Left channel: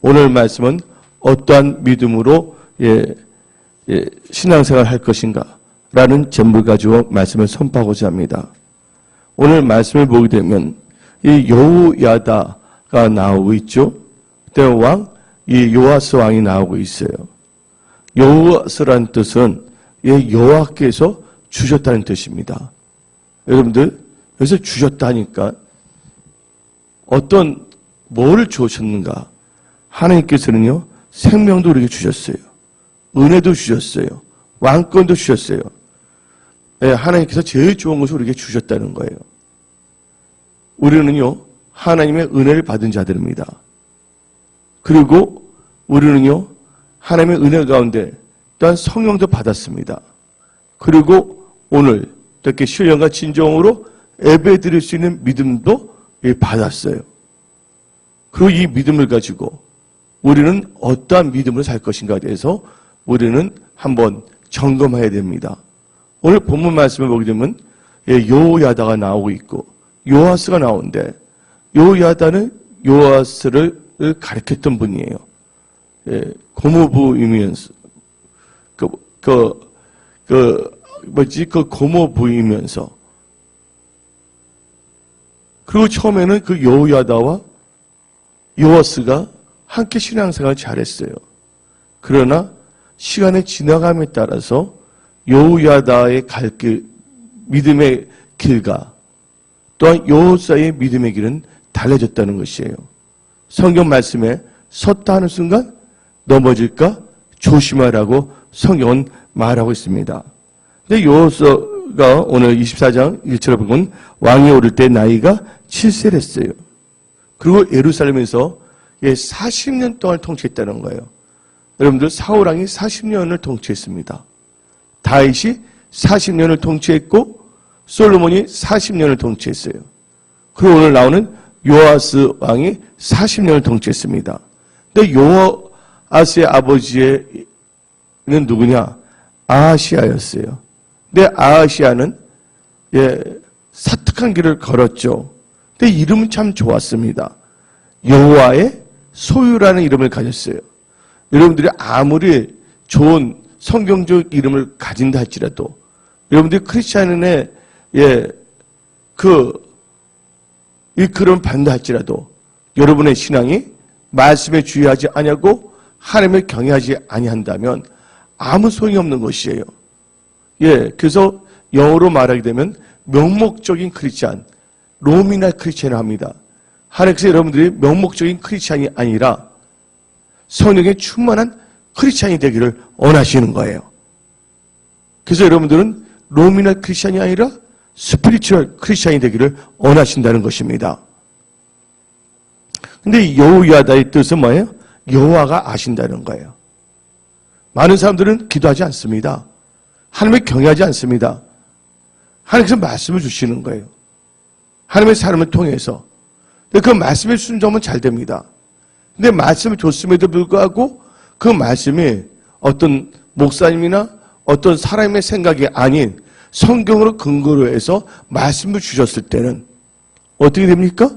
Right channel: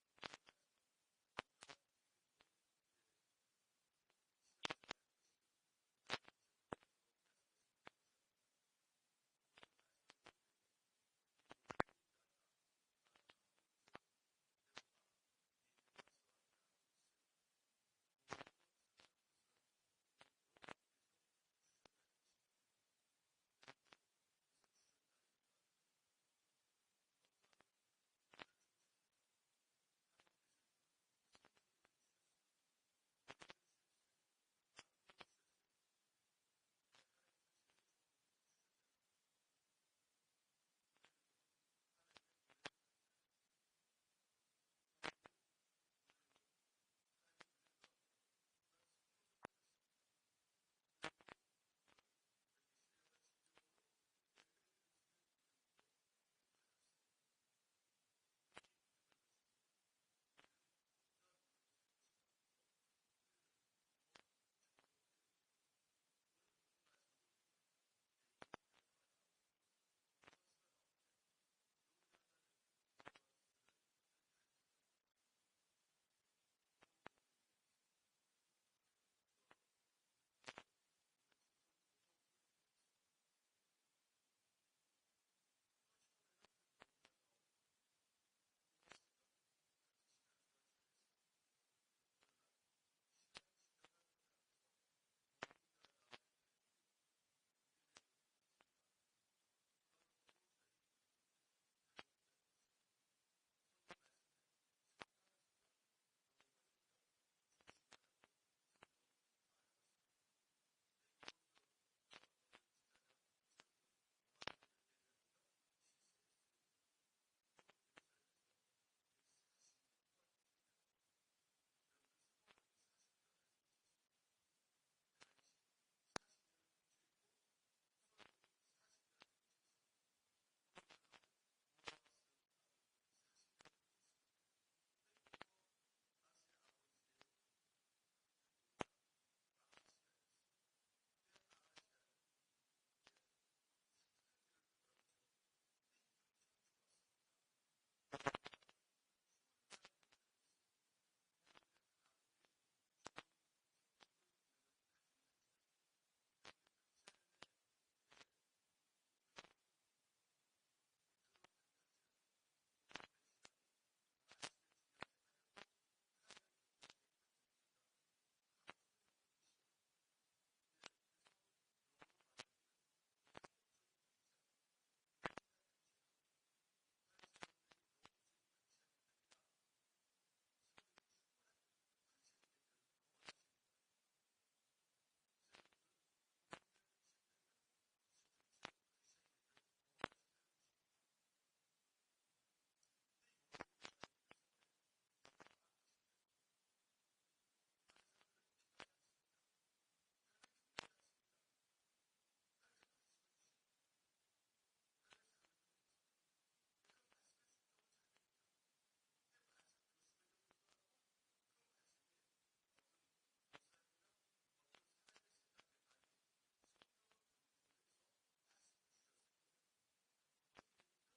오늘 말씀은 어떠한 믿음으로 신앙생활 할 것인가 라는 점을 가지고 말씀을 선포하고자 합니다. 오늘 말씀을 보게 되면 이 여호야다가 나오고 있죠. 그때 왕, 이 요아스 왕이 나오고 있어요. 요아스라는 뜻은 여호와께서 주셨다는 뜻입니다. 여러분들 여기서 주셨다니까 어떤 뭐를 주셨는가? 하나님께서는요 생명도 우리에게 주셨어요. 은혜도 주셨어요. 왕권도 주셨어요. 하나님께서 제일 좋은 것을 우리에게 주셨다는 거예요. 우리는요 하나님의 은혜를 받은 자들입니다. 그리고 우리는요 하나님의 은혜 가운데 또한 성령도 받았습니다. 그리고 오늘 이렇게 신령과 진정으로 예배 드릴 수 있는 믿음도 받았어요. 그리고 이 믿음을 가지고 우리는 어떠한 믿음으로 살 것인가에 대해서 우리는 한번 점검해야 됩니다. 오늘 본문 말씀을 보게 되면 여호야다가 나오고 있고 요아스가 나오는데 여호야다는 요아스를 가르쳤던 분이에요. 고모부이면서 고모부이면서 그리고 처음에는 그 여호야다와 요아스가 함께 신앙생활을 잘했어요. 그러나 시간의 지나감에 따라서 여호야다의 믿음의 길과 또한 요아스의 믿음의 길은 달라졌다는 것이에요. 성경 말씀에 섰다 하는 순간 넘어질까 조심하라고 성경은 말하고 있습니다. 근데 요아스가 오늘 24장 1절을 보면 왕이 오를 때 나이가 7세를 했어요. 그리고 예루살렘에서 40년 동안 통치했다는 거예요. 여러분들 사울왕이 40년을 통치했습니다. 다윗이 40년을 통치했고 솔로몬이 40년을 통치했어요. 그리고 오늘 나오는 요아스 왕이 40년을 통치했습니다. 근데 요아스의 아버지는 누구냐? 아하시아였어요. 근데 아하시아는 사특한 길을 걸었죠. 근데 이름은 참 좋았습니다. 여호와의 소유라는 이름을 가졌어요. 여러분들이 아무리 좋은 성경적 이름을 가진다 할지라도 여러분들이 크리스찬의 그런 반다 할지라도 여러분의 신앙이 말씀에 주의하지 아니하고 하나님을 경외하지 아니한다면 아무 소용이 없는 것이에요. 그래서 영어로 말하게 되면 명목적인 크리스찬, 노미널 크리스찬을 합니다. 하나님께서 여러분들이 명목적인 크리스찬이 아니라 성령에 충만한 크리스찬이 되기를 원하시는 거예요. 그래서 여러분들은 노미널 크리스찬이 아니라 스피리추얼 크리스찬이 되기를 원하신다는 것입니다. 근데 여호야다의 뜻은 뭐예요? 여호와가 아신다는 거예요. 많은 사람들은 기도하지 않습니다. 하나님을 경외하지 않습니다. 하나님께서 말씀을 주시는 거예요. 하나님의 사람을 통해서. 그 말씀에 순종하면 잘 됩니다. 근데 말씀을 줬음에도 불구하고 그 말씀이 어떤 목사님이나 어떤 사람의 생각이 아닌 성경으로 근거로 해서 말씀을 주셨을 때는 어떻게 됩니까?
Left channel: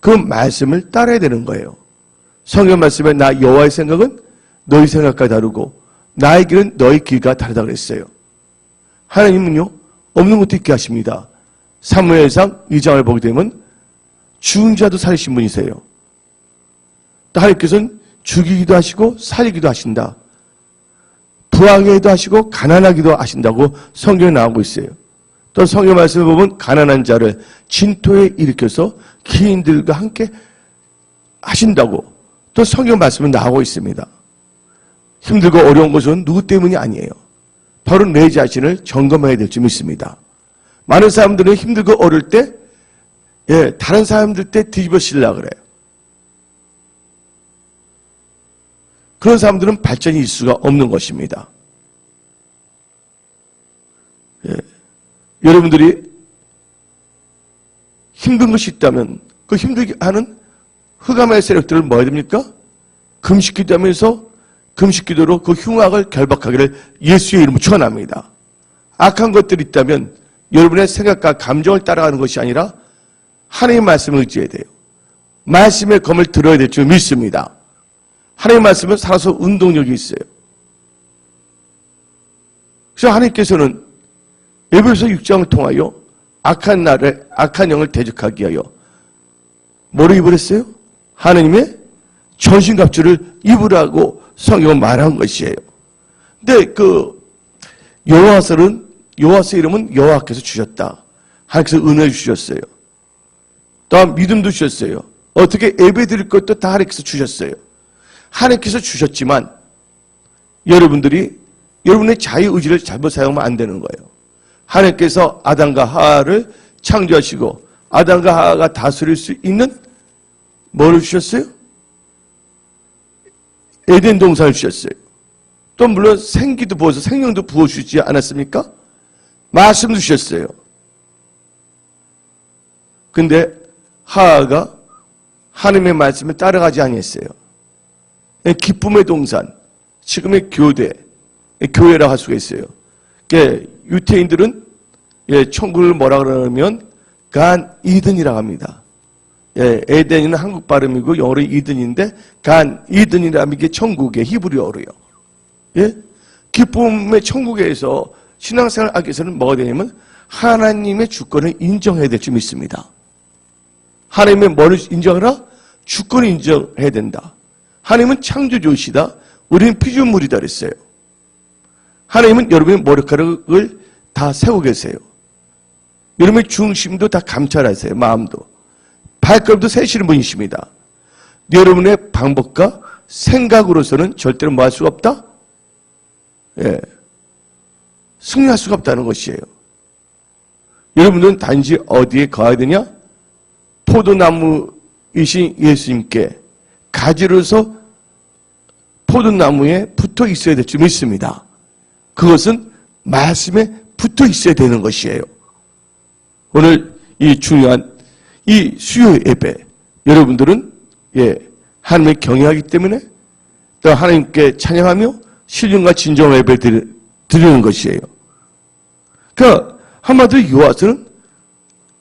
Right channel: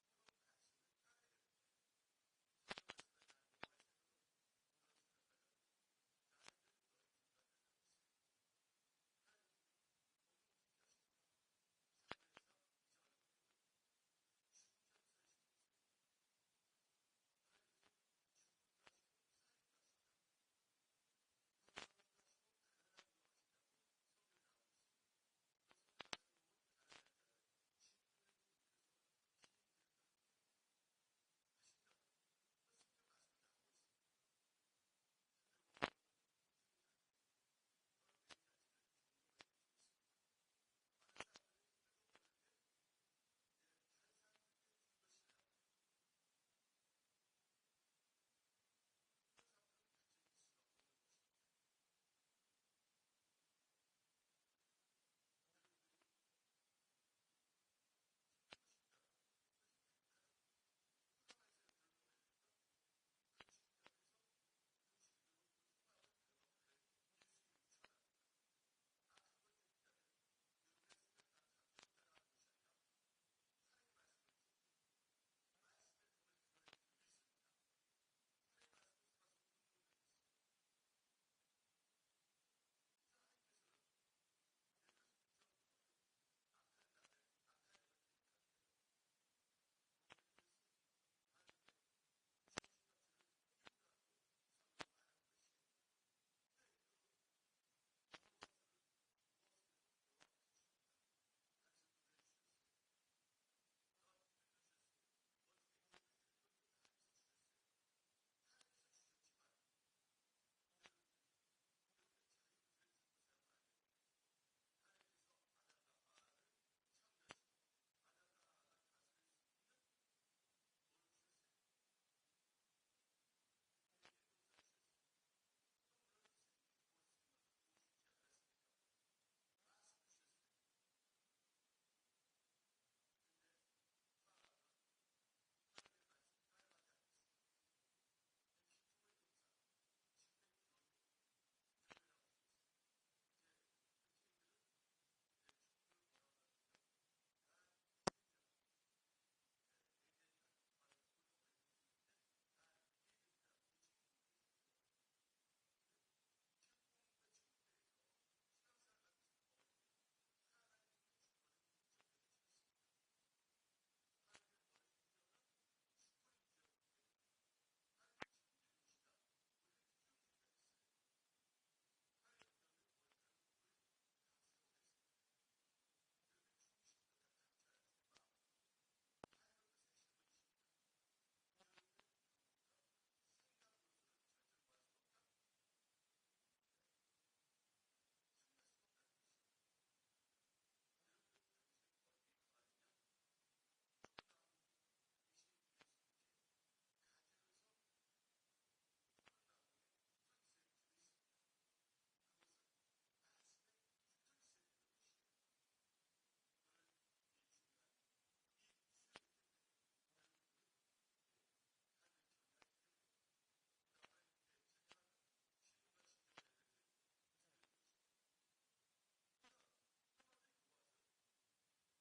그 말씀을 따라야 되는 거예요. 성경 말씀에 나 여호와의 생각은 너희 생각과 다르고 나의 길은 너희 길과 다르다 그랬어요. 하나님은요 없는 것도 있게 하십니다. 사무엘상 2장을 보게 되면 죽은 자도 살리신 분이세요. 또 하나님께서는 죽이기도 하시고 살리기도 하신다. 부하게도 하시고 가난하기도 하신다고 성경에 나오고 있어요. 또 성경 말씀을 보면 가난한 자를 진토에 일으켜서 기인들과 함께 하신다고 또 성경 말씀은 나오고 있습니다. 힘들고 어려운 것은 누구 때문이 아니에요. 바로 내 자신을 점검해야 될 줄 믿습니다. 많은 사람들은 힘들고 어려울 때 다른 사람들 때 뒤집어 쓰려고 그래요. 그런 사람들은 발전이 있을 수가 없는 것입니다. 여러분들이 힘든 것이 있다면 그 힘들게 하는 흑암의 세력들을 뭐 해야 됩니까? 금식기도 하면서 금식기도로 그 흉악을 결박하기를 예수의 이름으로 축원합니다. 악한 것들이 있다면 여러분의 생각과 감정을 따라가는 것이 아니라 하나님의 말씀을 의지해야 돼요. 말씀의 검을 들어야 될 줄 믿습니다. 하나님의 말씀은 살아서 운동력이 있어요. 그래서 하나님께서는 에베소 6장을 통하여 악한 영을 대적하기 위하여 뭐를 입으랬어요? 하나님의 전신갑주를 입으라고 성경은 말한 것이에요. 근데 여호와서 이름은 여호와께서 주셨다. 하나님께서 은혜를 주셨어요. 또한 믿음도 주셨어요. 어떻게 예배드릴 것도 다 하나님께서 주셨어요. 하나님께서 주셨지만 여러분의 자유의지를 잘못 사용하면 안 되는 거예요. 하나님께서 아담과 하와를 창조하시고 아담과 하와가 다스릴 수 있는 뭐를 주셨어요? 에덴 동산을 주셨어요. 또 물론 생기도 부어서 생명도 부어주지 않았습니까? 말씀도 주셨어요. 근데 하와가 하나님의 말씀을 따라가지 아니했어요. 기쁨의 동산, 지금의 교회라고 할 수가 있어요. 유태인들은 천국을 뭐라 그러냐면 간 이든이라고 합니다. 에덴은 한국 발음이고 영어로 이든인데 간 이든이라는 게 천국의 히브리어로요. 기쁨의 천국에서 신앙생활 하기 위해서는 뭐가 되냐면 하나님의 주권을 인정해야 될 줄 믿습니다. 하나님의 뭐를 인정하라? 주권을 인정해야 된다. 하나님은 창조주시다. 우리는 피조물이다 그랬어요. 하나님은 여러분의 머리카락을 다 세우고 계세요. 여러분의 중심도 다 감찰하세요. 마음도. 발걸음도 세시는 분이십니다. 여러분의 방법과 생각으로서는 절대로 뭐 할 수가 없다? 승리할 수가 없다는 것이에요. 여러분들은 단지 어디에 가야 되냐? 포도나무이신 예수님께 가지로서 포도나무에 붙어 있어야 될 줄 믿습니다. 그것은 말씀에 붙어 있어야 되는 것이에요. 오늘 이 중요한 이 수요 예배, 여러분들은 하나님을 경외하기 때문에 또 하나님께 찬양하며 신령과 진정 예배 드리는 것이에요. 그러니까 한마디로 여호와서는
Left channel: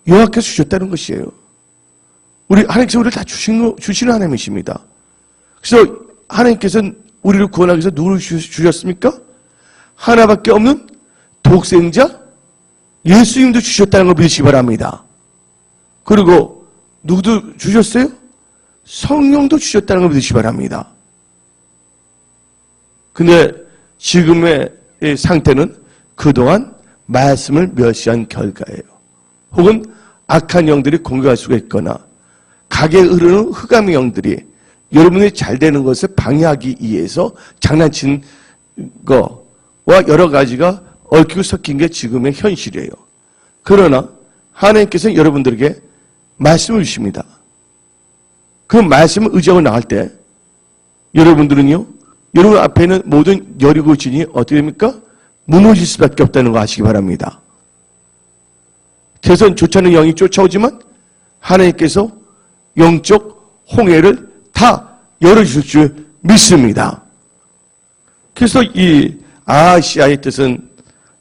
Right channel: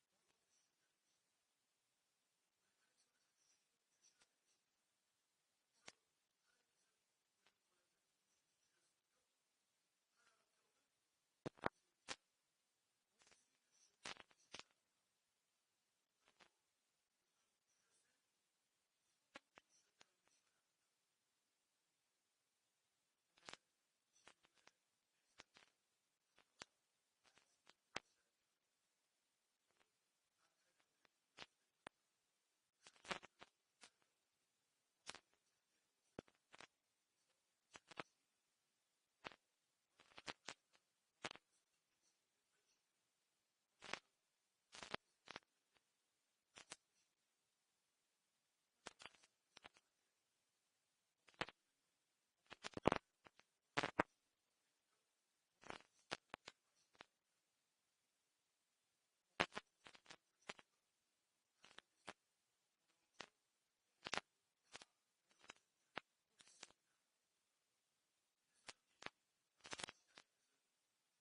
여호와께서 주셨다는 것이에요. 하나님께서 우리를 다 주시는 하나님이십니다. 그래서 하나님께서는 우리를 구원하기 위해서 누구를 주셨습니까? 하나밖에 없는 독생자 예수님도 주셨다는 걸 믿으시기 바랍니다. 그리고 누구도 주셨어요? 성령도 주셨다는 걸 믿으시기 바랍니다. 근데 지금의 이 상태는 그동안 말씀을 멸시한 결과예요. 혹은 악한 영들이 공격할 수가 있거나 각에 흐르는 흑암의 영들이 여러분이 잘 되는 것을 방해하기 위해서 장난친 거와 여러 가지가 얽히고 섞인 게 지금의 현실이에요. 그러나 하나님께서는 여러분들에게 말씀을 주십니다. 그 말씀을 의지하고 나갈 때 여러분들은요, 여러분 앞에 있는 모든 여리고 진이 어떻게 됩니까? 무너질 수밖에 없다는 거 아시기 바랍니다. 대선 좋지 않은 영이 쫓아오지만 하나님께서 영적 홍해를 다 열어주실 줄 믿습니다. 그래서 이 아하시아의 뜻은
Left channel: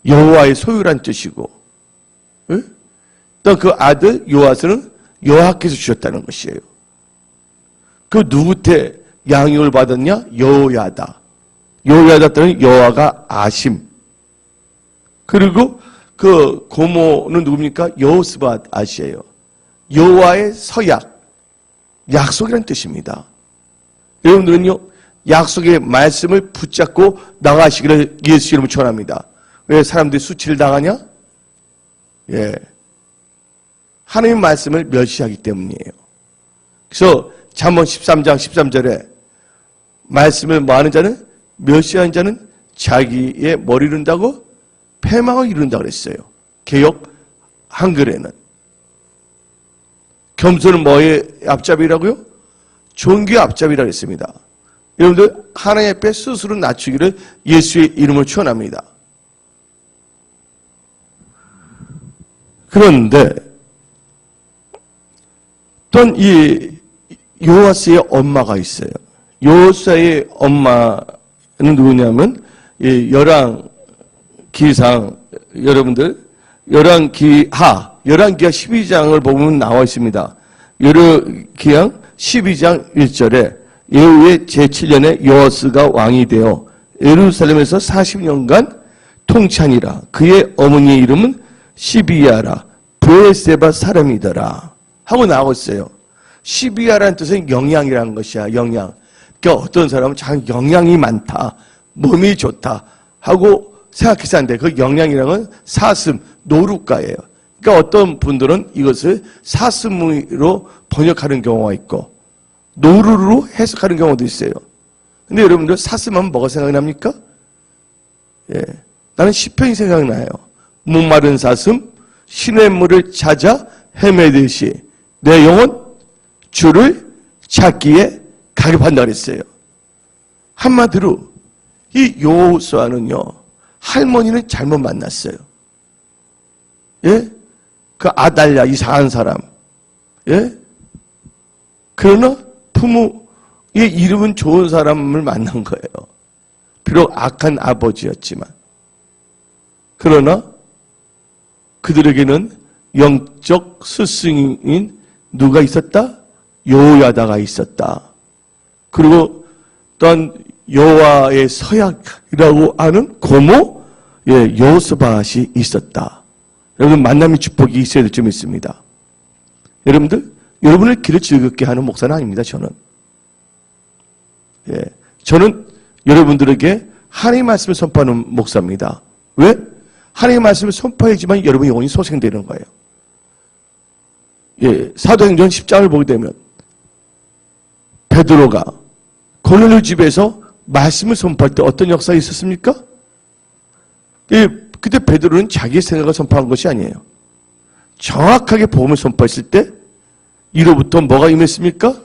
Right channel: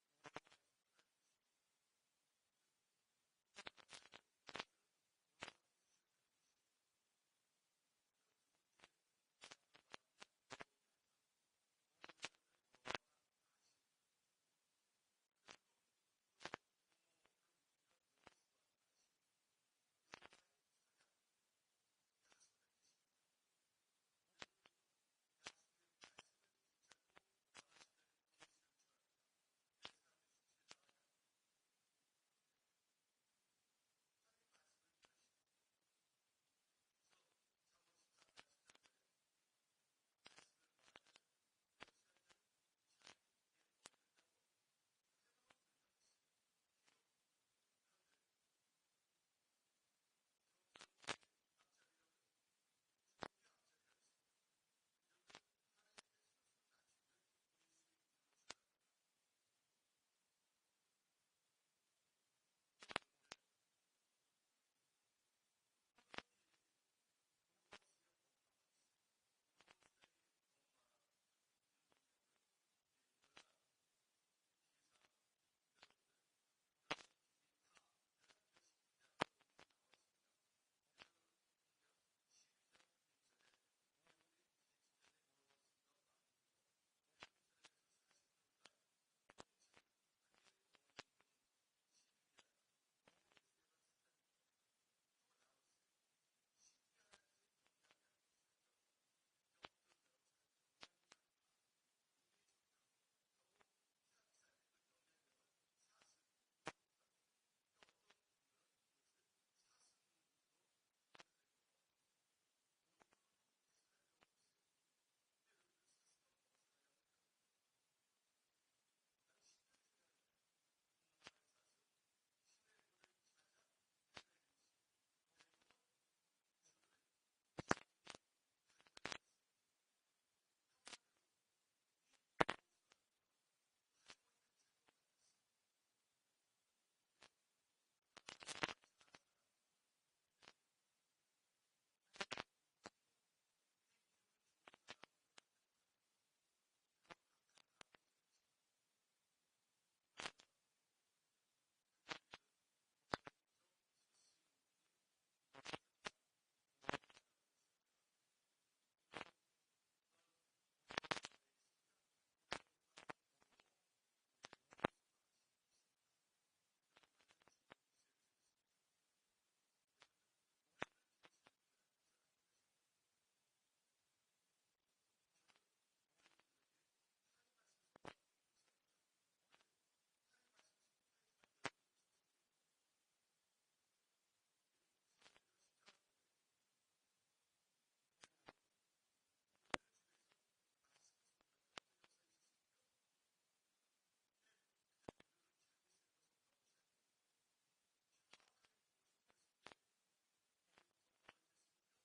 여호와의 소유란 뜻이고, 또 그 아들 요아스는 여호와께서 주셨다는 것이에요. 그 누구한테 양육을 받았냐? 여호야다. 여호야다 때는 여호와가 아심. 그리고 그 고모는 누굽니까? 여호스밧 아시에요. 여호와의 서약, 약속이라는 뜻입니다. 여러분들은요, 약속의 말씀을 붙잡고 나가시기를 예수 이름으로 축원합니다. 왜 사람들이 수치를 당하냐? 하나님의 말씀을 멸시하기 때문이에요. 그래서 잠언 13장 13절에 말씀을 뭐하는 자는, 멸시하는 자는 자기의 머리를 이룬다고 패망을 이룬다고 그랬어요. 개역 한글에는. 겸손은 뭐의 앞잡이라고요? 존귀의 앞잡이라고 했습니다. 여러분들 하나님 앞에 스스로 낮추기를 예수의 이름으로 축원합니다. 그런데 또한 이 요아스의 엄마가 있어요. 요아스의 엄마는 누구냐면 열왕기상, 여러분들 열왕기하 12장을 보면 나와 있습니다. 열왕기상 12장 1절에 예후의 제7년에 여호아스가 왕이 되어 예루살렘에서 40년간 통치하니라. 그의 어머니의 이름은 시비야라 브에세바 사람이더라 하고 나오고 있어요. 시비야라는 뜻은 영양이라는 것이야. 영양. 그러니까 어떤 사람은 참 영양이 많다, 몸이 좋다 하고 생각해서 하는데, 그 영양이라는 건 사슴, 노루가예요. 그러니까 어떤 분들은 이것을 사슴으로 번역하는 경우가 있고 노루로 해석하는 경우도 있어요. 근데 여러분들 사슴하면 뭐가 생각이 납니까? 예, 나는 시편이 생각나요. 목마른 사슴 시냇물을 찾아 헤매듯이 내 영혼 주를 찾기에 가급한다 그랬어요. 한마디로 이 여호수아는요, 할머니는 잘못 만났어요. 예? 그 아달랴 이상한 사람. 예? 그러나 부모의 이름은 좋은 사람을 만난 거예요. 비록 악한 아버지였지만. 그러나 그들에게는 영적 스승인 누가 있었다? 여호야다가 있었다. 그리고 또한 여호와의 서약이라고 하는 고모 여호스밧이 있었다. 여러분, 만남의 축복이 있어야 될 점이 있습니다. 여러분들, 여러분을 길을 즐겁게 하는 목사는 아닙니다. 저는 여러분들에게 하나님의 말씀을 선포하는 목사입니다. 왜? 하나님의 말씀을 선포해야지만 여러분의 영혼이 소생되는 거예요. 사도행전 10장을 보게 되면 베드로가 고넬료 집에서 말씀을 선포할 때 어떤 역사가 있었습니까? 그때 베드로는 자기의 생각을 선포한 것이 아니에요. 정확하게 복음을 선포했을 때 이로부터 뭐가 임했습니까?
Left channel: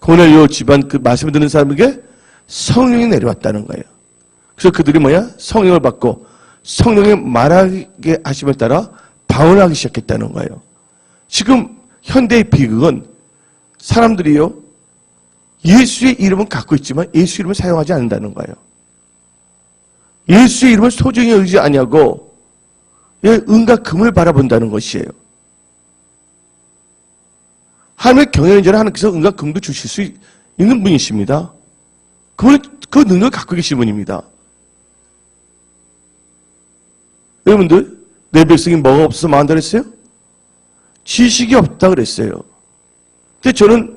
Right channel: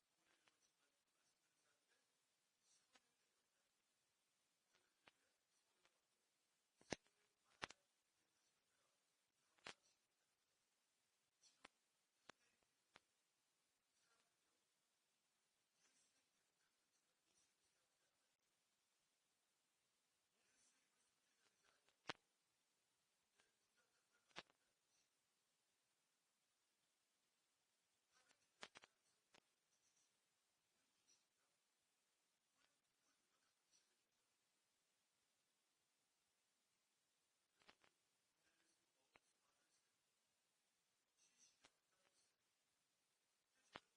고넬료 집안 그 말씀을 듣는 사람에게 성령이 내려왔다는 거예요. 그래서 그들이 성령을 받고 성령의 말하게 하심에 따라 방언하기 시작했다는 거예요. 지금 현대의 비극은 사람들이요, 예수의 이름은 갖고 있지만 예수 이름을 사용하지 않는다는 거예요. 예수의 이름을 소중히 여기지 아니하고 은과 금을 바라본다는 것이에요. 하나님의 경영자는 하나님께서 은과 금도 주실 수 있는 분이십니다. 그 능력을 갖고 계신 분입니다. 여러분들, 내 백성이 뭐가 없어서 망한다 그랬어요? 지식이 없다 그랬어요. 근데 저는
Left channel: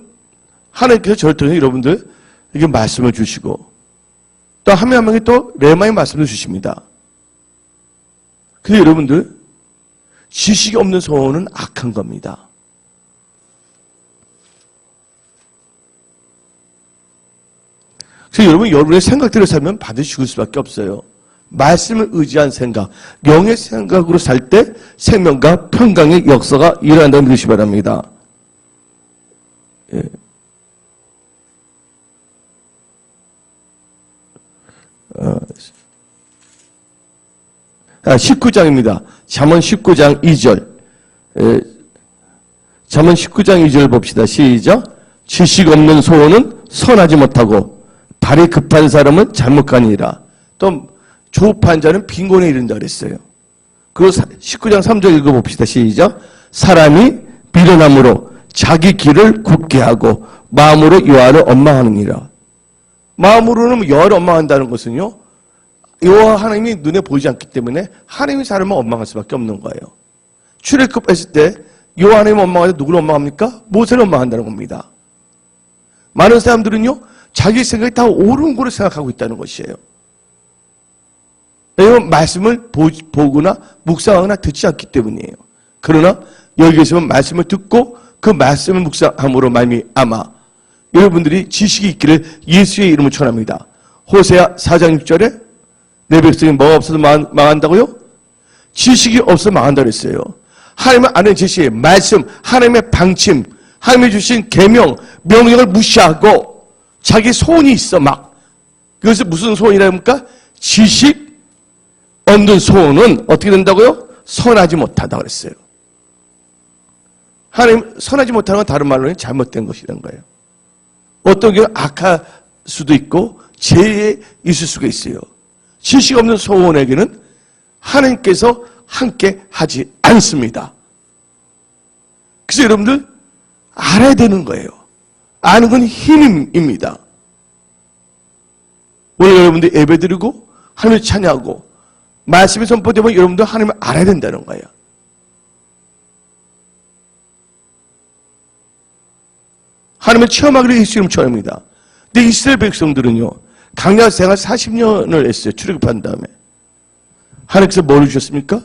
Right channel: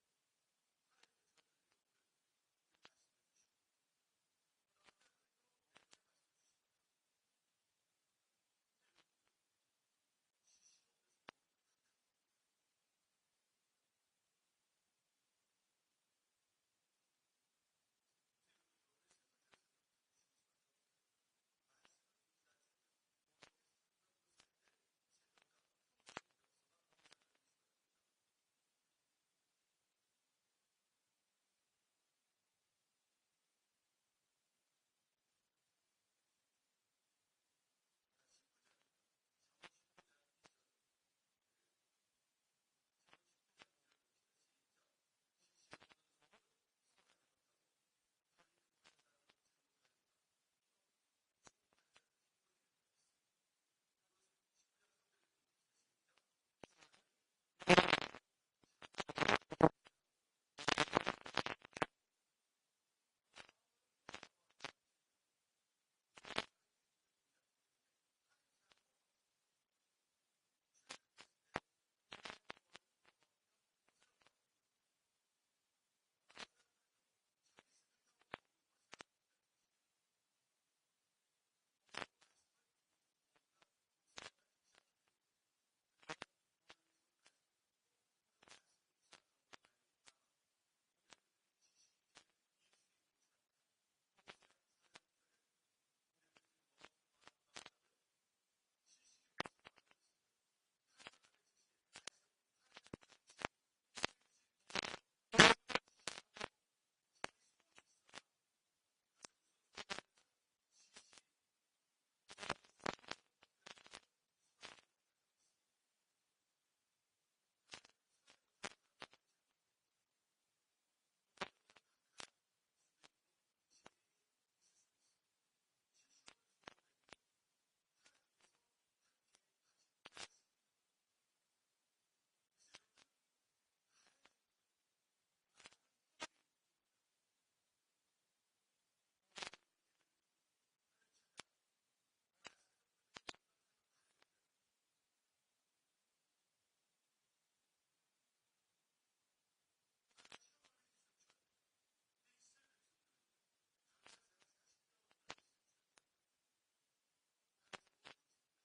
하나님께서 저를 통해 여러분들에게 말씀을 주시고 또 한 명 한 명이 또 레마의 말씀을 주십니다. 근데 여러분들, 지식이 없는 소원은 악한 겁니다. 그래서 여러분의 생각대로 살면 반드시 죽을 수밖에 없어요. 말씀을 의지한 생각, 영의 생각으로 살 때 생명과 평강의 역사가 일어난다는 믿으시기 바랍니다. 19장입니다. 잠언 19장 2절. 잠언 19장 2절 봅시다. 시작. 지식 없는 소원은 선하지 못하고 발이 급한 사람은 잘못 가니라. 또 조급한 자는 빈곤에 이른다 그랬어요. 그리고 19장 3절 읽어봅시다. 시작. 사람이 미련함으로 자기 길을 굽게 하고 마음으로 여호와를 원망하느니라. 마음으로는 여호와를 원망한다는 것은요, 여호와 하나님이 눈에 보이지 않기 때문에 하나님이 사람을 원망할 수밖에 없는 거예요. 출애굽했을 때 여호와 하나님을 원망할 때 누구를 원망합니까? 모세를 원망한다는 겁니다. 많은 사람들은요, 자기 생각이 다 옳은 거로 생각하고 있다는 것이에요. 왜냐하면 말씀을 보거나 묵상하거나 듣지 않기 때문이에요. 그러나 여기 계시면 말씀을 듣고 그 말씀을 묵상함으로 말미암아 여러분들이 지식이 있기를 예수의 이름을 축원합니다. 호세아 4장 6절에 내 백성이 뭐가 없어서 망한다고요? 지식이 없어서 망한다고 했어요. 하나님의 아는 지식, 말씀, 하나님의 방침, 하나님이 주신 계명, 명령을 무시하고 자기 소원이 있어 막. 그것이 무슨 소원이랍니까? 지식 없는 소원은 어떻게 된다고요? 선하지 못하다고 그랬어요. 하나님, 선하지 못하는 건 다른 말로는 잘못된 것이라는 거예요. 어떤 경우 악할 수도 있고 죄에 있을 수가 있어요. 지식 없는 소원에게는 하나님께서 함께 하지 않습니다. 그래서 여러분들 알아야 되는 거예요. 아는 건 힘입니다. 오늘 여러분들 예배드리고 하나님을 찬양하고 말씀이 선포되면 여러분들 하나님을 알아야 된다는 거예요. 하나님을 체험하기를 예수 이름 축원합니다. 근데 이스라엘 백성들은요, 광야 생활 40년을 했어요. 출애굽한 다음에. 하나님께서 뭘 주셨습니까?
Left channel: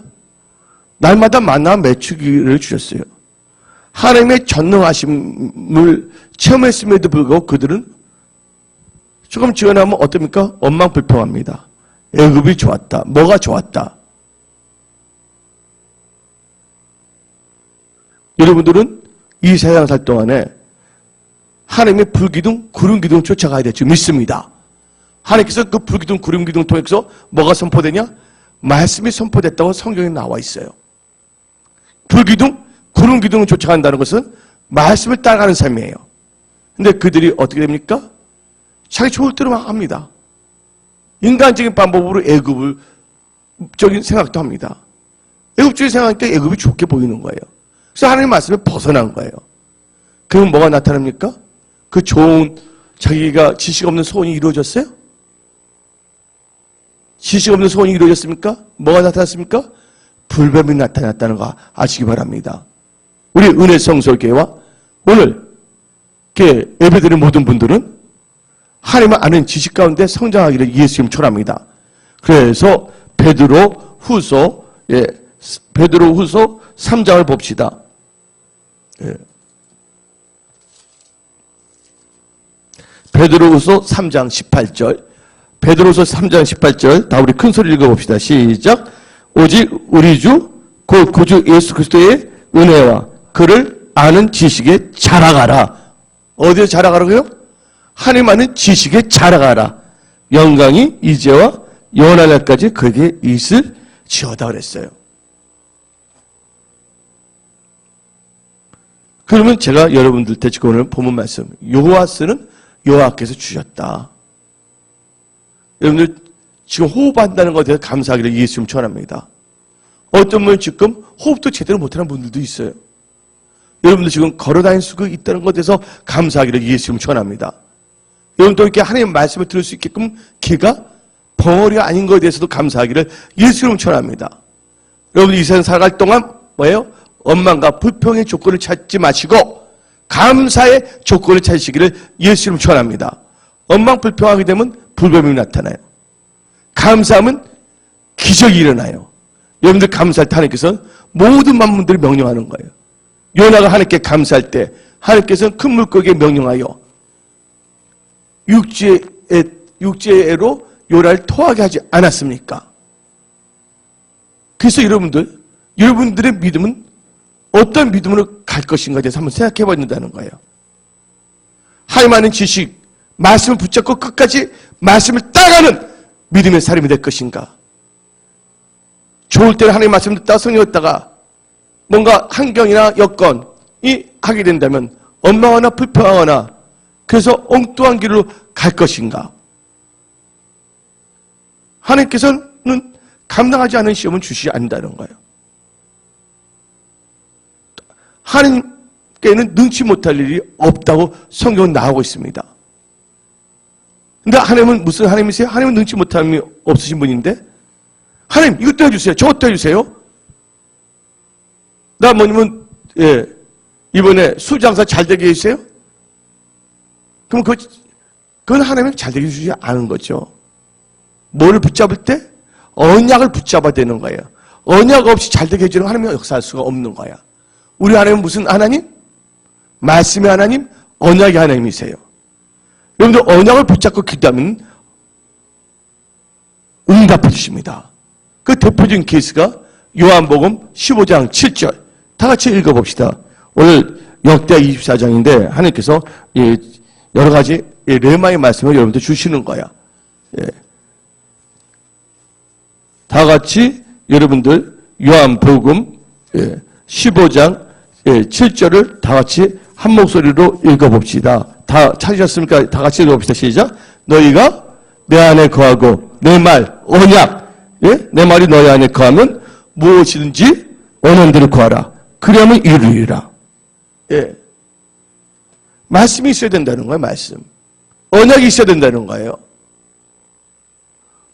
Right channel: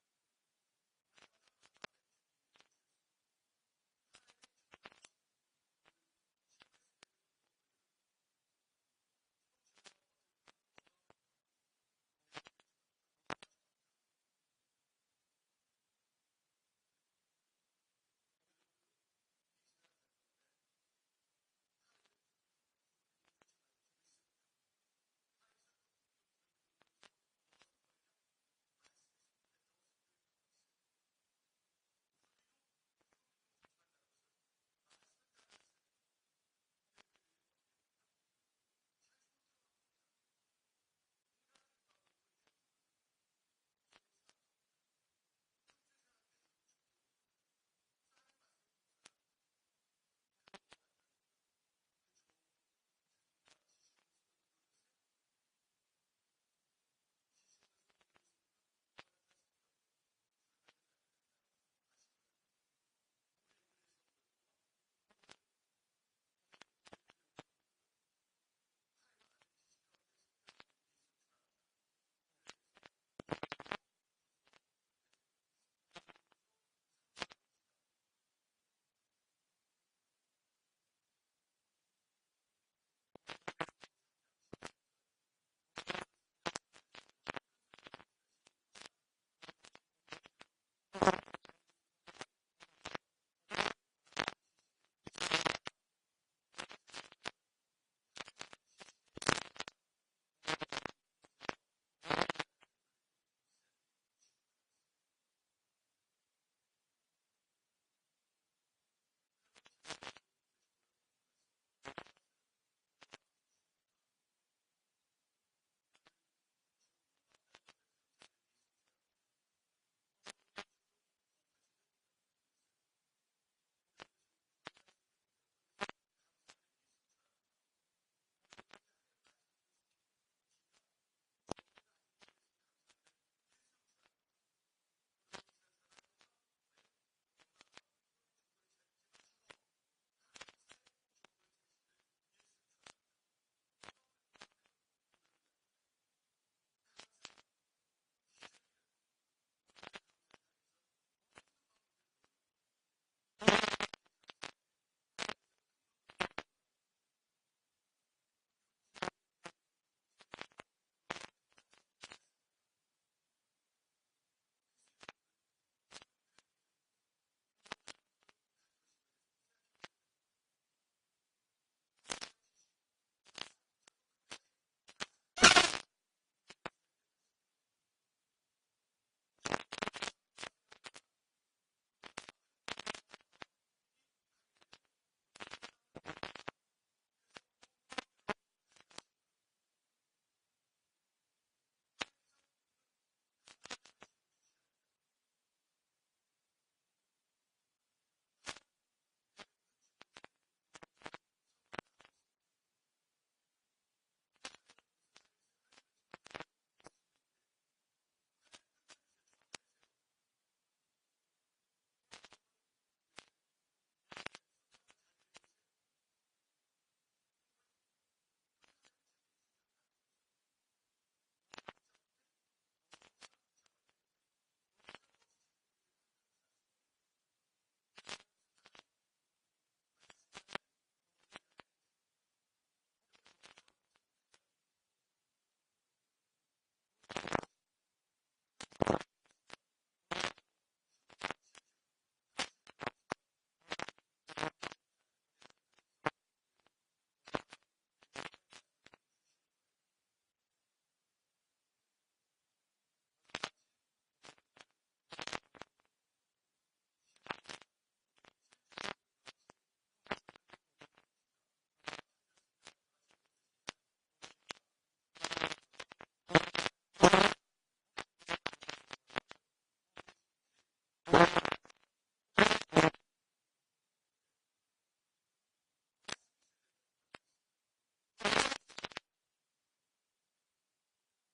날마다 만나 메추기를 주셨어요. 하나님의 전능하심을 체험했음에도 불구하고 그들은 조금 지어나면 어떻습니까? 원망불평합니다. 애굽이 좋았다. 뭐가 좋았다. 여러분들은 이 세상 살 동안에 하나님의 불기둥, 구름기둥 쫓아가야 될 줄 믿습니다. 하나님께서 그 불기둥, 구름기둥 통해서 뭐가 선포되냐? 말씀이 선포됐다고 성경에 나와 있어요. 불기둥, 구름기둥을 쫓아간다는 것은 말씀을 따라가는 삶이에요. 근데 그들이 어떻게 됩니까? 자기 좋을 대로 막 합니다. 인간적인 방법으로 애굽적인 생각도 합니다. 애굽적인 생각하니까 애굽이 좋게 보이는 거예요. 그래서 하나님의 말씀에 벗어난 거예요. 그럼 뭐가 나타납니까? 그 좋은 자기가 지식 없는 소원이 이루어졌어요? 지식 없는 소원이 이루어졌습니까? 뭐가 나타났습니까? 불뱀이 나타났다는 거 아시기 바랍니다. 우리 은혜 성소교회와 오늘 예배드리는 모든 분들은 하나님을 아는 지식 가운데 성장하기를 예수 이름 축원합니다. 그래서 베드로 후서 3장을 봅시다. 베드로후서 3장 18절. 베드로후서 3장 18절. 다 우리 큰 소리 읽어봅시다. 시작. 오직 우리 주 곧 구주 예수 그리스도의 은혜와 그를 아는 지식에 자라가라. 어디에 자라가라고요? 하나님 아는 지식에 자라가라. 영광이 이제와 영원한 날까지 그에게 있을지어다 그랬어요. 그러면 제가 여러분들 대치고 오늘 본문 말씀, 여호와스는 여호와께서 주셨다. 여러분들 지금 호흡한다는 것에 대해서 감사하기를 예수 이름 축원합니다. 어떤 분은 지금 호흡도 제대로 못하는 분들도 있어요. 여러분들 지금 걸어다닐 수 있다는 것에 대해서 감사하기를 예수 이름 축원합니다. 여러분도 이렇게 하나님의 말씀을 들을 수 있게끔 귀가 벙어리가 아닌 것에 대해서도 감사하기를 예수 이름 축원합니다. 여러분 이 세상 살아갈 동안 뭐예요? 원망과 불평의 조건을 찾지 마시고 감사의 조건을 찾으시기를 예수 이름 축원합니다. 원망 불평하게 되면 불뱀이 나타나요. 감사하면 기적이 일어나요. 여러분들 감사할 때 하나님께서는 모든 만물들을 명령하는 거예요. 요나가 하나님께 감사할 때 하나님께서는 큰 물고기에 명령하여 육지애로 요나를 토하게 하지 않았습니까? 그래서 여러분들의 믿음은 어떤 믿음으로 갈 것인가에 대해서 한번 생각해 봐야 된다는 거예요. 하나님 아는 지식, 말씀을 붙잡고 끝까지 말씀을 따라가는 믿음의 사람이 될 것인가? 좋을 때는 하나님의 말씀을 듣다가 성령했다가 뭔가 환경이나 여건이 하게 된다면 원망하거나 불평하거나 그래서 엉뚱한 길로 갈 것인가? 하나님께서는 감당하지 않은 시험은 주시지 않는다는 거예요. 하나님께는 능치 못할 일이 없다고 성경은 나오고 있습니다. 근데 하나님은 무슨 하나님이세요? 하나님은 능치 못할 일이 없으신 분인데 하나님 이것도 해주세요. 저것도 해주세요. 나 뭐냐면 이번에 수장사 잘 되게 해주세요. 그럼 그건 하나님은 잘 되게 해주지 않은 거죠. 뭐를 붙잡을 때? 언약을 붙잡아야 되는 거예요. 언약 없이 잘 되게 해주는 하나님은 역사할 수가 없는 거야. 우리 하나님은 무슨 하나님? 말씀의 하나님, 언약의 하나님이세요. 여러분들 언약을 붙잡고 기도하면 응답해 주십니다. 그 대표적인 케이스가 요한복음 15장 7절. 다 같이 읽어봅시다. 오늘 역대 24장인데 하나님께서 여러 가지 레마의 말씀을 여러분들 주시는 거야. 다 같이 여러분들 요한복음 15장 7절을 다 같이 한 목소리로 읽어봅시다. 다 찾으셨습니까? 다 같이 읽어봅시다. 시작. 너희가 내 안에 거하고 내 말, 언약, 내 말이 너희 안에 거하면 무엇이든지 원하는 대로 구하라. 그러면 이루리라. 말씀이 있어야 된다는 거예요, 말씀. 언약이 있어야 된다는 거예요.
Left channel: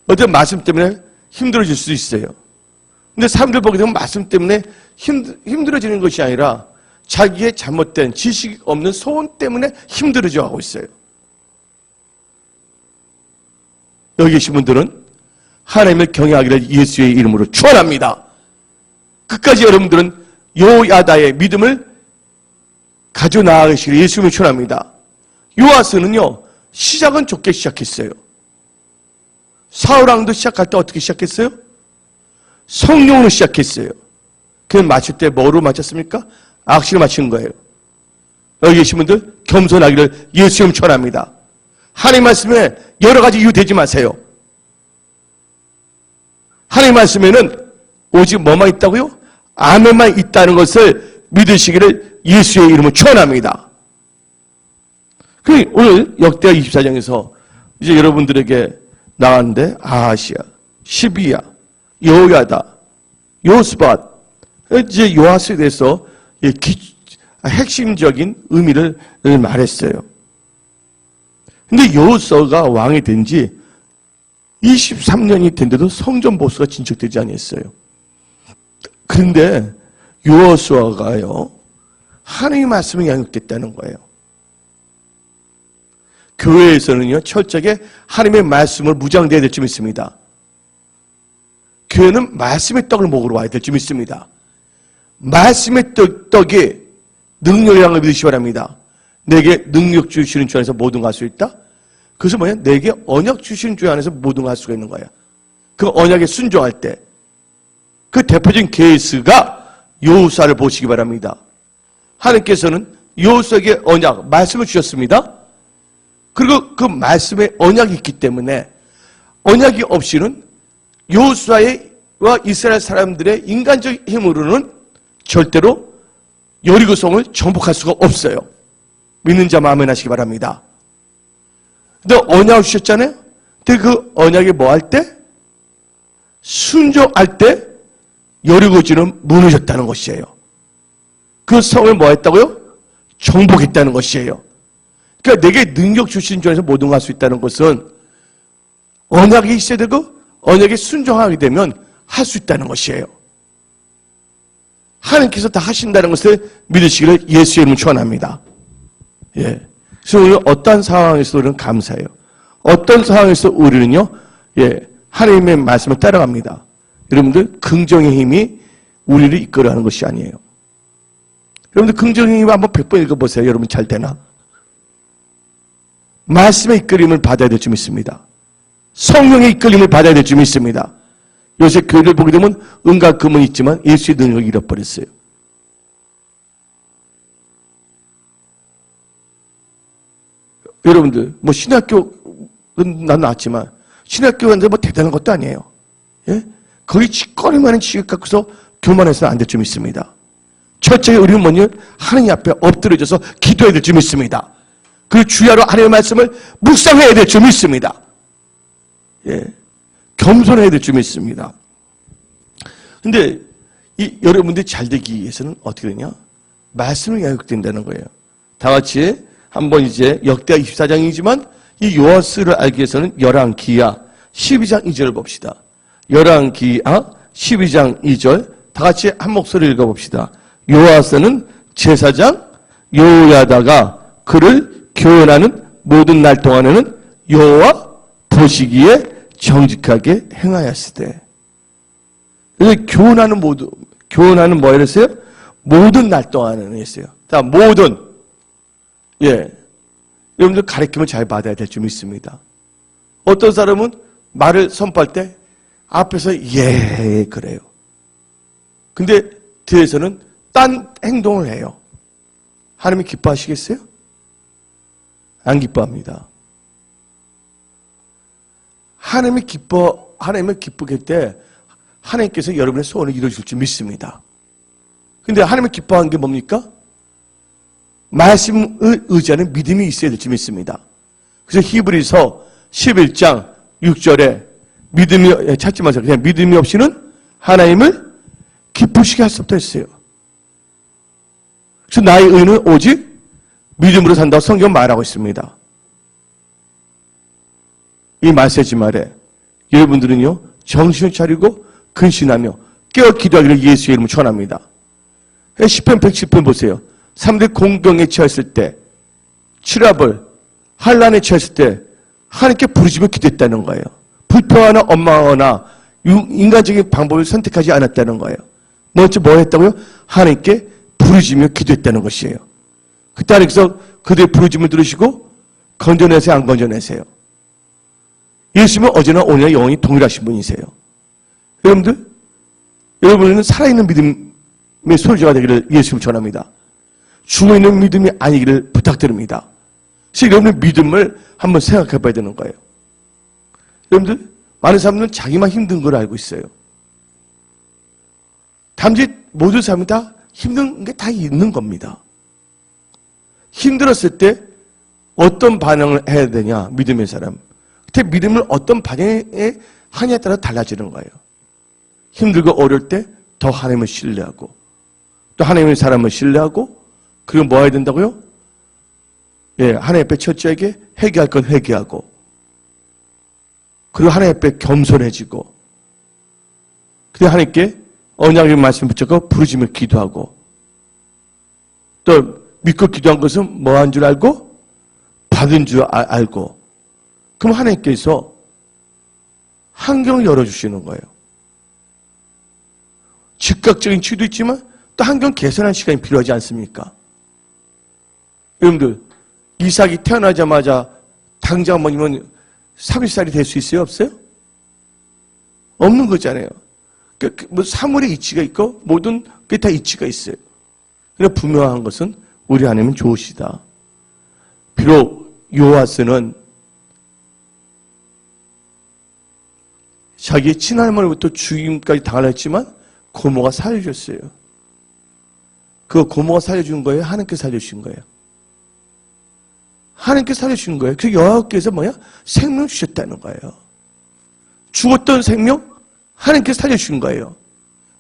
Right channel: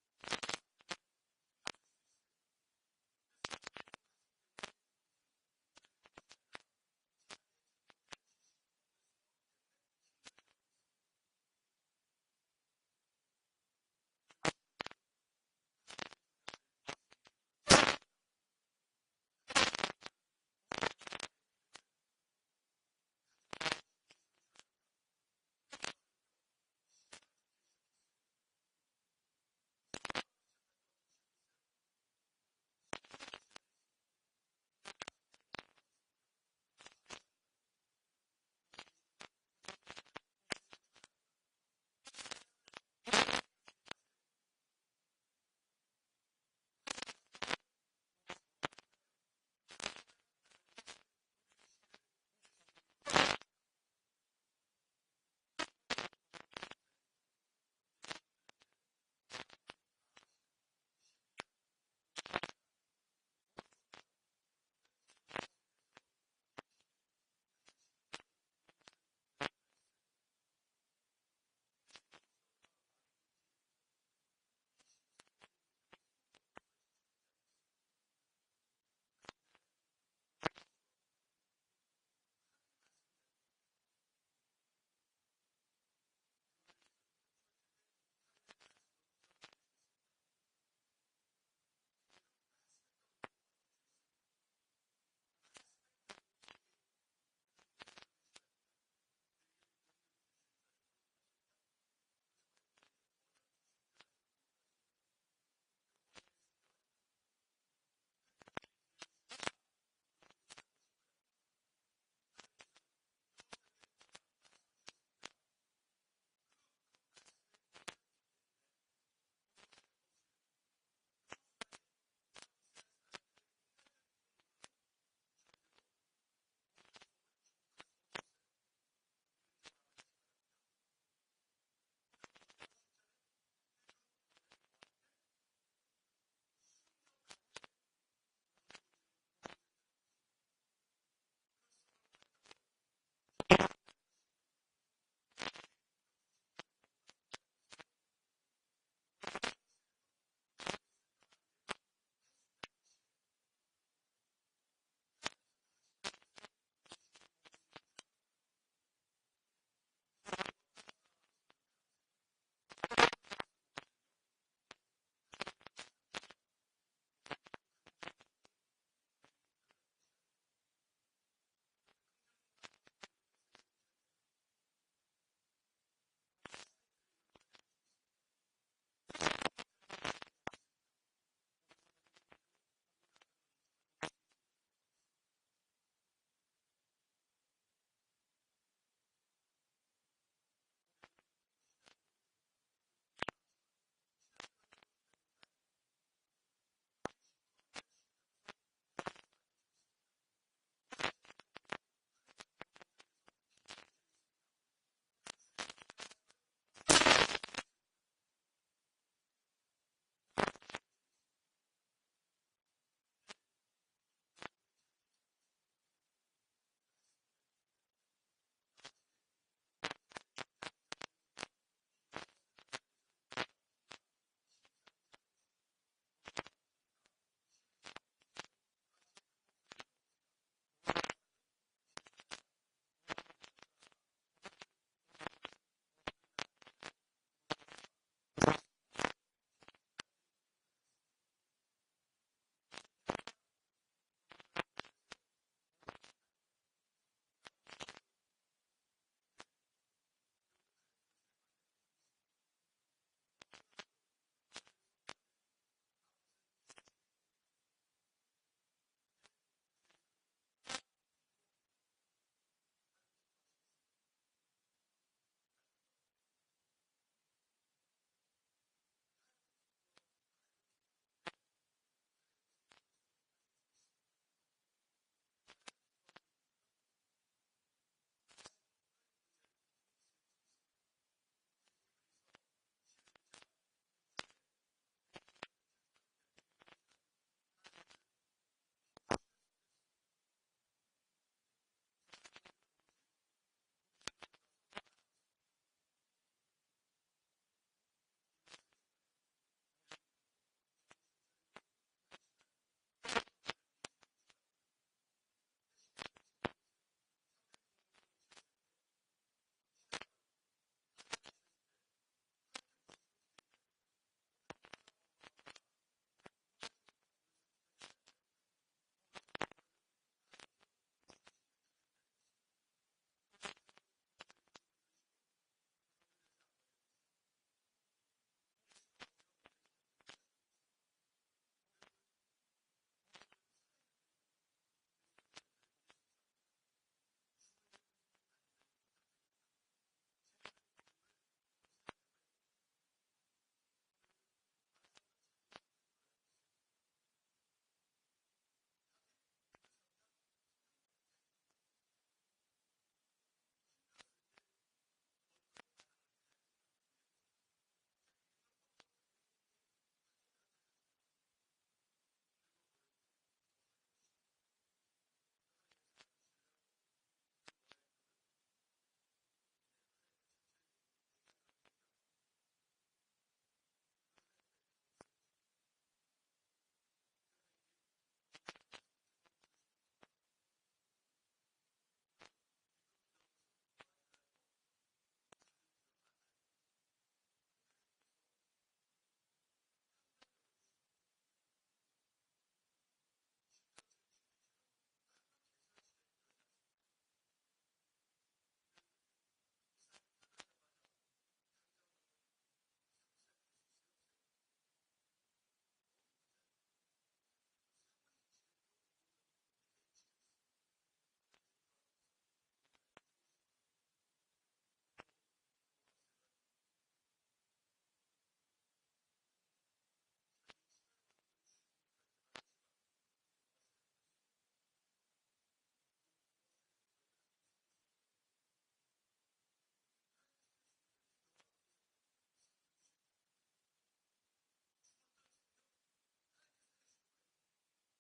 어떤 말씀 때문에 힘들어질 수 있어요. 근데 사람들 보게 되면 말씀 때문에 힘들어지는 것이 아니라 자기의 잘못된 지식 없는 소원 때문에 힘들어져 하고 있어요. 여기 계신 분들은 하나님을 경외하기를 예수의 이름으로 축원합니다. 끝까지 여러분들은 요야다의 믿음을 가져 나아가시기를 예수님을 축원합니다. 요아스는요, 시작은 좋게 시작했어요. 사울왕도 시작할 때 어떻게 시작했어요? 성령으로 시작했어요. 그는 마칠 때 뭐로 마쳤습니까? 악시로 마친 거예요. 여기 계신 분들 겸손하기를 예수님 축원합니다. 하나님 말씀에 여러 가지 이유 대지 마세요. 하나님 말씀에는 오직 뭐만 있다고요? 아멘만 있다는 것을 믿으시기를 예수의 이름으로 축원합니다. 오늘 역대하 24장에서 이제 여러분들에게 나왔는데 아하시야, 시비야, 여호야다, 요스밧, 이제 요아스에 대해서 핵심적인 의미를 말했어요. 근데 여호수아가 왕이 된 지 23년이 된데도 성전 보수가 진척되지 않았어요. 그런데 여호수아가요, 하나님의 말씀이 양육됐다는 거예요. 교회에서는요, 철저하게 하나님의 말씀을 무장돼야 될 줄 믿습니다. 교회는 말씀의 떡을 먹으러 와야 될 줄 믿습니다. 말씀의 떡이 능력이라는 걸 믿으시기 바랍니다. 내게 능력 주시는 주 안에서 모든 걸 할 수 있다? 그래서 뭐냐? 내게 언약 주시는 주 안에서 모든 걸 할 수가 있는 거야. 그 언약에 순종할 때. 그 대표적인 케이스가 여호수아를 보시기 바랍니다. 하나님께서는 여호수아에게 언약, 말씀을 주셨습니다. 그리고 그 말씀에 언약이 있기 때문에 언약이 없이는 여호수아와 이스라엘 사람들의 인간적 힘으로는 절대로 여리고성을 정복할 수가 없어요. 믿는 자만 아멘 하시기 바랍니다. 근데 언약을 주셨잖아요. 근데 그 언약이 뭐 할 때? 순종할 때 여리고지는 무너졌다는 것이에요. 그 성을 뭐 했다고요? 정복했다는 것이에요. 그러니까 내게 능력 주신 주 안에서 모든 걸 할 수 있다는 것은 언약이 있어야 되고 언약에 순종하게 되면 할 수 있다는 것이에요. 하나님께서 다 하신다는 것을 믿으시기를 예수의 이름으로 축원합니다. 예. 그래서 우리는 어떤 상황에서 우리는 감사해요. 어떤 상황에서 우리는요, 예, 하나님의 말씀을 따라갑니다. 여러분들, 긍정의 힘이 우리를 이끌어가는 것이 아니에요. 여러분들, 긍정의 힘 한번 100번 읽어보세요. 여러분 잘 되나? 말씀의 이끌림을 받아야 될 줄 믿습니다. 성령의 이끌림을 받아야 될 줄 믿습니다. 요새 교회를 보게 되면 은과 금은 있지만 예수의 능력을 잃어버렸어요. 여러분들, 뭐 신학교는 난 나왔지만 신학교 갔는데 뭐 대단한 것도 아니에요. 예? 거의 짓거리만한 지식 갖고서 교만해서는 안 될 줄 믿습니다. 철저히 우리는 뭐냐? 하나님 앞에 엎드려져서 기도해야 될 줄 믿습니다. 그 주야로 하나님의 말씀을 묵상해야 될 줄 믿습니다. 예. 겸손해야 될 줄 믿습니다. 근데 여러분들이 잘 되기 위해서는 어떻게 되냐? 말씀을 양육된다는 거예요. 다 같이 한번 이제 역대하 24장이지만 이 요아스를 알기 위해서는 열왕기하 12장 2절을 봅시다. 열왕기하 12장 2절 다 같이 한 목소리 읽어봅시다. 요아스는 제사장 요야다가 그를 교훈하는 모든 날 동안에는 여호와 보시기에 정직하게 행하였으되. 그래서 교훈하는 뭐 이랬어요? 모든 날 동안에는 했어요. 자, 모든. 예. 여러분들 가르침을 잘 받아야 될 줄 믿습니다. 어떤 사람은 말을 선포할 때 앞에서 예, 그래요. 근데 뒤에서는 딴 행동을 해요. 하나님이 기뻐하시겠어요? 안 기뻐합니다. 하나님을 기쁘게 할 때 하나님께서 여러분의 소원을 이루어줄 줄 믿습니다. 근데 하나님을 기뻐하는 게 뭡니까? 말씀을 의지하는 믿음이 있어야 될 줄 믿습니다. 그래서 히브리서 11장 6절에 믿음이, 찾지 마세요. 그냥 믿음이 없이는 하나님을 기쁘시게 할 수 없다 했어요. 그래서 나의 의는 오직 믿음으로 산다고 성경 말하고 있습니다. 이 메시지 말에 여러분들은요, 정신을 차리고 근신하며 깨어 기도하기를 예수의 이름으로 전합니다. 시편 110편 보세요. 사람들이 공경에 처했을 때, 치라벌, 환란에 처했을 때 하나님께 부르짖으며 기도했다는 거예요. 불평하나 원망하거나 인간적인 방법을 선택하지 않았다는 거예요. 먼저 뭐 했다고요? 하나님께 부르짖으며 기도했다는 것이에요. 그때 하나님께서 그들의 부르짖음을 들으시고 건져내세요, 안 건져내세요? 예수님은 어제나 오늘나 영원히 동일하신 분이세요. 여러분들, 여러분은 살아있는 믿음의 소유자가 되기를 예수님 전합니다. 죽어있는 믿음이 아니기를 부탁드립니다. 그래서 여러분의 믿음을 한번 생각해 봐야 되는 거예요. 여러분들, 많은 사람들은 자기만 힘든 걸 알고 있어요. 단지 모든 사람이 다 힘든 게 다 있는 겁니다. 힘들었을 때 어떤 반응을 해야 되냐, 믿음의 사람. 그때 믿음을 어떤 반응에 하냐에 따라 달라지는 거예요. 힘들고 어려울 때 더 하나님을 신뢰하고, 또 하나님의 사람을 신뢰하고, 그리고 뭐 해야 된다고요? 예, 하나님 앞에 철저하게 회개할 건 회개하고, 그리고 하나님 앞에 겸손해지고, 그리고 하나님께 언약의 말씀 붙잡고 부르짖으며 기도하고, 또 믿고 기도한 것은 뭐 한 줄 알고? 받은 줄 알고, 그럼 하나님께서 환경을 열어주시는 거예요. 즉각적인 치유도 있지만 또 환경 개선할 시간이 필요하지 않습니까? 여러분들, 이삭이 태어나자마자 당장 뭐냐면 30살이 될 수 있어요? 없어요? 없는 거잖아요. 뭐 사물의 이치가 있고 모든 게 다 이치가 있어요. 그러나 분명한 것은 우리 하나님은 좋으시다. 비록 요아스는 자기의 친할머니부터 죽임까지 당하려 했지만 고모가 살려줬어요. 그 고모가 살려준 거예요? 하나님께서 살려주신 거예요? 하나님께서 살려주신 거예요. 그 여호와께서 뭐야? 생명 주셨다는 거예요. 죽었던 생명 하나님께서 살려주신 거예요.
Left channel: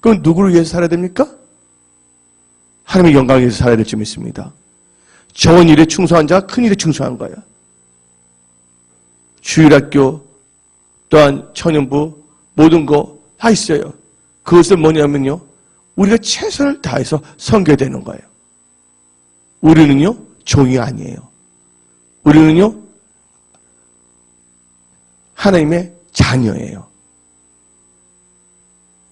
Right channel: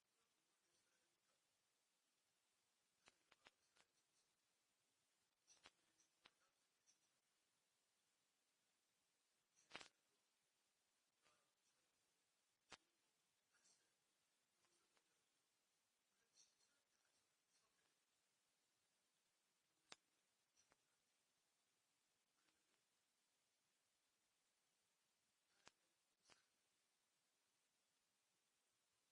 그럼 누구를 위해서 살아야 됩니까? 하나님의 영광을 위해서 살아야 될 점이 있습니다. 적은 일에 충성한 자가 큰 일에 충성한 거예요. 주일학교 또한 청년부 모든 거 다 있어요. 그것은 뭐냐면요, 우리가 최선을 다해서 섬겨야 되는 거예요. 우리는요 종이 아니에요. 우리는요 하나님의 자녀예요.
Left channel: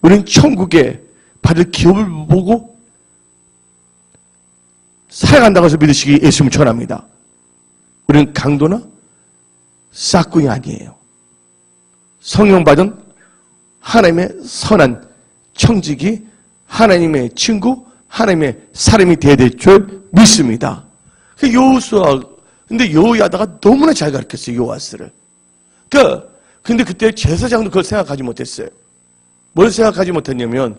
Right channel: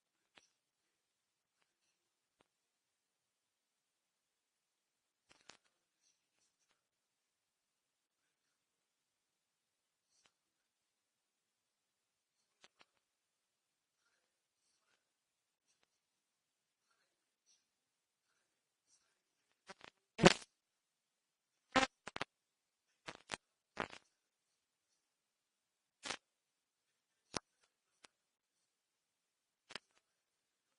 우리는 천국에 받을 기업을 보고 살아간다고 해서 믿으시기 예수님을 전합니다. 우리는 강도나 싹군이 아니에요. 성령 받은 하나님의 선한 청지기, 하나님의 친구, 하나님의 사람이 되어야 될 줄 믿습니다. 여호수아, 근데 여호야다가 너무나 잘 가르쳤어요, 요아스를. 근데 그때 제사장도 그걸 생각하지 못했어요. 뭘 생각하지 못했냐면,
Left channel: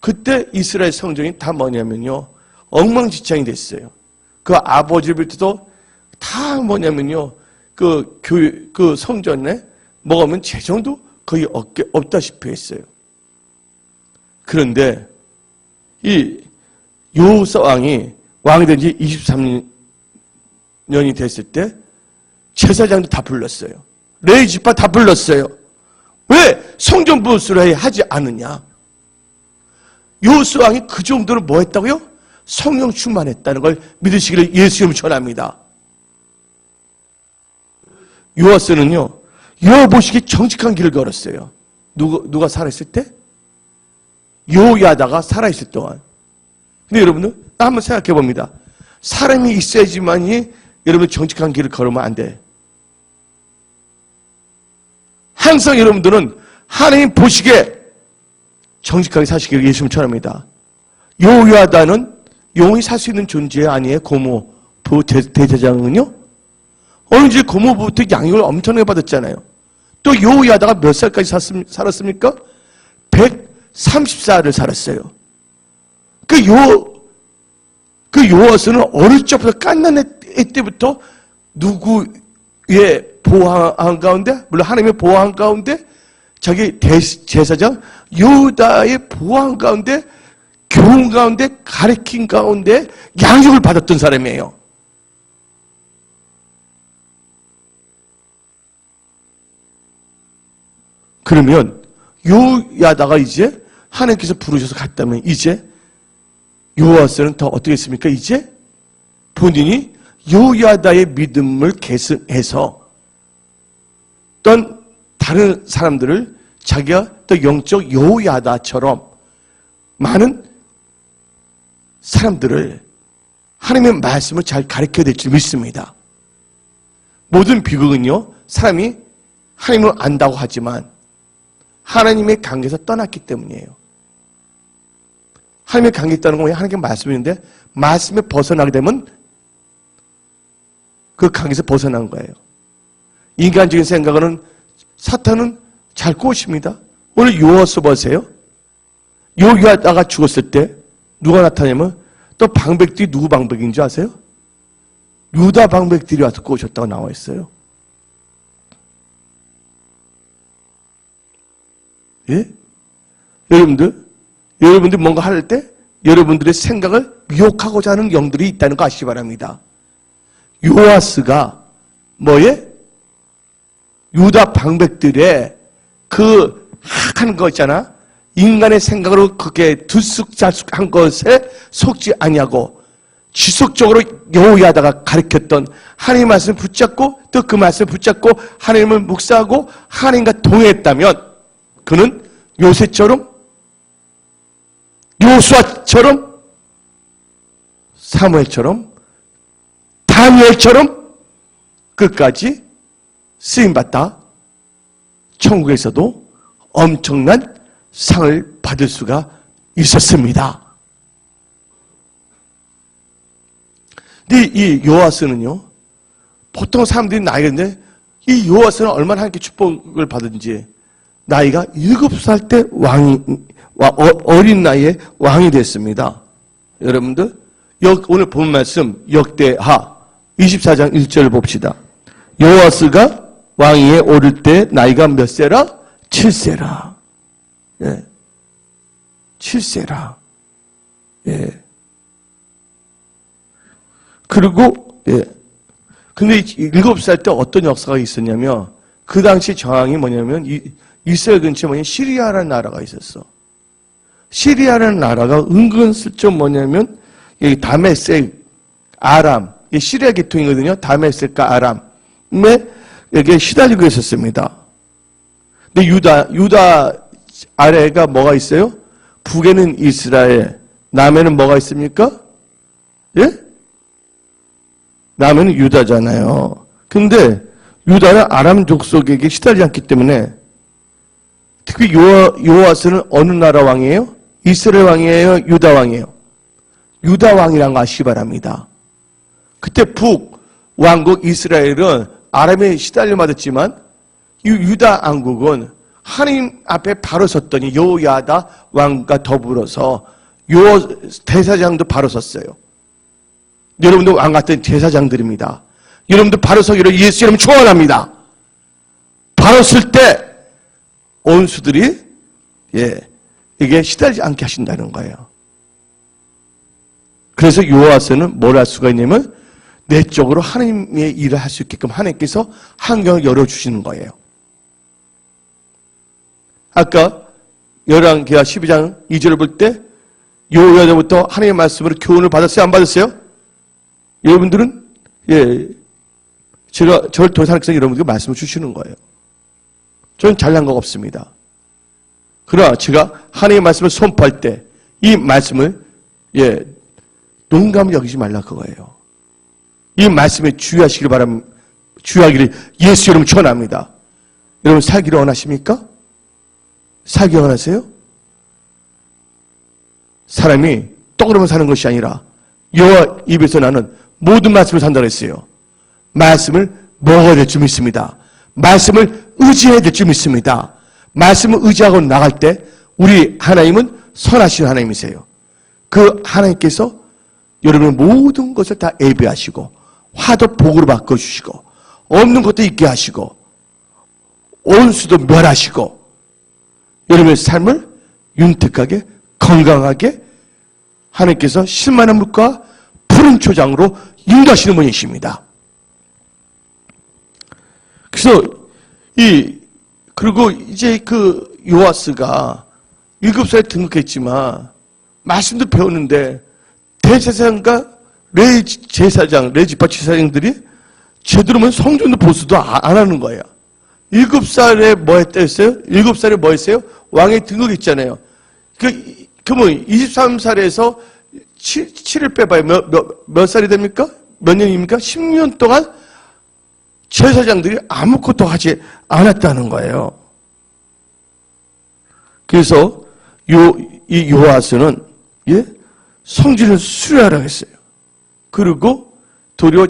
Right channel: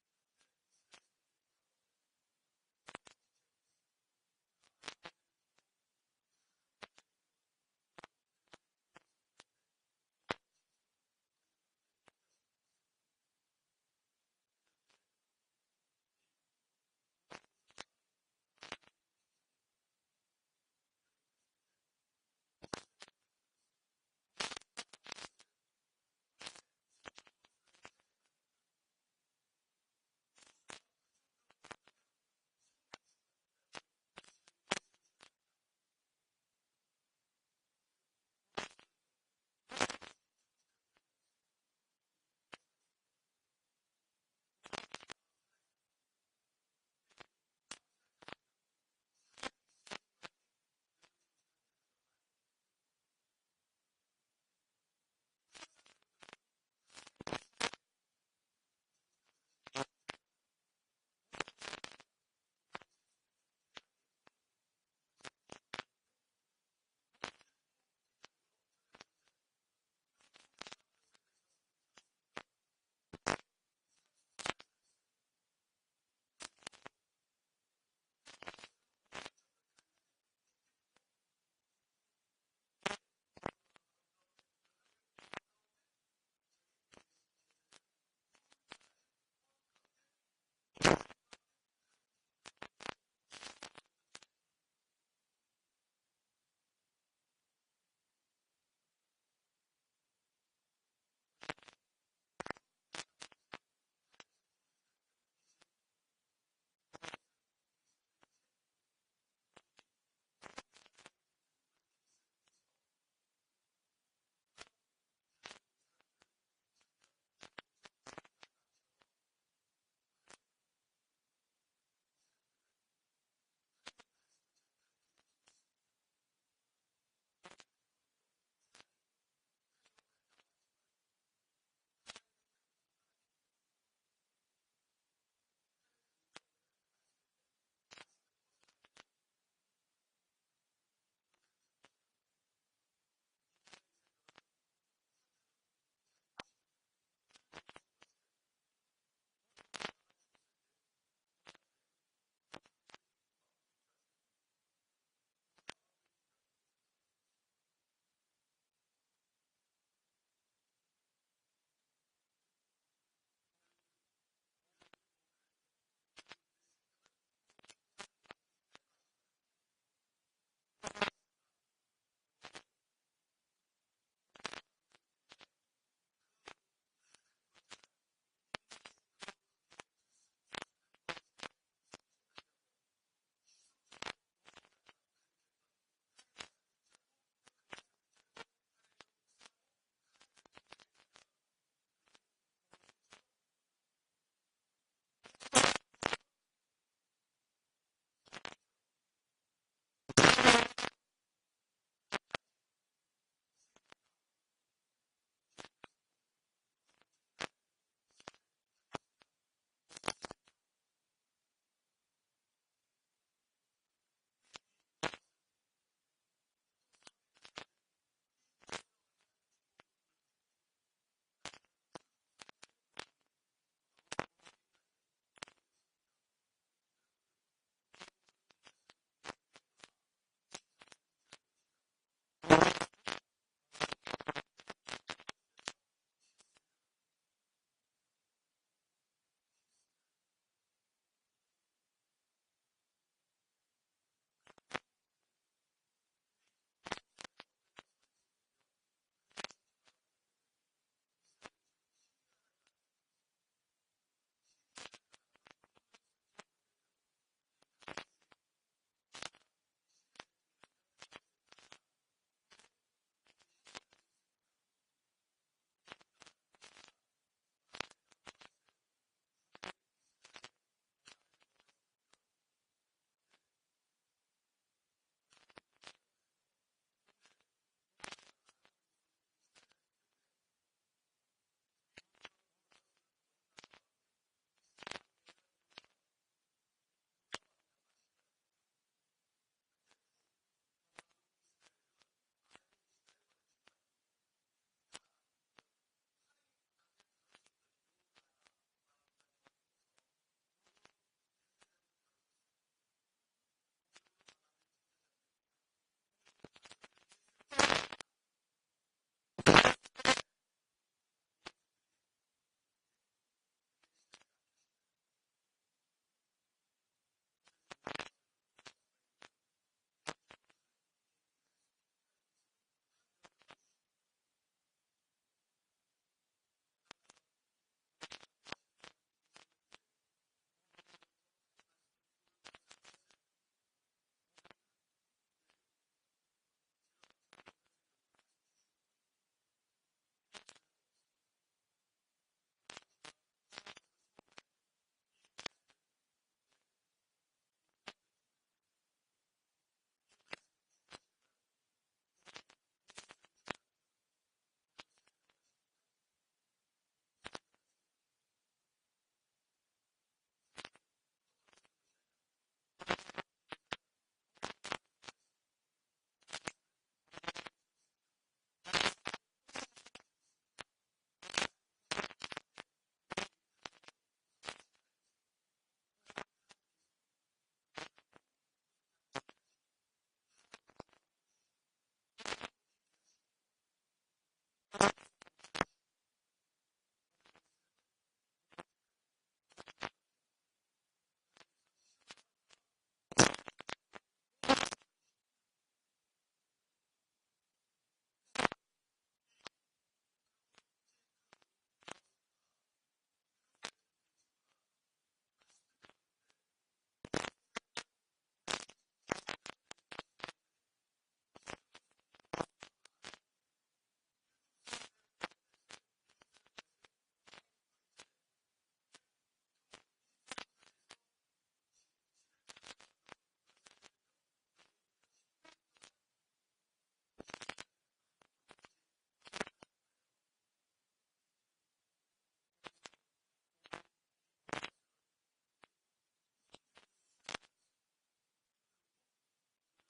그때 이스라엘 성전이 다 뭐냐면요, 엉망진창이 됐어요. 그 아버지를 비롯해서 다 뭐냐면요, 그 성전에 먹으면 재정도 거의 없다시피 했어요. 그런데 이 요호사 왕이 왕이 된 지 23년이 됐을 때 제사장도 다 불렀어요. 레위 지파 다 불렀어요. 왜 성전 부수를 하지 않느냐? 요호사 왕이 그 정도로 뭐 했다고요? 성령 충만했다는 걸 믿으시기를 예수님을 전합니다. 요아스는요, 여호보시기 정직한 길을 걸었어요. 누가 살아있을 때? 요야다가 살아있을 동안. 근데 여러분들, 한번 생각해 봅니다. 사람이 있어야지만이 여러분 정직한 길을 걸으면 안 돼. 항상 여러분들은 하나님 보시기에 정직하게 사시기를 예수님 전합니다. 요야다는 영원히 살 수 있는 존재 아니에요? 고모, 대제사장은요? 어느새 고모부터 양육을 엄청나게 받았잖아요. 또 요야다가 몇 살까지 살았습니까? 130살을 살았어요. 그 요아스는 어릴 적부터 깐난 애 때부터 누구의 보호한 가운데, 물론 하나님의 보호한 가운데, 자기 제사장 유다의 보호한 가운데, 교훈 가운데, 가르친 가운데 양육을 받았던 사람이에요. 그러면 요야다가 이제 하나님께서 부르셔서 갔다면 이제 요아스는 더 어떻게 했습니까? 이제 본인이 요야다의 믿음을 계승해서 어떤 다른 사람들을 자기가 또 영적 요야다처럼 많은 사람들을 하나님의 말씀을 잘 가르쳐야 될 줄 믿습니다. 모든 비극은요, 사람이 하나님을 안다고 하지만 하나님의 관계에서 떠났기 때문이에요. 하나님의 관계에 있다는 건 하나님의 말씀인데 말씀에 벗어나게 되면 그 관계에서 벗어난 거예요. 인간적인 생각은 사탄은 잘 꼬십니다. 오늘 요아스 보세요. 요야다가 죽었을 때 누가 나타나냐면 또 방백들이 누구 방백인 줄 아세요? 유다 방백들이 와서 꼬셨다고 나와 있어요. 예? 여러분들 뭔가 할 때 여러분들의 생각을 미혹하고자 하는 영들이 있다는 거 아시기 바랍니다. 요아스가 뭐에? 유다 방백들의 그 하는 거 있잖아. 인간의 생각으로 그게 들쑥잘쑥한 것에 속지 아니하고 지속적으로 여호야다가 가르쳤던 하나님의 말씀을 붙잡고 또 그 말씀을 붙잡고 하나님을 묵상하고 하나님과 동행했다면 그는 요새처럼 요수아처럼 사무엘처럼 다니엘처럼 끝까지 쓰임받다 천국에서도 엄청난 상을 받을 수가 있었습니다. 근데 이 요아스는요, 보통 사람들이 나이가 있는데 이 요아스는 얼마나 하나님께 축복을 받은지 나이가 7살 때 어린 나이에 왕이 됐습니다. 여러분들 오늘 본 말씀 역대하 24장 1절을 봅시다. 요아스가 왕위에 오를 때 나이가 몇 세라? 7세라. 예. 7세라. 예. 그리고, 예. 근데 7살 때 어떤 역사가 있었냐면, 그 당시 저항이 뭐냐면, 이스라엘 근처에 뭐냐면, 시리아라는 나라가 있었어. 시리아라는 나라가 은근슬쩍 뭐냐면, 여기 다메섹, 아람, 시리아 계통이거든요. 다메섹과 아람에 여기에 시달리고 있었습니다. 근데 유다 아래가 뭐가 있어요? 북에는 이스라엘, 남에는 뭐가 있습니까? 예? 남에는 유다잖아요. 근데 유다는 아람 족속에게 시달리지 않기 때문에 특히 요아스는 어느 나라 왕이에요? 이스라엘 왕이에요? 유다 왕이에요? 유다 왕이란 거 아시기 바랍니다. 그때 북 왕국 이스라엘은 아람에 시달려 맞았지만 이 유다 왕국은 하나님 앞에 바로 섰더니 요야다 왕과 더불어서 대사장도 바로 섰어요. 여러분들 왕 같은 제사장들입니다. 여러분들 바로 서기로 예수 이름 축원합니다. 바로 쓸 때 원수들이 이게 시달리지 않게 하신다는 거예요. 그래서 요아스는 뭘 할 수가 있냐면 내적으로 하나님의 일을 할 수 있게끔 하나님께서 환경을 열어주시는 거예요. 아까 열왕기하 12장 2절을 볼 때 요야다부터 하나님의 말씀으로 교훈을 받았어요? 안 받았어요? 여러분들은 제가 저를 통해서 하나님께서 여러분들께 말씀을 주시는 거예요. 저는 잘난 거 없습니다. 그러나 제가 하나님의 말씀을 선포할 때 이 말씀을 농담을 여기지 말라 그거예요. 이 말씀에 주의하시기를 바랍니다. 주의하기를 예수 이름으로 축원합니다. 여러분 살기를 원하십니까? 살기 원하세요? 사람이 떡으로만 사는 것이 아니라 여호와 입에서 나는 모든 말씀을 산다고 했어요. 말씀을 먹어야 될 줄 믿습니다. 말씀을 의지해야 될 줄 믿습니다. 말씀을 의지하고 나갈 때 우리 하나님은 선하신 하나님이세요. 그 하나님께서 여러분의 모든 것을 다 예배하시고 화도 복으로 바꿔주시고 없는 것도 있게 하시고 온수도 멸하시고 여러분의 삶을 윤택하게 건강하게 하나님께서 실만한 물과 푸른 초장으로 인도하시는 분이십니다. 그래서 그리고 이제 그 요아스가 7살에 등극했지만 말씀도 배웠는데 대제사장과 레지파 제사장들이 제대로면 성전도 보수도 안 하는 거예요. 7살에 뭐 했다 했어요? 7살에 뭐 했어요? 왕의 등극했잖아요. 그러면 23살에서 7을 빼봐요. 몇 살이 됩니까? 몇 년입니까? 10년 동안 제사장들이 아무것도 하지 않았다는 거예요. 그래서 이 요아스는 성전을 수리하라고 했어요. 그리고 도리어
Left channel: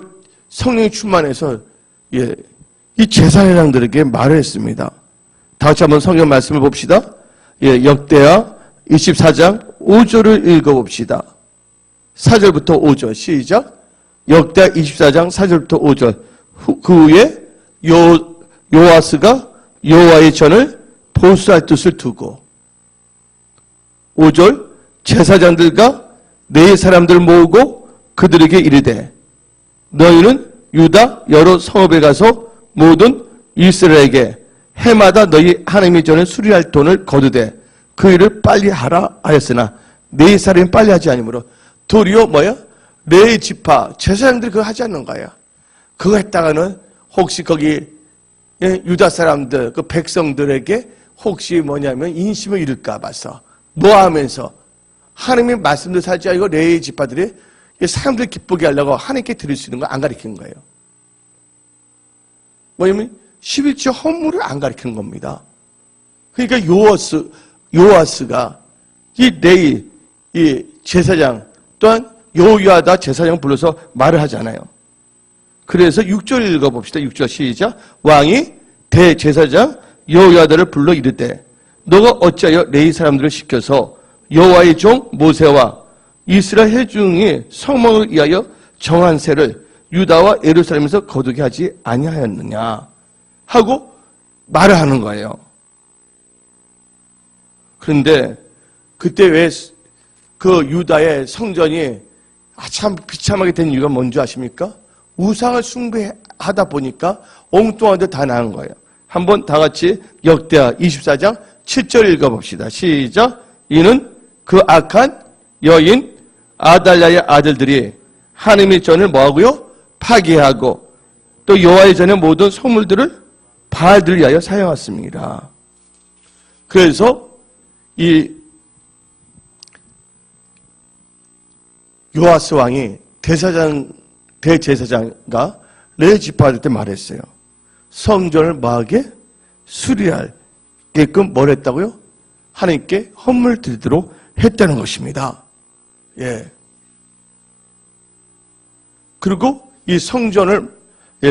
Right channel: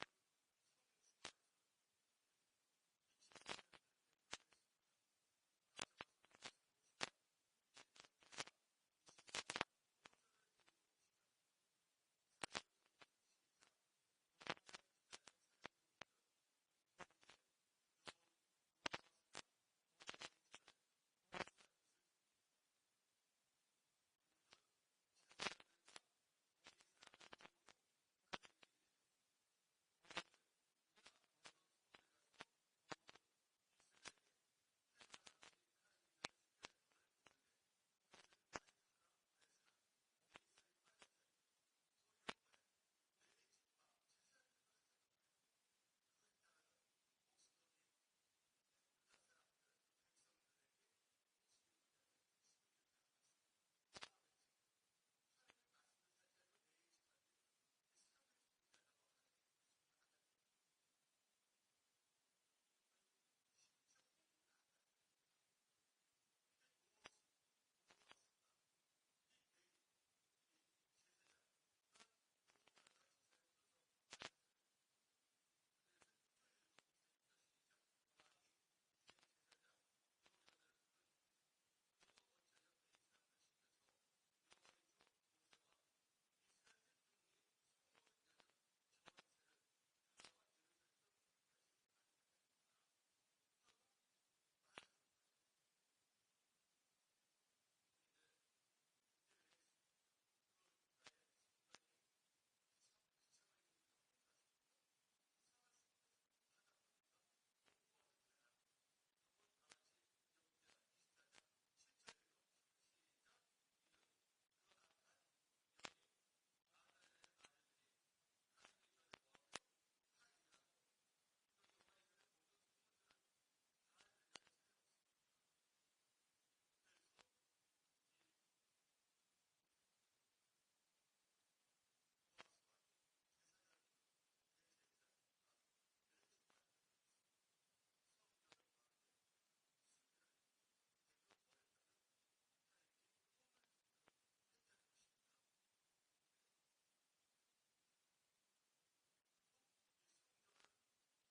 성령이 충만해서 이 제사장들에게 말을 했습니다. 다 같이 한번 성경 말씀을 봅시다. 역대하 24장 5절을 읽어봅시다. 4절부터 5절 시작. 역대하 24장 4절부터 5절. 그 후에 요아스가 여호와의 전을 보수할 뜻을 두고 5절 제사장들과 네 사람들을 모으고 그들에게 이르되 너희는 유다 여러 성읍에 가서 모든 이스라엘에게 해마다 너희 하나님의 전을 수리할 돈을 거두되 그 일을 빨리 하라 하였으나 네 사람이 빨리 하지 아니므로 도리어 뭐야? 네 지파 제사장들이 그거 하지 않는 거야. 그거 했다가는 혹시 거기 유다 사람들 그 백성들에게 혹시 뭐냐면 인심을 잃을까 봐서 뭐 하면서 하나님의 말씀도 살지 않고 레위 지파들이 사람들 기쁘게 하려고 하나님께 드릴 수 있는 거 안 가르치는 거예요. 뭐냐면 11조 헌물을 안 가르치는 겁니다. 그러니까 요아스가 이 제사장 또한 여호야다 제사장 불러서 말을 하잖아요. 그래서 6절 읽어봅시다. 6절 시작. 왕이 대제사장 여호야다를 불러 이르되 너가 어찌하여 레위 사람들을 시켜서 여호와의 종 모세와 이스라엘 회중이 성막을 위하여 정한 세를 유다와 예루살렘에서 거두게 하지 아니하였느냐 하고 말을 하는 거예요. 그런데 그때 왜 그 유다의 성전이 참 비참하게 된 이유가 뭔지 아십니까? 우상을 숭배하다 보니까 엉뚱한 데 다 나은 거예요. 한번 다 같이 역대하 24장 7절 읽어봅시다. 시작. 이는 그 악한 여인 아달랴의 아들들이 하나님의 전을 뭐하고요? 파괴하고 또 여호와의 전의 모든 성물들을 바알들을 위하여 사용했습니다. 그래서 이 요아스 왕이 대제사장과 레지파들한테 말했어요. 성전을 뭐하게? 수리할게끔 뭘 했다고요? 하나님께 헌물 드리도록 했다는 것입니다. 그리고 이 성전을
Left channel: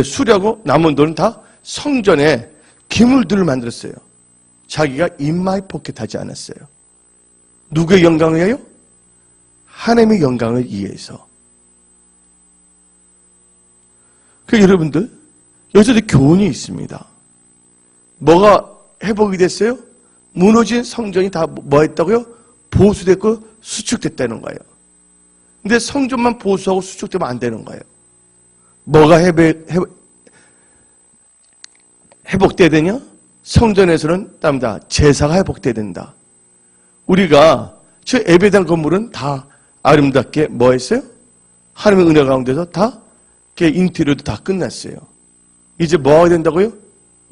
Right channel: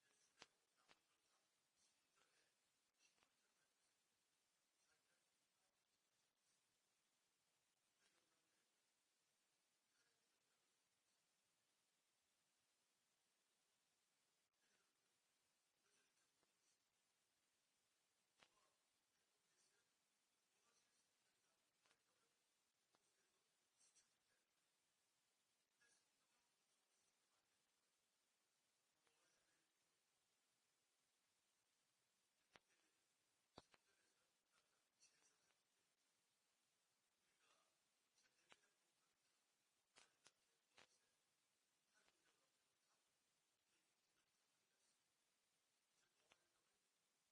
수리하고 남은 돈은 다 성전에 기물들을 만들었어요. 자기가 인마이 포켓하지 않았어요. 누구의 영광을 위하여? 하나님의 영광을 위해서. 여러분들 여기서도 교훈이 있습니다. 뭐가 회복이 됐어요? 무너진 성전이 다 뭐 했다고요? 보수됐고 수축됐다는 거예요. 근데 성전만 보수하고 수축되면 안 되는 거예요. 뭐가 회복돼야 되냐? 성전에서는 땀다 제사가 회복돼야 된다. 우리가 저 예배당 건물은 다 아름답게 뭐 했어요? 하나님의 은혜 가운데서 다 인테리어도 다 끝났어요. 이제 뭐가 된다고요?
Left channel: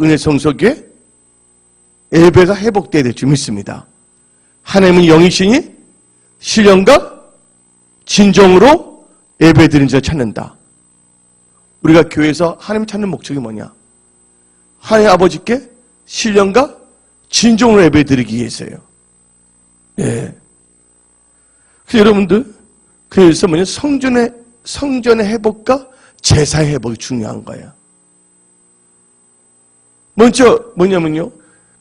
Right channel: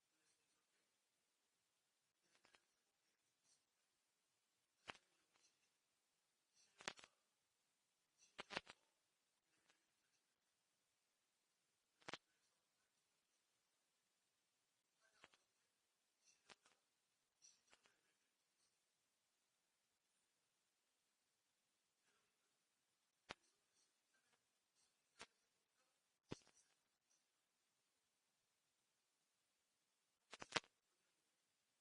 은혜 성소에 예배가 회복돼야 될 줄 믿습니다. 하나님은 영이시니 신령과 진정으로 예배드리는 자를 찾는다. 우리가 교회에서 하나님 찾는 목적이 뭐냐? 하나님 아버지께 신령과 진정으로 예배드리기 위해서요. 그래서 여러분들, 그래서 뭐냐? 성전의 회복과 제사의 회복이 중요한 거예요. 먼저 뭐냐면요.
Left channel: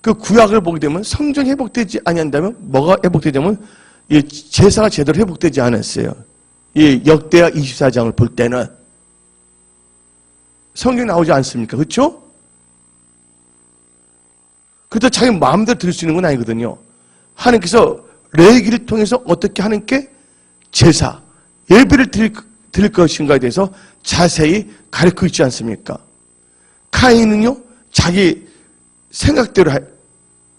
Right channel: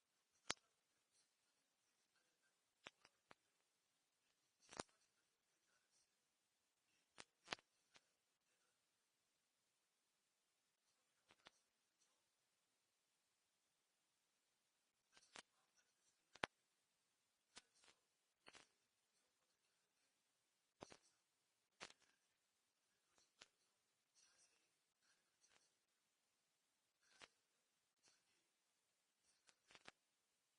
그 구약을 보게 되면 성전이 회복되지 아니한다면 뭐가 회복되냐면 이 제사가 제대로 회복되지 않았어요. 이 역대하 24장을 볼 때는 성경이 나오지 않습니까? 그렇죠? 그래도 자기 마음대로 드릴 수 있는 건 아니거든요. 하나님께서 레위기를 통해서 어떻게 하나님께 제사, 예배를 드릴 것인가에 대해서 자세히 가르쳐 있지 않습니까? 카인은요, 자기 생각대로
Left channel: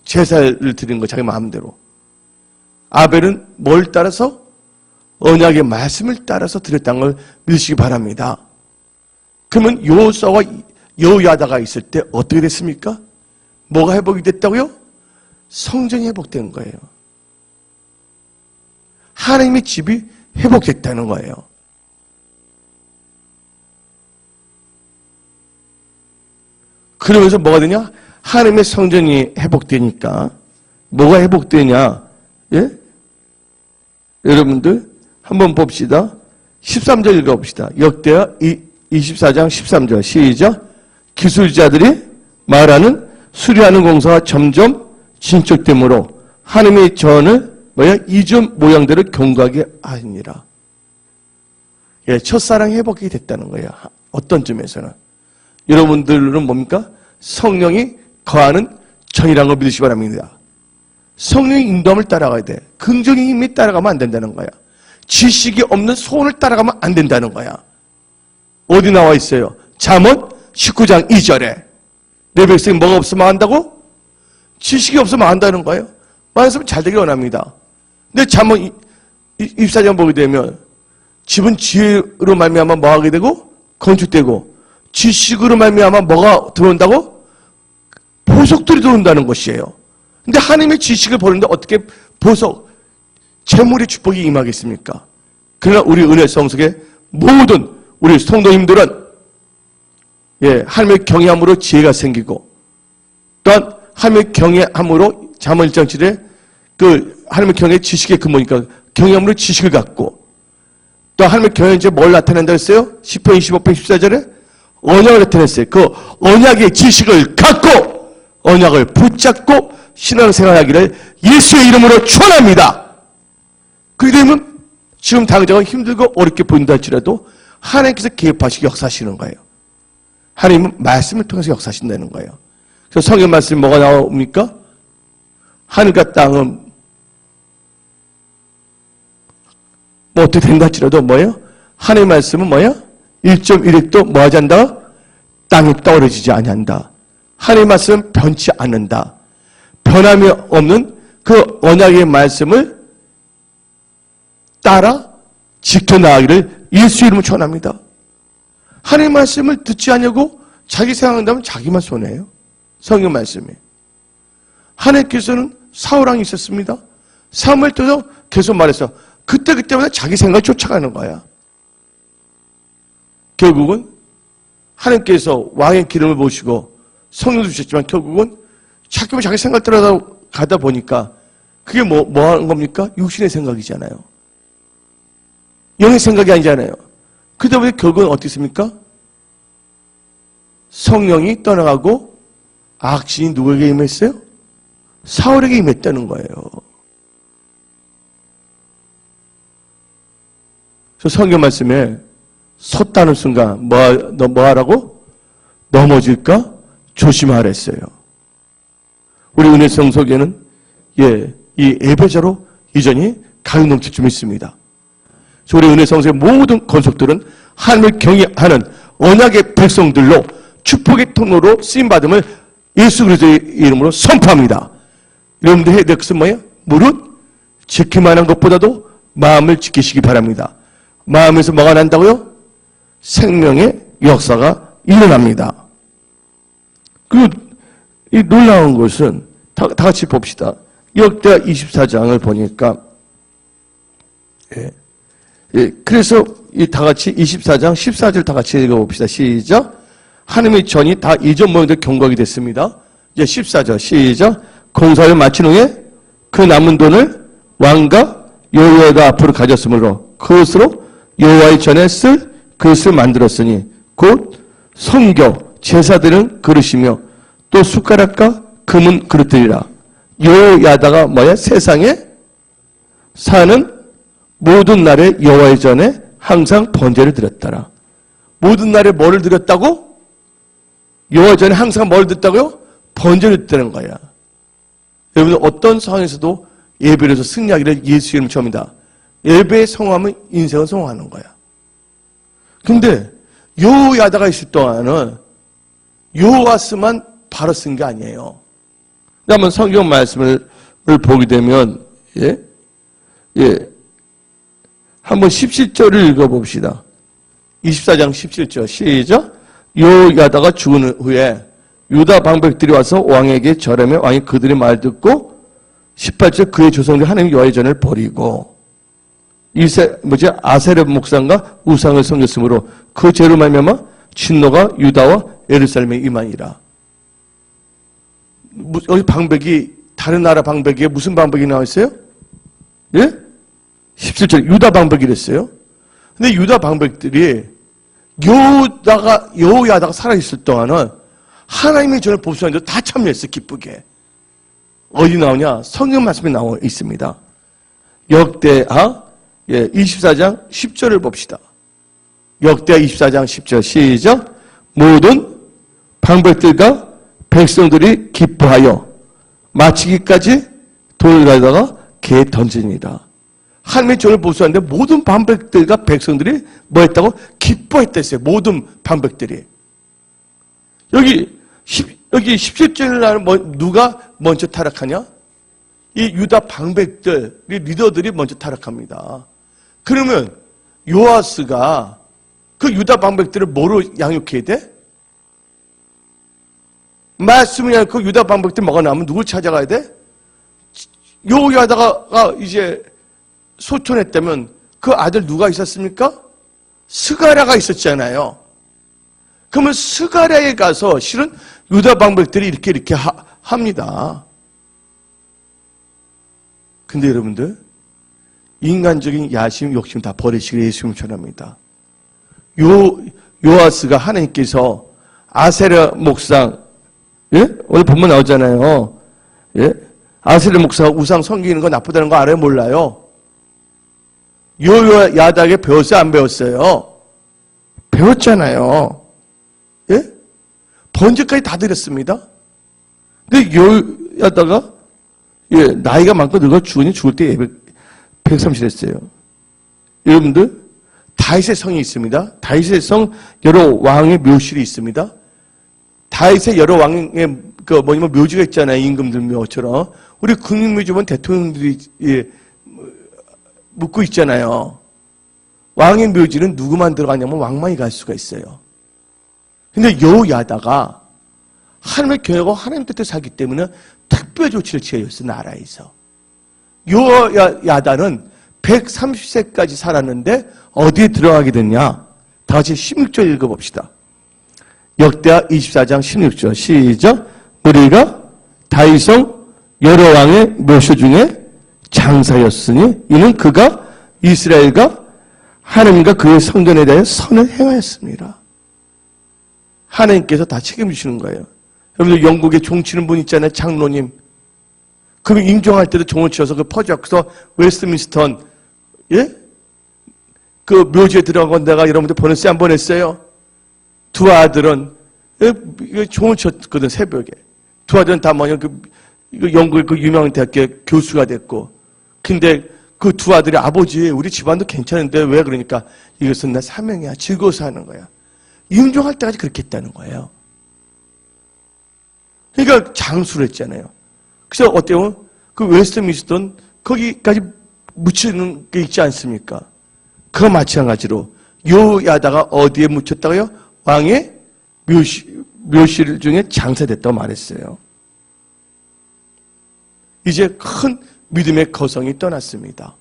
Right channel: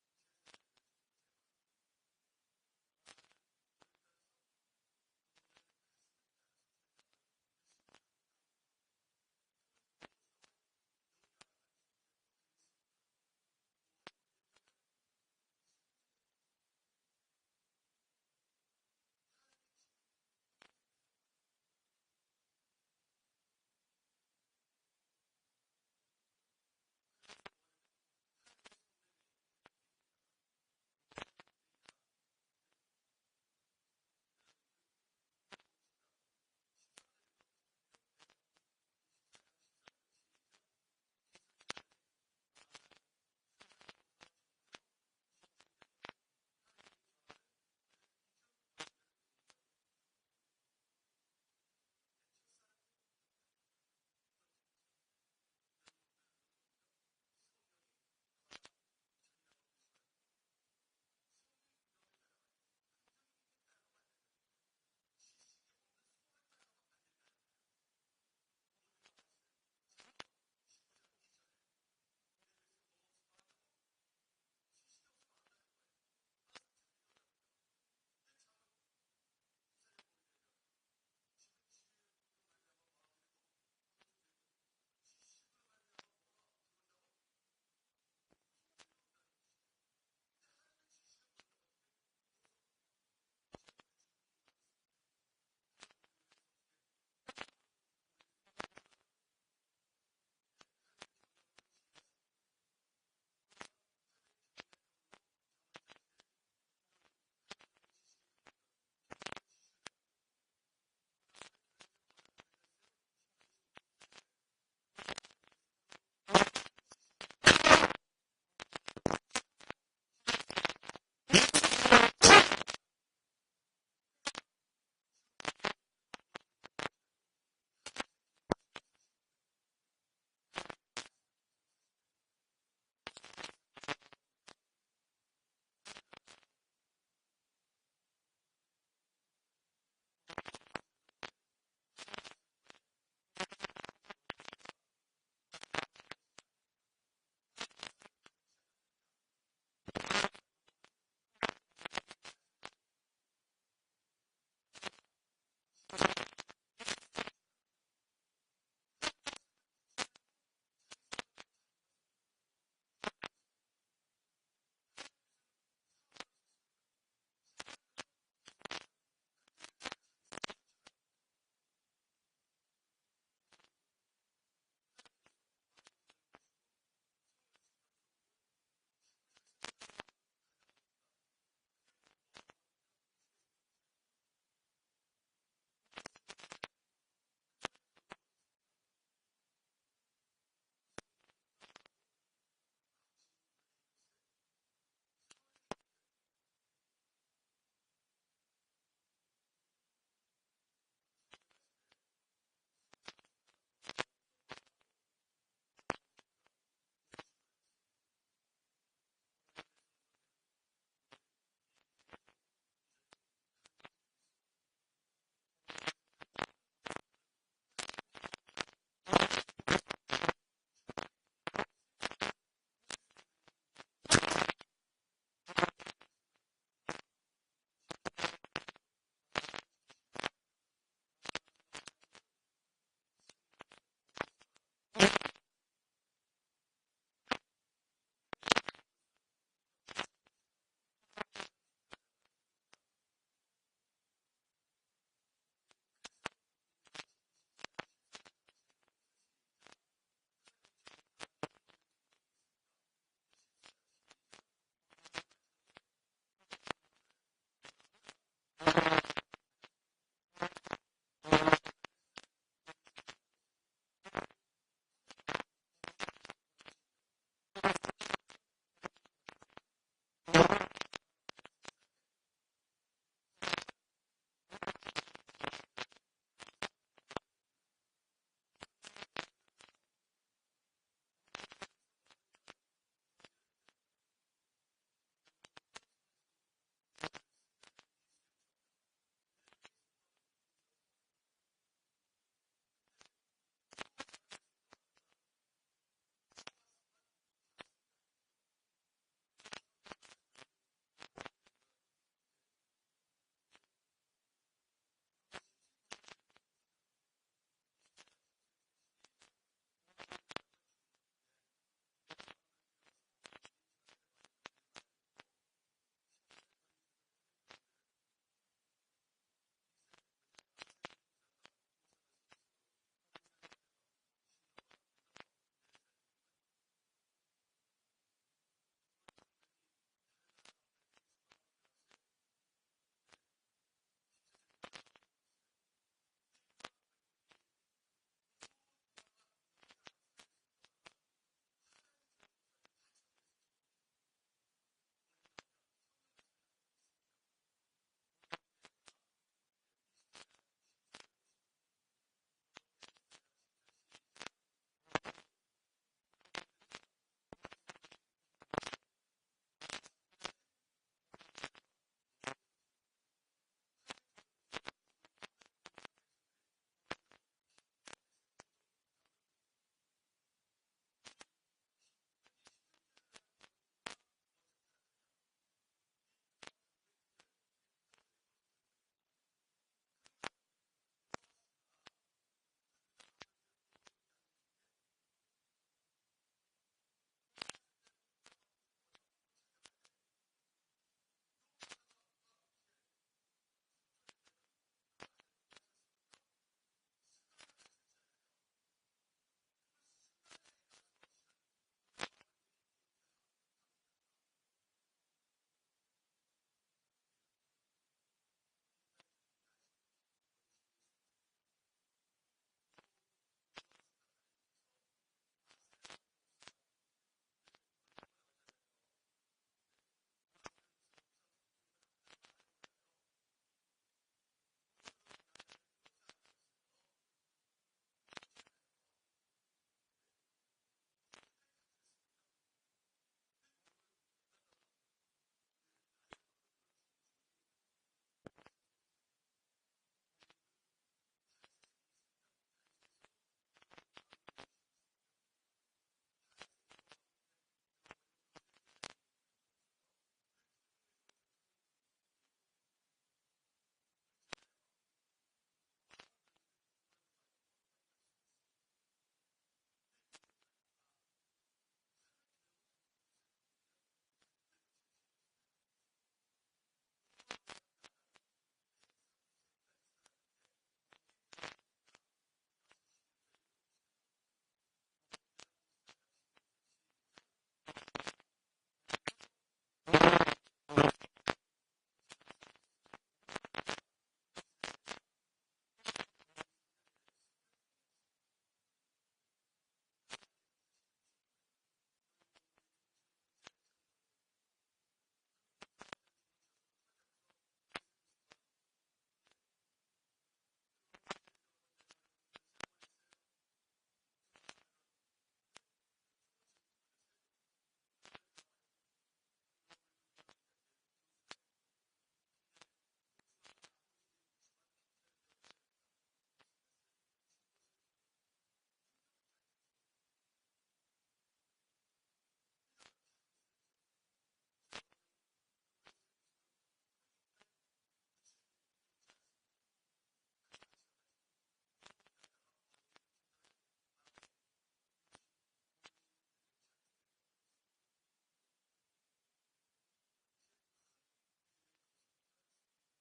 제사를 드리는 거, 자기 마음대로. 아벨은 뭘 따라서? 언약의 말씀을 따라서 드렸다는 걸 믿으시기 바랍니다. 그러면 여호수아와 여호야다가 있을 때 어떻게 됐습니까? 뭐가 회복이 됐다고요? 성전이 회복된 거예요. 하나님의 집이 회복됐다는 거예요. 그러면서 뭐가 되냐? 하나님의 성전이 회복되니까 뭐가 회복되냐? 예? 여러분들 한번 봅시다. 13절 읽어봅시다. 역대하 24장 13절 시작. 기술자들이 말하는 수리하는 공사가 점점 진척되므로 하나님의 전을 이전 모양대로 경고하게 하시니라. 예, 첫사랑이 회복이 됐다는 거예요. 어떤 점에서는. 여러분들은 뭡니까? 성령이 거하는 전이라는 걸 믿으시기 바랍니다. 성령의 인도함을 따라가야 돼. 긍정의 힘이 따라가면 안 된다는 거야. 지식이 없는 소원을 따라가면 안 된다는 거야. 어디 나와 있어요? 잠언 19장 2절에 내 백성이 뭐가 없으면 한다고? 지식이 없으면 한다는 거예요. 말씀은 잘 되길 원합니다. 근데 잠언 24장 보게 되면 집은 지혜로 말미암아 뭐 하게 되고? 건축되고 지식으로 말미암아 뭐가 들어온다고? 보석들이 들어온다는 것이에요. 근데 하나님의 지식을 보는데 어떻게 보석, 재물의 축복이 임하겠습니까? 그러나 우리 은혜 성석의 모든 우리 성도님들은 하나님의 경외함으로 지혜가 생기고 또한 하나님의 경외함으로 잠언 1장 7에 그 하나님의 경외 지식의 근본이니까 경외함으로 지식을 갖고 또 하나님의 경외는 이제 뭘 나타낸다 했어요? 10편 25편 14절에 언약을 나타냈어요. 그 언약의 지식을 갖고 언약을 붙잡고 신앙생활하기를 예수의 이름으로 축원합니다. 그렇게 되면 지금 당장은 힘들고 어렵게 보인다 할지라도 하나님께서 개입하시고 역사하시는 거예요. 하나님은 말씀을 통해서 역사하신다는 거예요. 그래서 성경 말씀이 뭐가 나옵니까? 하늘과 땅은 뭐 어떻게 된다 할지라도 뭐예요? 하나님의 말씀은 뭐예요? 1.1획도 뭐 하지 않는다? 땅에 떨어지지 아니한다. 하나님의 말씀은 변치 않는다. 변함이 없는 그 언약의 말씀을 따라 지켜나가기를 예수 이름으로 축원합니다. 하나님의 말씀을 듣지 않냐고 자기 생각한다면 자기만 손해예요. 성경 말씀이. 하나님께서는 사울왕이 있었습니다. 사무엘 때도 계속 말해서 그때마다 자기 생각을 쫓아가는 거야. 결국은 하나님께서 왕의 기름을 보시고 성령도 주셨지만 결국은 자꾸만 자기 생각 따라가다 보니까 그게 뭐 하는 겁니까? 육신의 생각이잖아요. 영의 생각이 아니잖아요. 그러다 보니 결국은 어떻게 있습니까? 성령이 떠나가고 악신이 누구에게 임했어요? 사울에게 임했다는 거예요. 저 성경 말씀에 섰다는 순간 뭐 하라고? 넘어질까? 조심하랬어요. 우리 은혜 성속에는 이 예배자로 이전이 가격 넘칠 좀 있습니다. 우리 은혜 성소의 모든 건속들은 하나님을 경외하는 언약의 백성들로 축복의 통로로 쓰임받음을 예수 그리스도의 이름으로 선포합니다. 여러분들 해야 될 것은 뭐예요? 무릇 지키만한 것보다도 마음을 지키시기 바랍니다. 마음에서 뭐가 난다고요? 생명의 역사가 일어납니다. 그리고 이 놀라운 것은 다 같이 봅시다. 역대하 24장을 보니까 그래서 이 다 같이 24장 14절 다 같이 읽어봅시다. 시작. 하나님의 전이 다 이전 모양대로 경고하게 됐습니다. 이제 14절 시작. 공사를 마친 후에 그 남은 돈을 왕과 여호와가 앞으로 가졌으므로 그것으로 여호와의 전에 쓸 그릇을 만들었으니 곧 성교 제사드리는 그릇이며 또 숟가락과 금은 그릇들이라. 여호야다가 뭐야? 세상에 사는 모든 날에 여호와의 전에 항상 번제를 드렸더라. 모든 날에 뭐를 드렸다고? 여호와의 전에 항상 뭘 드렸다고요? 번제를 드렸다는 거야. 여러분 어떤 상황에서도 예배를 해서 승리하기를 예수 이름 처음이다. 예배에 성공하면 인생은 성공하는 거야. 근데 여호야다가 있을 동안은 여호와스만 바로 쓴 게 아니에요. 한번 성경 말씀을 보게 되면, 예? 예. 한번 17절을 읽어봅시다. 24장 17절 시작. 요야다가 죽은 후에 유다 방백들이 와서 왕에게 절하며 왕이 그들의 말 듣고 18절 그의 조상들이 하나님 여호와의 전을 버리고 아세르 목상과 우상을 섬겼으므로 그 죄로 말미암아 진노가 유다와 예루살렘에 임하니라. 여기 방백이 다른 나라 방백에 무슨 방백이 나와 있어요? 예? 17절 유다 방백이랬어요. 근데 유다 방백들이 여호야다가 살아있을 동안은 하나님의 전을 보수하는데 다 참여했어, 기쁘게. 어디 나오냐? 성경 말씀에 나와 있습니다. 역대하 24장 10절을 봅시다. 역대하 24장 10절 시작. 모든 방백들과 백성들이 기뻐하여 마치기까지 돌을 가져다가 개에 던집니다. 하나님의 전을 보수하는데 모든 방백들과 백성들이 뭐 했다고? 기뻐했댔어요. 모든 방백들이. 여기 17절에 나는 누가 먼저 타락하냐? 이 유다 방백들, 리더들이 먼저 타락합니다. 그러면 요아스가 그 유다 방백들을 뭐로 양육해야 돼? 말씀이 아니라 그 유다 방백들 뭐가 나오면 누굴 찾아가야 돼? 요야다가 이제 소천했다면 그 아들 누가 있었습니까? 스가랴가 있었잖아요. 그러면 스가랴에 가서 실은 유다 방백들이 이렇게 합니다. 근데 여러분들 인간적인 야심, 욕심 다 버리시기를 예수님 전합니다. 요아스가 하나님께서 아세라 목상, 예? 오늘 본문 나오잖아요. 예? 아세라 목사가 우상 섬기는 거 나쁘다는 거 알아요? 몰라요? 요야다에게 배웠어요? 안 배웠어요? 배웠잖아요. 예? 번제까지 다 드렸습니다. 근데 요야다가 나이가 많고 늙어 죽을 때 130 했어요. 여러분들 다윗의 성이 있습니다. 다윗의 성 여러 왕의 묘실이 있습니다. 다윗의 여러 왕의 묘지가 있잖아요. 임금들 묘처럼. 우리 국립묘지 보면 대통령들이 묻고 있잖아요. 왕의 묘지는 누구만 들어가냐면 왕만이 갈 수가 있어요. 근데 요야다가 하나님의 교회가 하나님 뜻대로 살기 때문에 특별 조치를 취해줬어, 나라에서. 요야다는 130세까지 살았는데 어디에 들어가게 됐냐? 다 같이 16절 읽어봅시다. 역대하 24장 16절 시작. 우리가 다윗성 여러 왕의 묘소 중에 장사였으니 이는 그가 이스라엘과 하나님과 그의 성전에 대해 선을 행하였습니다. 하나님께서 다 책임지시는 거예요. 여러분들 영국에 종치는 분 있잖아요. 장로님. 그럼 임종할 때도 종을 치어서 그 퍼져서 웨스트민스턴 그 묘지에 들어간 내가 여러분들 보냈어요? 안 보냈어요? 두 아들은 종을 쳤거든, 새벽에. 두 아들은 다 영국의 그 유명한 대학교 교수가 됐고. 근데 그 두 아들이 아버지, 우리 집안도 괜찮은데 왜 그러니까 이것은 내 사명이야. 즐거워서 하는 거야. 임종할 때까지 그렇게 했다는 거예요. 그러니까 장수를 했잖아요. 그래서 어때요? 그 웨스트민스턴 거기까지 묻히는 게 있지 않습니까? 그와 마찬가지로 요야다가 어디에 묻혔다고요? 왕의 묘실 중에 장사됐다고 말했어요. 이제 큰 믿음의 거성이 떠났습니다.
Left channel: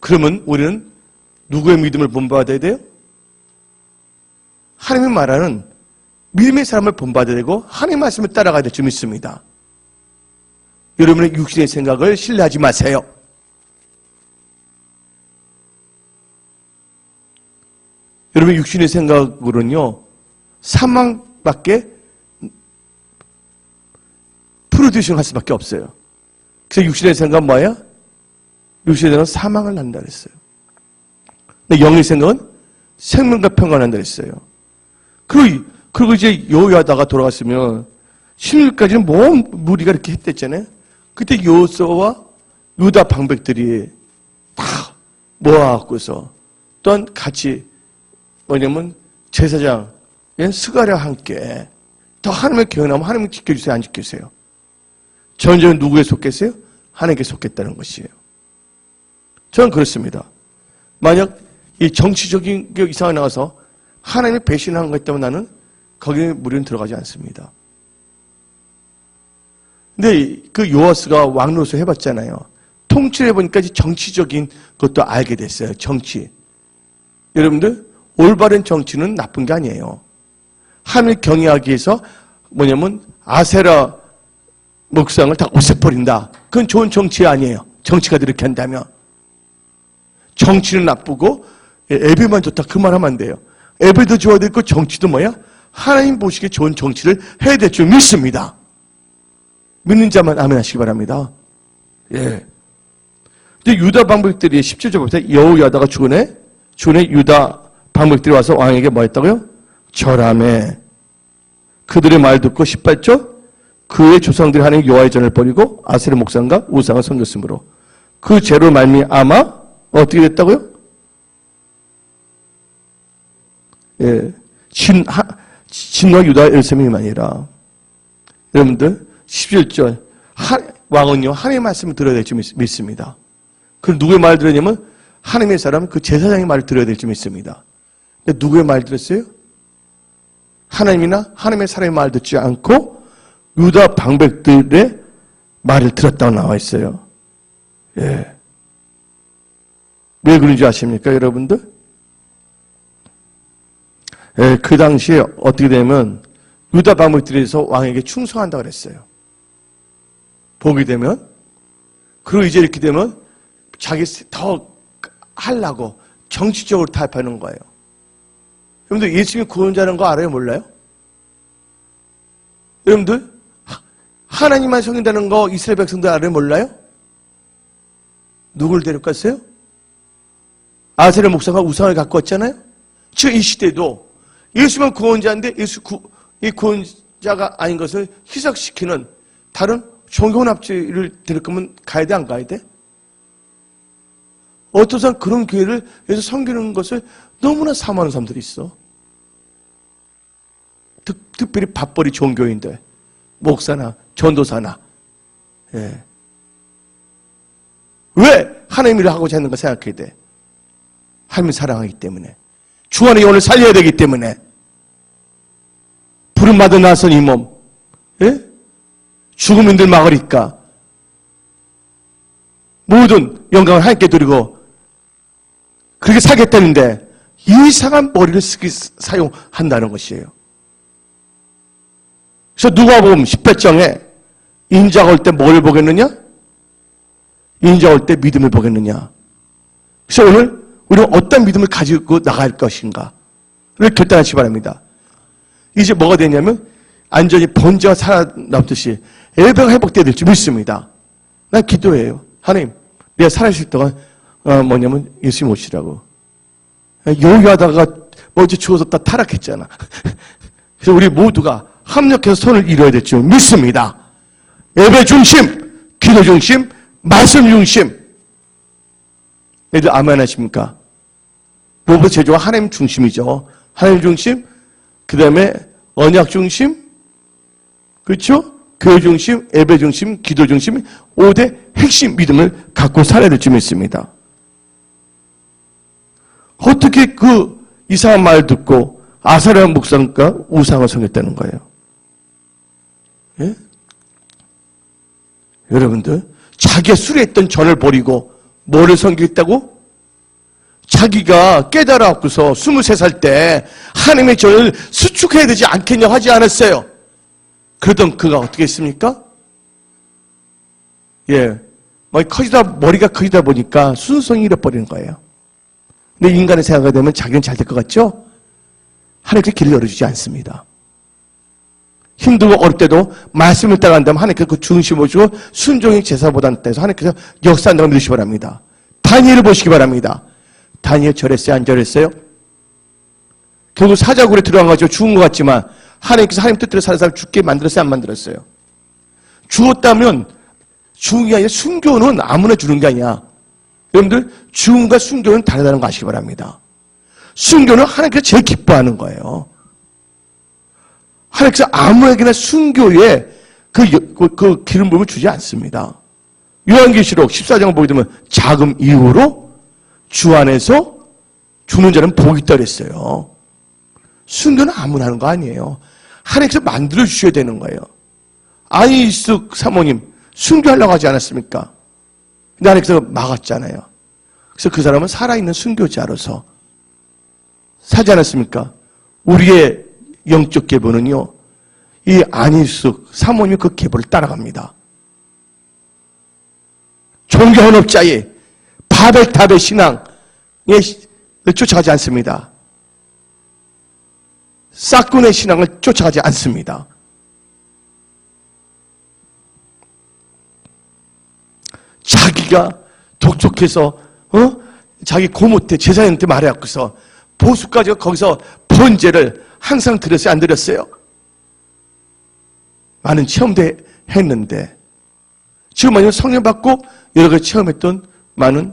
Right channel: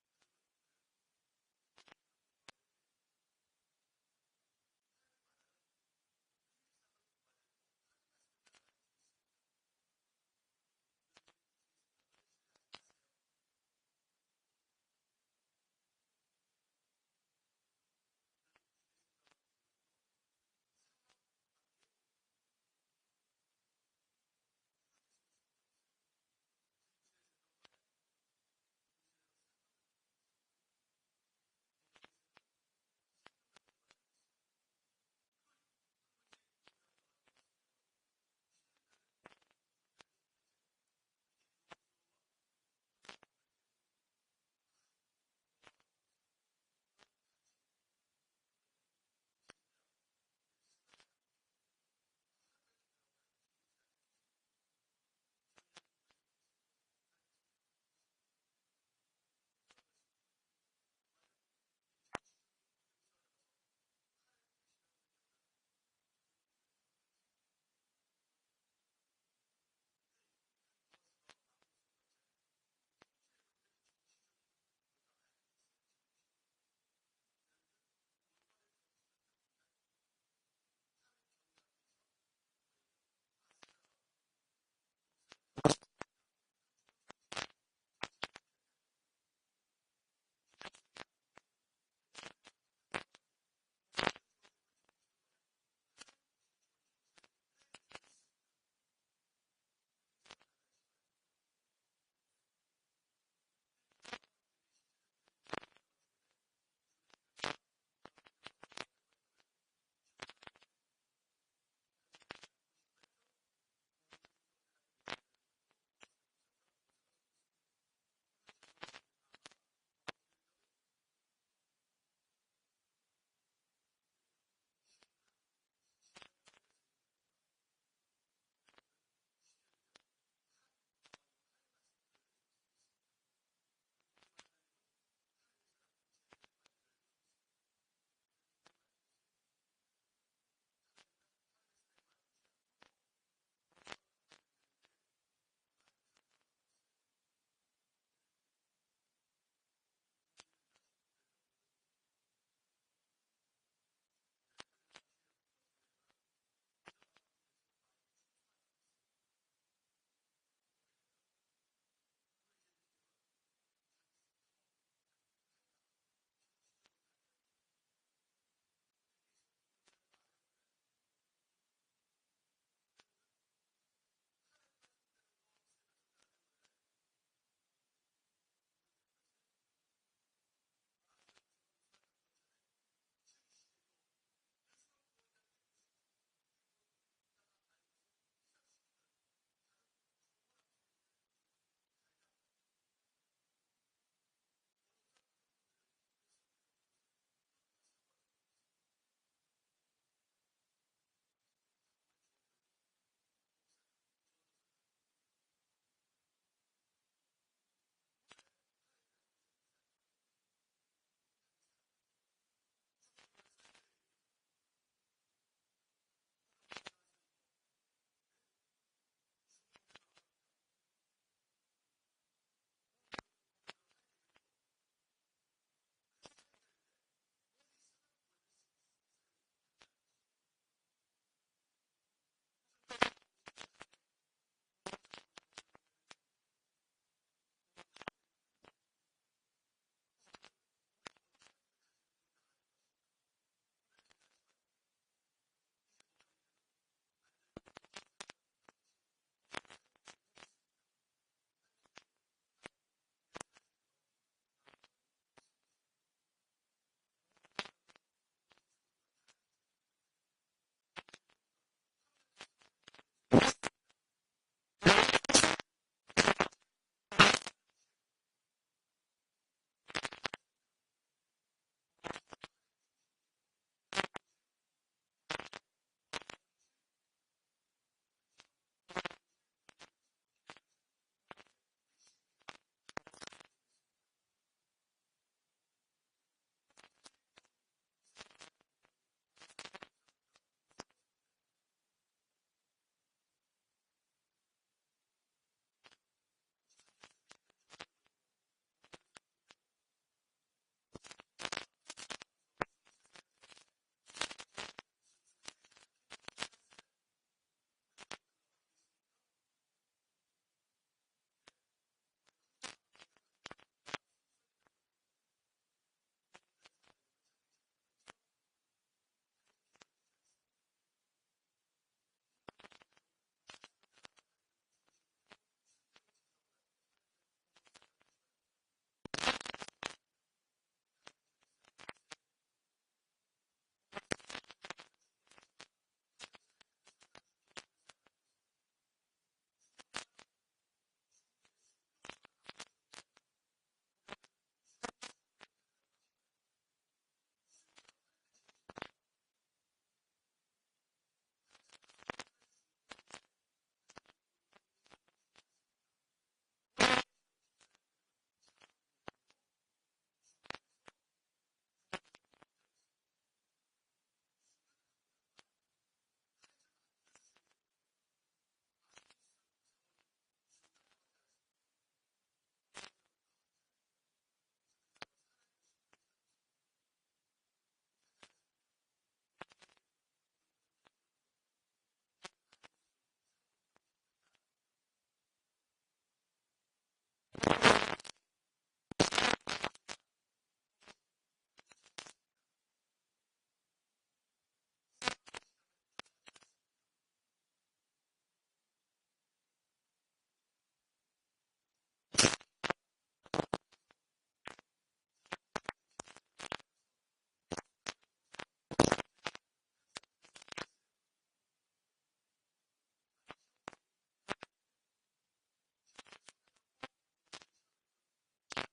그러면 우리는 누구의 믿음을 본받아야 돼요? 하나님의 말하는 믿음의 사람을 본받아야 되고 하나님의 말씀을 따라가야 될 줄 믿습니다. 여러분의 육신의 생각을 신뢰하지 마세요. 여러분의 육신의 생각으로는요, 사망밖에 프로듀싱 할 수밖에 없어요. 그래서 육신의 생각은 뭐야? 육신의 생각은 사망을 난다 그랬어요. 근데 영의 생각은 생명과 평안을 난다 그랬어요. 그리고 이제 요야다가 돌아갔으면 16까지는 뭔 무리가 이렇게 했댔잖아요. 그때 요소와 유다 방백들이 다 모아갖고서 또한 같이 뭐냐면 제사장 스가랴와 함께 더 하나님의 경외하면 하나님이 지켜주세요, 안 지켜주세요? 전쟁은 누구에 속겠어요? 하나님께 속겠다는 것이에요. 저는 그렇습니다. 만약 이 정치적인 게 이상하게 나와서 하나님이 배신한 것 때문에 나는 거기에 무리는 들어가지 않습니다. 근데 그 요아스가 왕로서 해봤잖아요. 통치를 해보니까 정치적인 것도 알게 됐어요. 정치. 여러분들, 올바른 정치는 나쁜 게 아니에요. 하나님을 경외하기 위해서 뭐냐면 아세라 목상을 다 없애버린다. 그건 좋은 정치 아니에요. 정치가 그렇게 한다면. 정치는 나쁘고 예배만 좋다 그 말하면 안 돼요. 예배도 좋아야 되고 정치도 뭐야? 하나님 보시기에 좋은 정치를 해야 될 줄 믿습니다. 믿는 자만 아멘 하시기 바랍니다. 예. 근데 유다 방백들이 17절 보세요. 여호야다가 주군에 유다 방백들이 와서 왕에게 뭐 했다고요? 절하매. 그들의 말 듣고 18절 그의 조상들이 하나님 여호와의 전을 버리고 아세라 목상과 우상을 섬겼으므로 그 죄로 말미암아 어떻게 됐다고요? 예, 진노와 유다 예루살렘이니라. 여러분들 17절 왕은요 하나님의 말씀을 들어야 될 줄 믿습니다. 그럼 누구의 말을 들었냐면 하나님의 사람 그 제사장의 말을 들어야 될 줄 믿습니다. 근데 누구의 말을 들었어요? 하나님이나 하나님의 사람의 말을 듣지 않고 유다 방백들의 말을 들었다고 나와 있어요. 예. 왜 그런지 아십니까, 여러분들? 예, 그 당시에 어떻게 되면 유다 방백들에서 왕에게 충성한다고 그랬어요. 보게 되면. 그리고 이제 이렇게 되면 자기 더 하려고 정치적으로 타협하는 거예요. 여러분들 예수님이 구원자라는 거 알아요? 몰라요? 여러분들 하나님만 섬긴다는 거 이스라엘 백성들 알아요? 몰라요? 누굴 데려갔어요? 아세라 목사가 우상을 갖고 왔잖아요? 지금 이 시대도 예수만 구원자인데 이 구원자가 아닌 것을 희석시키는 다른 종교납치를 데릴 거면 가야 돼, 안 가야 돼? 어떤 사람 그런 교회를 여기서 섬기는 것을 너무나 사모하는 사람들이 있어. 특별히 밥벌이 좋은 교인들, 목사나 전도사나. 예. 왜 하나님 일을 하고자 하는 거 생각해야 돼? 하나님을 사랑하기 때문에. 주 안에 영혼을 살려야 되기 때문에. 부름받은 나선 이 몸. 예? 죽음인들 막으리까. 모든 영광을 하나님께 드리고 그렇게 살겠다는데 이상한 머리를 사용한다는 것이에요. 그래서 누가복음 18장에 인자가 올 때 뭘 보겠느냐? 인자가 올 때 믿음을 보겠느냐? 그래서 오늘 우리는 어떤 믿음을 가지고 나갈 것인가를 결단하시기 바랍니다. 이제 뭐가 되냐면 안전히 번제가 살아남듯이 예배가 회복돼야 될지 믿습니다. 난 기도해요. 하나님, 내가 살아있을 동안 뭐냐면 예수님 오시라고. 요기하다가 어제 죽어서 다 타락했잖아. 그래서 우리 모두가 합력해서 손을 이뤄야 될 줄 믿습니다. 예배 중심, 기도 중심, 말씀 중심. 애들 아멘 하십니까? 무엇보다 제조가 하나님 중심이죠. 하나님 중심, 그 다음에 언약 중심, 그렇죠? 교회 중심, 예배 중심, 기도 중심, 5대 핵심 믿음을 갖고 살아야 될 줄 믿습니다. 어떻게 그 이상한 말 듣고 아사랴 목상과 우상을 섬겼다는 거예요? 예? 여러분들, 자기가 수레했던 전을 버리고 뭐를 섬기겠다고? 자기가 깨달아갖고서 23살 때 하나님의 전을 수축해야 되지 않겠냐고 하지 않았어요. 그러던 그가 어떻게 했습니까? 예. 머리가 커지다 보니까 순수성이 잃어버리는 거예요. 근데 인간의 생각이 되면 자기는 잘 될 것 같죠? 하나님께 길을 열어주지 않습니다. 힘들고 어릴 때도 말씀을 따라간다면 하나님께서 그 중심을 주고 순종이 제사보다 낫다 하나님께서 역사한다고 믿으시기 바랍니다. 다니엘을 보시기 바랍니다. 다니엘 절했어요? 안 절했어요? 결국 사자굴에 들어가가지고 죽은 것 같지만 하나님께서 하나님 뜻대로 사는 사람 죽게 만들었어요? 안 만들었어요? 죽었다면 죽은 게 아니라 순교는 아무나 주는 게 아니야. 여러분들 죽음과 순교는 다르다는 거 아시기 바랍니다. 순교는 하나님께서 제일 기뻐하는 거예요. 하나님께서 아무에게나 순교에 그 기름 부음을 주지 않습니다. 요한계시록 14장 보게 되면 자금 이후로 주 안에서 죽는 자는 복이 있다 그랬어요. 순교는 아무나 하는 거 아니에요. 하나님께서 만들어 주셔야 되는 거예요. 안희숙 사모님 순교하려고 하지 않았습니까? 근데 하나님께서 막았잖아요. 그래서 그 사람은 살아있는 순교자로서 사지 않았습니까? 우리의 영적 계보는요, 이 안희숙 사모님이 그 계보를 따라갑니다. 종교헌업자의 바벨탑의 신앙에 쫓아가지 않습니다. 싹군의 신앙을 쫓아가지 않습니다. 자기가 독촉해서 자기 고모한테 제사장한테 말해갖고서 보수까지 거기서 번제를 항상 드렸어요? 안 드렸어요? 많은 체험도 했는데 지금 만약 성령 받고 여러 가지 체험했던 많은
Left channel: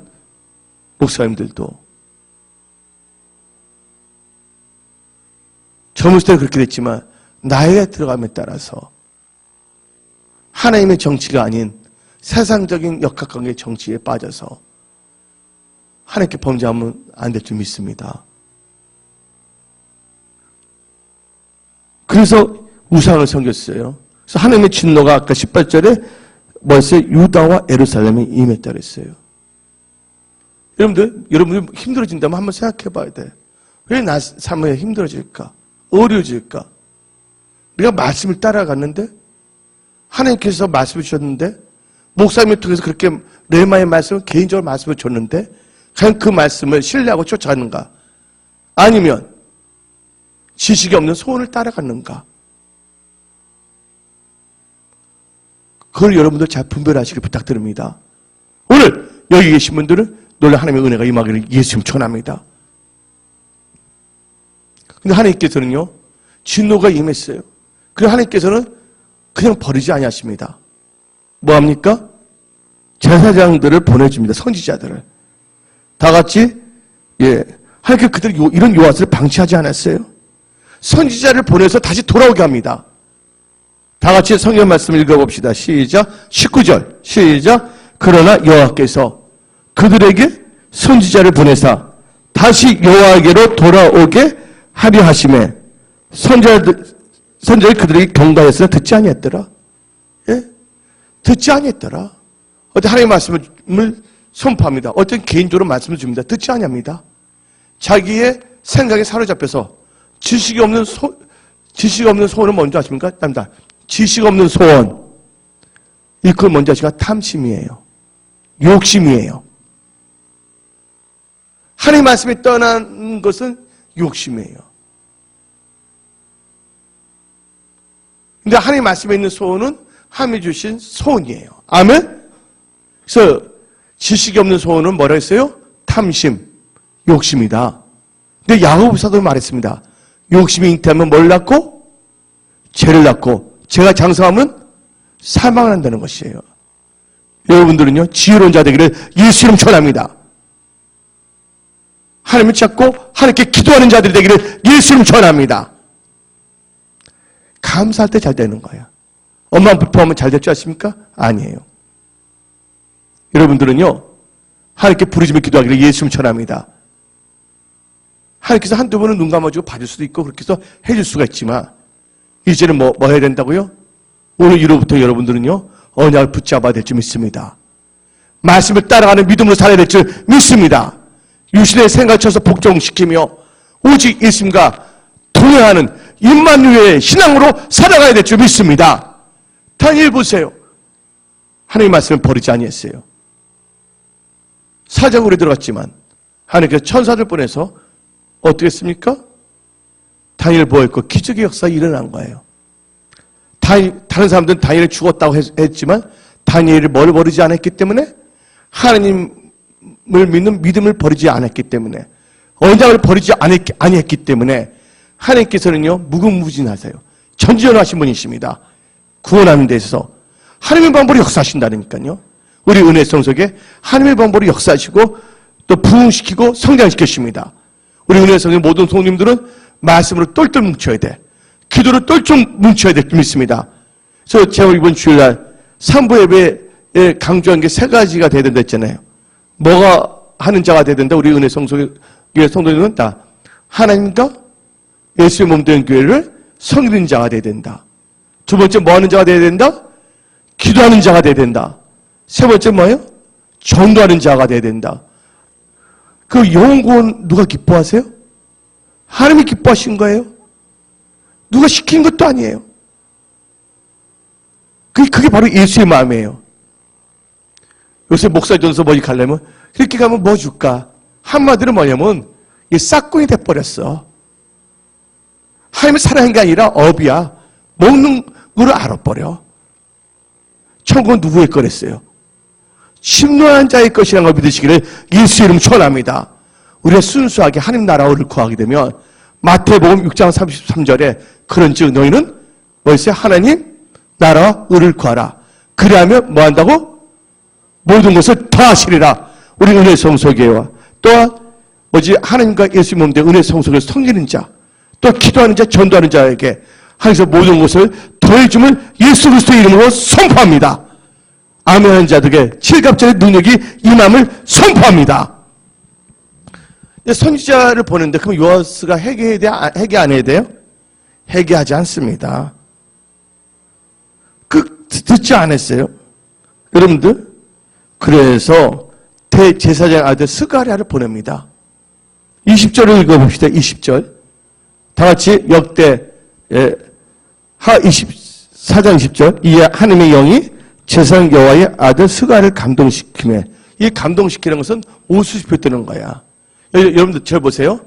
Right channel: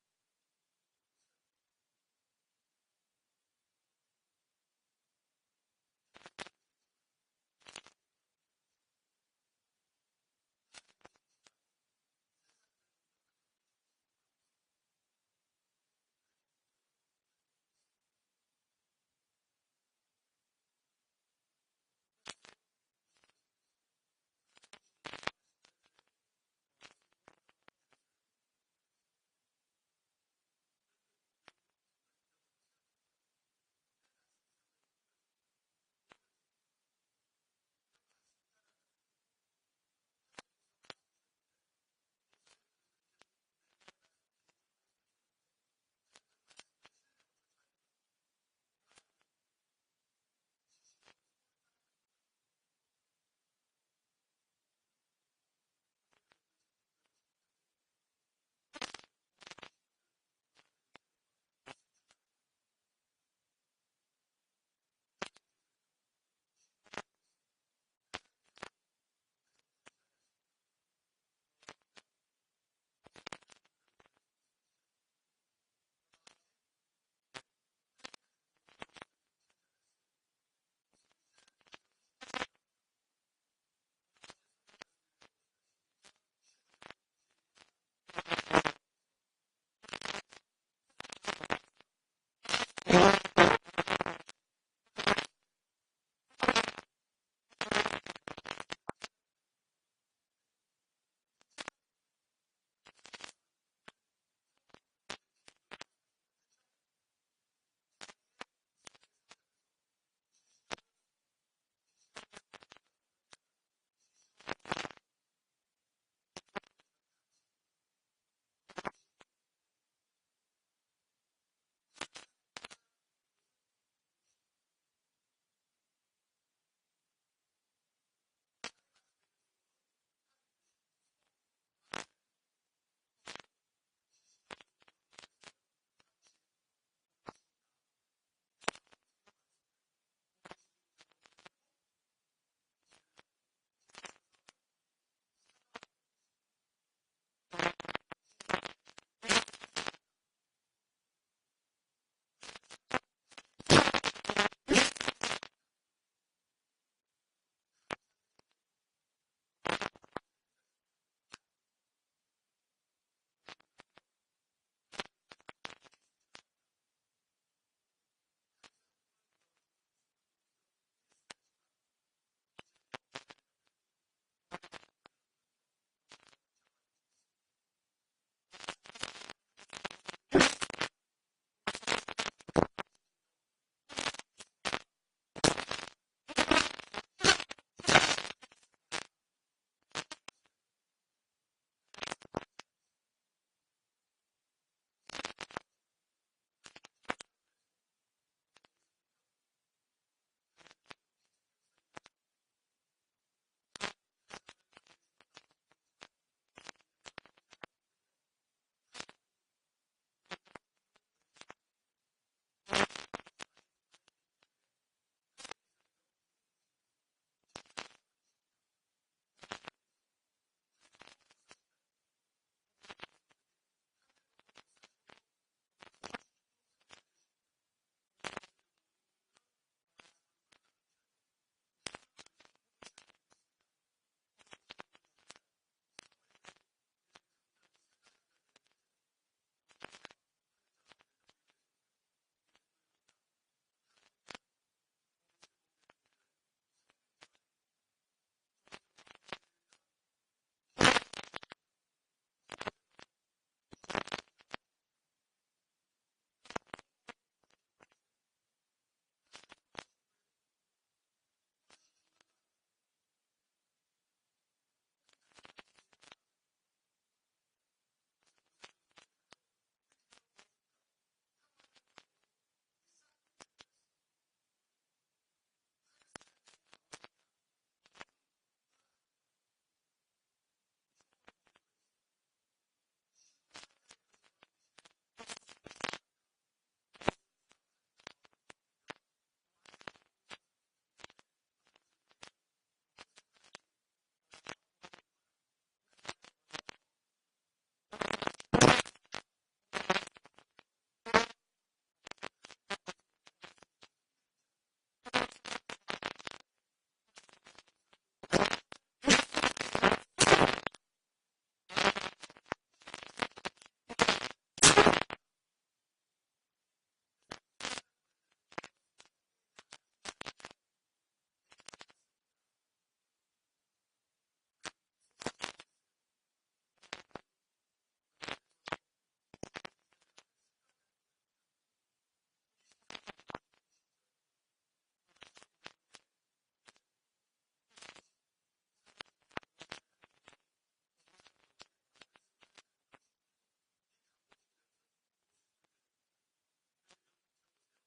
목사님들도 젊었을 때는 그렇게 됐지만 나이에 들어감에 따라서 하나님의 정치가 아닌 세상적인 역학관계의 정치에 빠져서 하나님께 범죄하면 안 될 줄 믿습니다. 그래서 우상을 섬겼어요. 그래서 하나님의 진노가 아까 18절에 벌써 유다와 예루살렘에 임했다 그랬어요. 여러분들 힘들어진다면 한번 생각해 봐야 돼. 왜 나 삶에 힘들어질까? 어려워질까? 우리가 말씀을 따라갔는데 하나님께서 말씀을 주셨는데 목사님을 통해서 그렇게 레마의 말씀을 개인적으로 말씀을 줬는데 과연 그 말씀을 신뢰하고 쫓아가는가? 아니면 지식이 없는 소원을 따라갔는가? 그걸 여러분들 잘 분별하시길 부탁드립니다. 오늘 여기 계신 분들은 놀라 하나님의 은혜가 임하기를 예수님 축원합니다. 근데 하나님께서는요, 진노가 임했어요. 그리고 하나님께서는 그냥 버리지 아니하십니다. 뭐합니까? 제사장들을 보내줍니다. 선지자들을. 다 같이, 하나님께서 그들 이런 요한을 방치하지 않았어요. 선지자를 보내서 다시 돌아오게 합니다. 다 같이 성경 말씀 읽어봅시다. 시작. 19절. 시작. 그러나 여호와께서 그들에게 선지자를 보내사 다시 여호와에게로 돌아오게 하려 하심에 선지자들이 그들에게 경고하였으나 듣지 아니했더라. 예? 듣지 아니했더라. 어떤 하나님의 말씀을 선포합니다. 어떤 개인적으로 말씀을 줍니다. 듣지 아니합니다. 자기의 생각에 사로잡혀서 지식이 없는 소원을 먼저 하십니까? 납니다. 지식 없는 소원. 이걸 먼저 하시가 탐심이에요. 욕심이에요. 하나님 말씀이 떠난 것은 욕심이에요. 근데 하나님 말씀에 있는 소원은 하나님이 주신 소원이에요. 아멘? 그래서 지식이 없는 소원은 뭐라 했어요? 탐심, 욕심이다. 근데 야고보 사도는 말했습니다. 욕심이 잉태하면 뭘 낳고? 죄를 낳고 죄가 장성하면 사망을 한다는 것이에요. 여러분들은요, 지혜로운 자 되기를 예수 이름 축원합니다. 하나님을 찾고 하나님께 기도하는 자들이 되기를 예수 이름 축원합니다. 감사할 때 잘 되는 거예요. 엄마 부포하면 잘 될 줄 아십니까? 아니에요. 여러분들은요, 하나님께 부르짖으며 기도하기를 예수 이름 축원합니다. 하나님께서 한두 번은 눈 감아주고 봐줄 수도 있고 그렇게 해서 해줄 수가 있지만 이제는 뭐 해야 된다고요? 오늘 이후부터 여러분들은요, 언약을 붙잡아야 될 줄 믿습니다. 말씀을 따라가는 믿음으로 살아야 될 줄 믿습니다. 유신의 생각을 쳐서 복종시키며 오직 예수님과 동행하는 임마누엘의 신앙으로 살아가야 될 줄 믿습니다. 다니엘 보세요. 하나님의 말씀을 버리지 아니했어요. 사자굴에 들어갔지만 하나님께서 천사를 보내서 어떻게 했습니까? 다니엘을 보호했고 기적의 역사가 일어난 거예요. 다른 사람들은 다니엘이 죽었다고 했지만 다니엘이 뭘 버리지 않았기 때문에 하나님을 믿는 믿음을 버리지 않았기 때문에 언약을 버리지 아니했기 때문에 하나님께서는요, 무궁무진하세요. 전지전능하신 분이십니다. 구원하는 데 있어서 하나님의 방법으로 역사하신다니까요. 우리 은혜 성속에 하나님의 방법으로 역사하시고 또 부흥시키고 성장시키십니다. 우리 은혜 성의 모든 성님들은 말씀으로 똘똘 뭉쳐야 돼. 기도로 똘좀 뭉쳐야 될 줄 믿습니다. 그래서 제가 이번 주일날 삼부 예배에 강조한 게 세 가지가 돼야 된다 했잖아요. 뭐가 하는 자가 돼야 된다? 우리 은혜 성소의 성도님은 다 하나님과 예수의 몸 된 교회를 섬기는 자가 돼야 된다. 두 번째 뭐 하는 자가 돼야 된다? 기도하는 자가 돼야 된다. 세 번째 뭐예요? 전도하는 자가 돼야 된다. 그 영혼 누가 기뻐하세요? 하나님이 기뻐하신 거예요. 누가 시킨 것도 아니에요. 그게 바로 예수의 마음이에요. 요새 목사전서 뭐지 가려면 그렇게 가면 뭐 줄까? 한마디로 뭐냐면 이 싹군이 돼버렸어. 하나님을 사랑한 게 아니라 업이야. 먹는 거를 알아버려. 천국은 누구의 거랬어요? 심노한 자의 것이라는 걸 믿으시기를 예수의 이름 축원합니다. 우리가 순수하게 하나님 나라를 구하게 되면 마태복음 6장 33절에 그런즉 너희는 뭐였어요? 하나님 나라와 의를 구하라. 그리하면 뭐 한다고? 모든 것을 다 하시리라. 우리 은혜 성소교회와 또한 뭐지 하나님과 예수의 몸 된 은혜 성소교회 섬기는 자, 또 기도하는 자, 전도하는 자에게 하나님께서 모든 것을 더해줌을 예수 그리스도의 이름으로 선포합니다. 아멘하는 자들에게 칠갑절의 능력이 임함을 선포합니다. 선지자를 보는데 그럼 요아스가 회개해야 돼? 회개 안 해야 돼요? 회개하지 않습니다. 듣지 않았어요. 여러분들 그래서 대제사장 아들 스가랴를 보냅니다. 20절을 읽어봅시다. 20절 다 같이 역대 하 24장 20절 이 하나님의 영이 제사장 여호와의 아들 스가랴를 감동시키며 이 감동시키는 것은 옷을 입혔다는 거야. 여러분들 저 보세요.